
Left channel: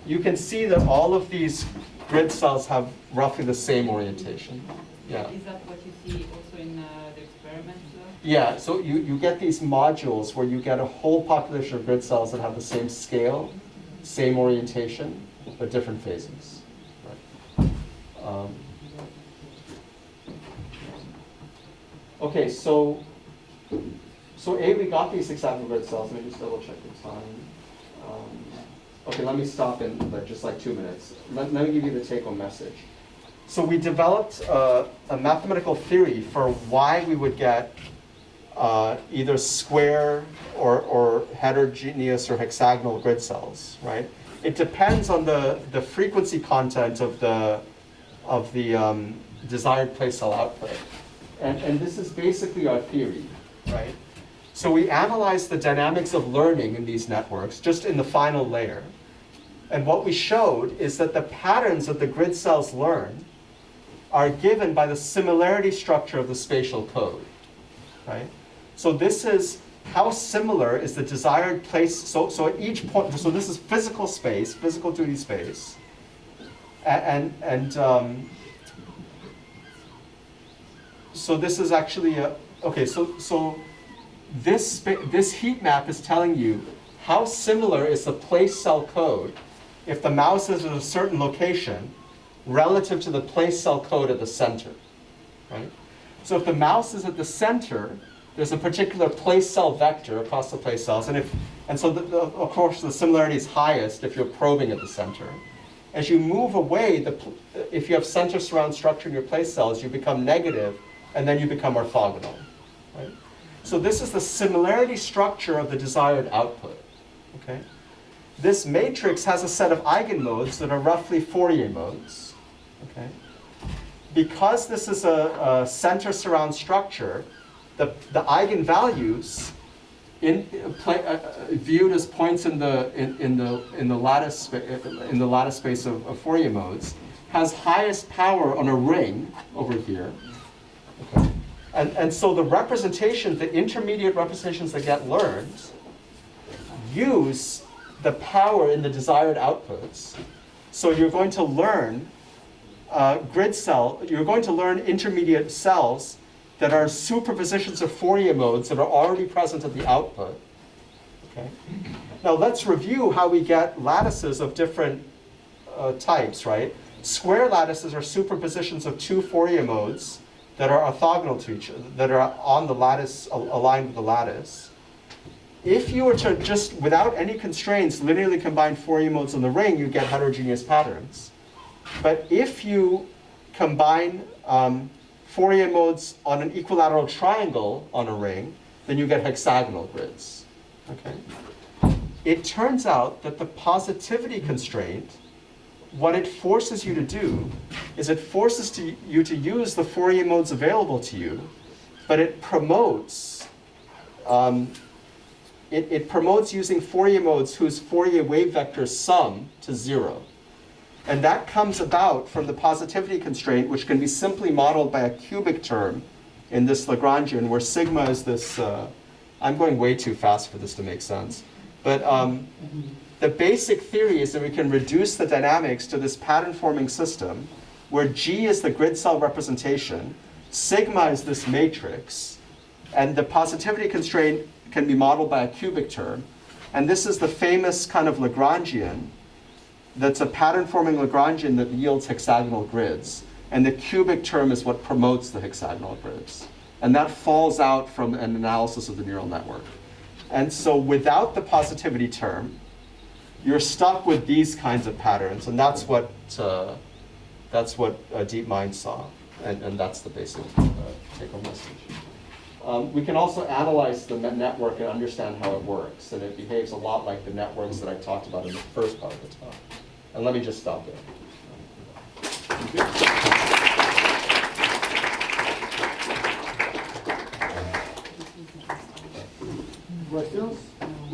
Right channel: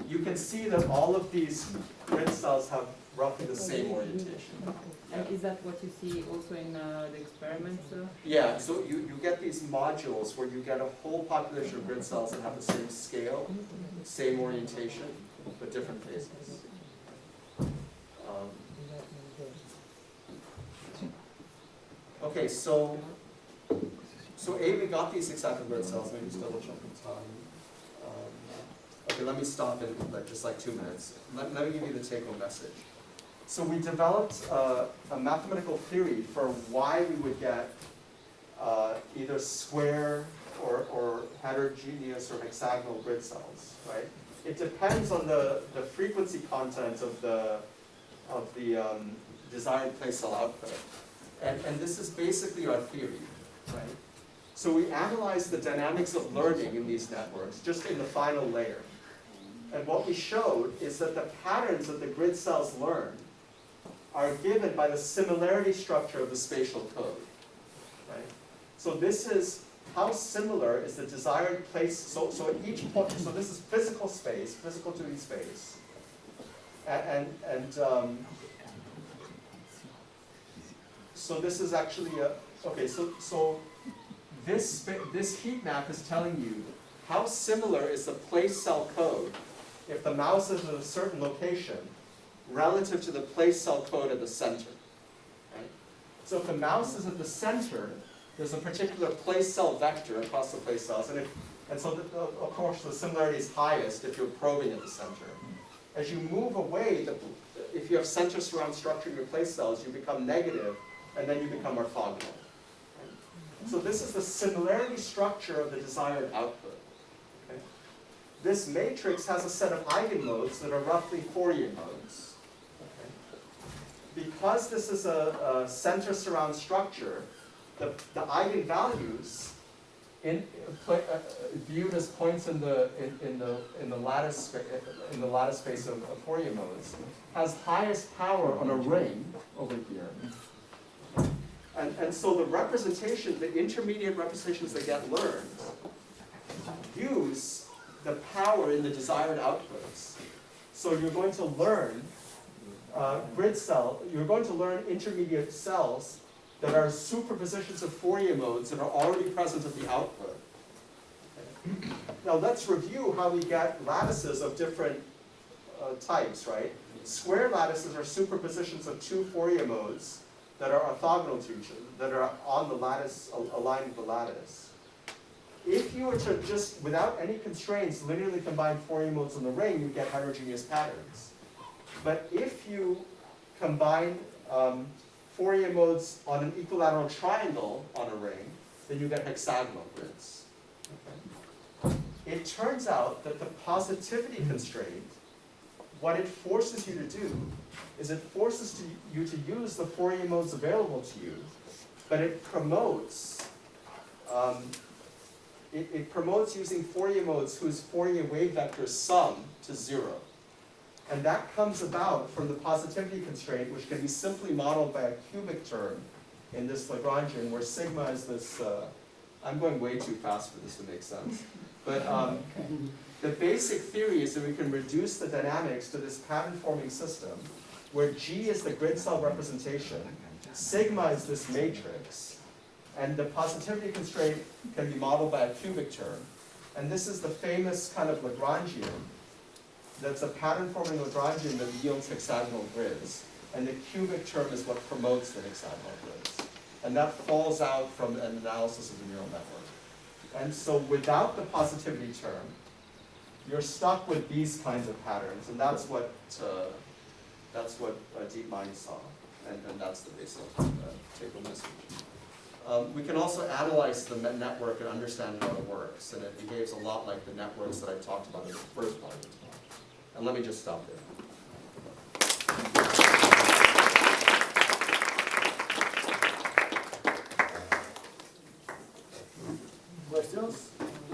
you can see that all of these grid cells have roughly the same orientation. Yeah. Is that what you see also in the experiments? Yeah, so you get these modules where you get a whole population of grid cells that have the same scale, same orientation, but different phases. Right. Okay, so we got these hexagonal grid cells. Let me just double check the time. Okay, let me stop in just like 2 minutes. Let me give you the take-home message. So we developed a mathematical theory for why we would get either square or heterogeneous or hexagonal grid cells, right? It depends on the frequency content of the desired place cell output. And this is basically our theory, right? So we analyzed the dynamics of learning in these networks just in the final layer. And what we showed is that the patterns that the grid cells learn are given by the similarity structure of the spatial code, right? So this is how similar is the desired place. So at each point, so this is physical space, physical 2D space, so this is actually okay. So this heat map is telling you how similar is the place cell code if the mouse is at a certain location relative to the place cell code at the center, right? So if the mouse is at the center, there's a particular place cell vector across the place cells, and so of course the similarity is highest if you're probing at the center. As you move away, if you have center surround structure in your place cells, you become negative, and then you become orthogonal, right? So this is the similarity structure of the desired output, okay? This matrix has a set of eigenmodes that are roughly Fourier modes, okay? Because this is a center surround structure, the eigenvalues viewed as points in the lattice space of Fourier modes has highest power on a ring over here. Okay. And so the representations, the intermediate representations that get learned, use the power in the desired outputs. So you're going to learn you're going to learn intermediate cells that are superpositions of Fourier modes that are already present at the output. Okay. Now let's review how we get lattices of different types, right? Square lattices are superpositions of two Fourier modes that are orthogonal to each other, that are on the lattice, aligned with the lattice. If you were to just, without any constraints, linearly combine Fourier modes on the ring, you get heterogeneous patterns. But if you combine Fourier modes on an equilateral triangle on a ring, then you get hexagonal grids. Okay? It turns out that the positivity constraint, what it forces you to do is it forces you to use the Fourier modes available to you, but it promotes it promotes using Fourier modes whose Fourier wave vectors sum to 0. And that comes about from the positivity constraint, which can be simply modeled by a cubic term in this Lagrangian, where sigma is this, I'm going way too fast for this to make sense. But the basic theory is that we can reduce the dynamics to this pattern-forming system, where G is the grid cell representation, sigma is this matrix, and the positivity constraint can be modeled by a cubic term. And this is the famous kind of Lagrangian that's a pattern-forming Lagrangian that yields hexagonal grids. And the cubic term is what promotes the hexagonal grids. And that falls out from an analysis of the neural network. And so without the positivity term, you're stuck with these kinds of patterns. And that's what DeepMind saw. And that's the basic take-home message. We can also analyze the network and understand how it works. And it behaves a lot like the networks that I talked about in the first part of the talk. And let me just stop there. Questions?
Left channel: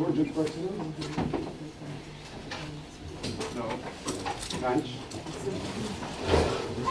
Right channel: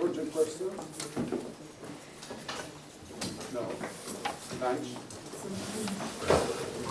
Urgent questions? No. Lunch?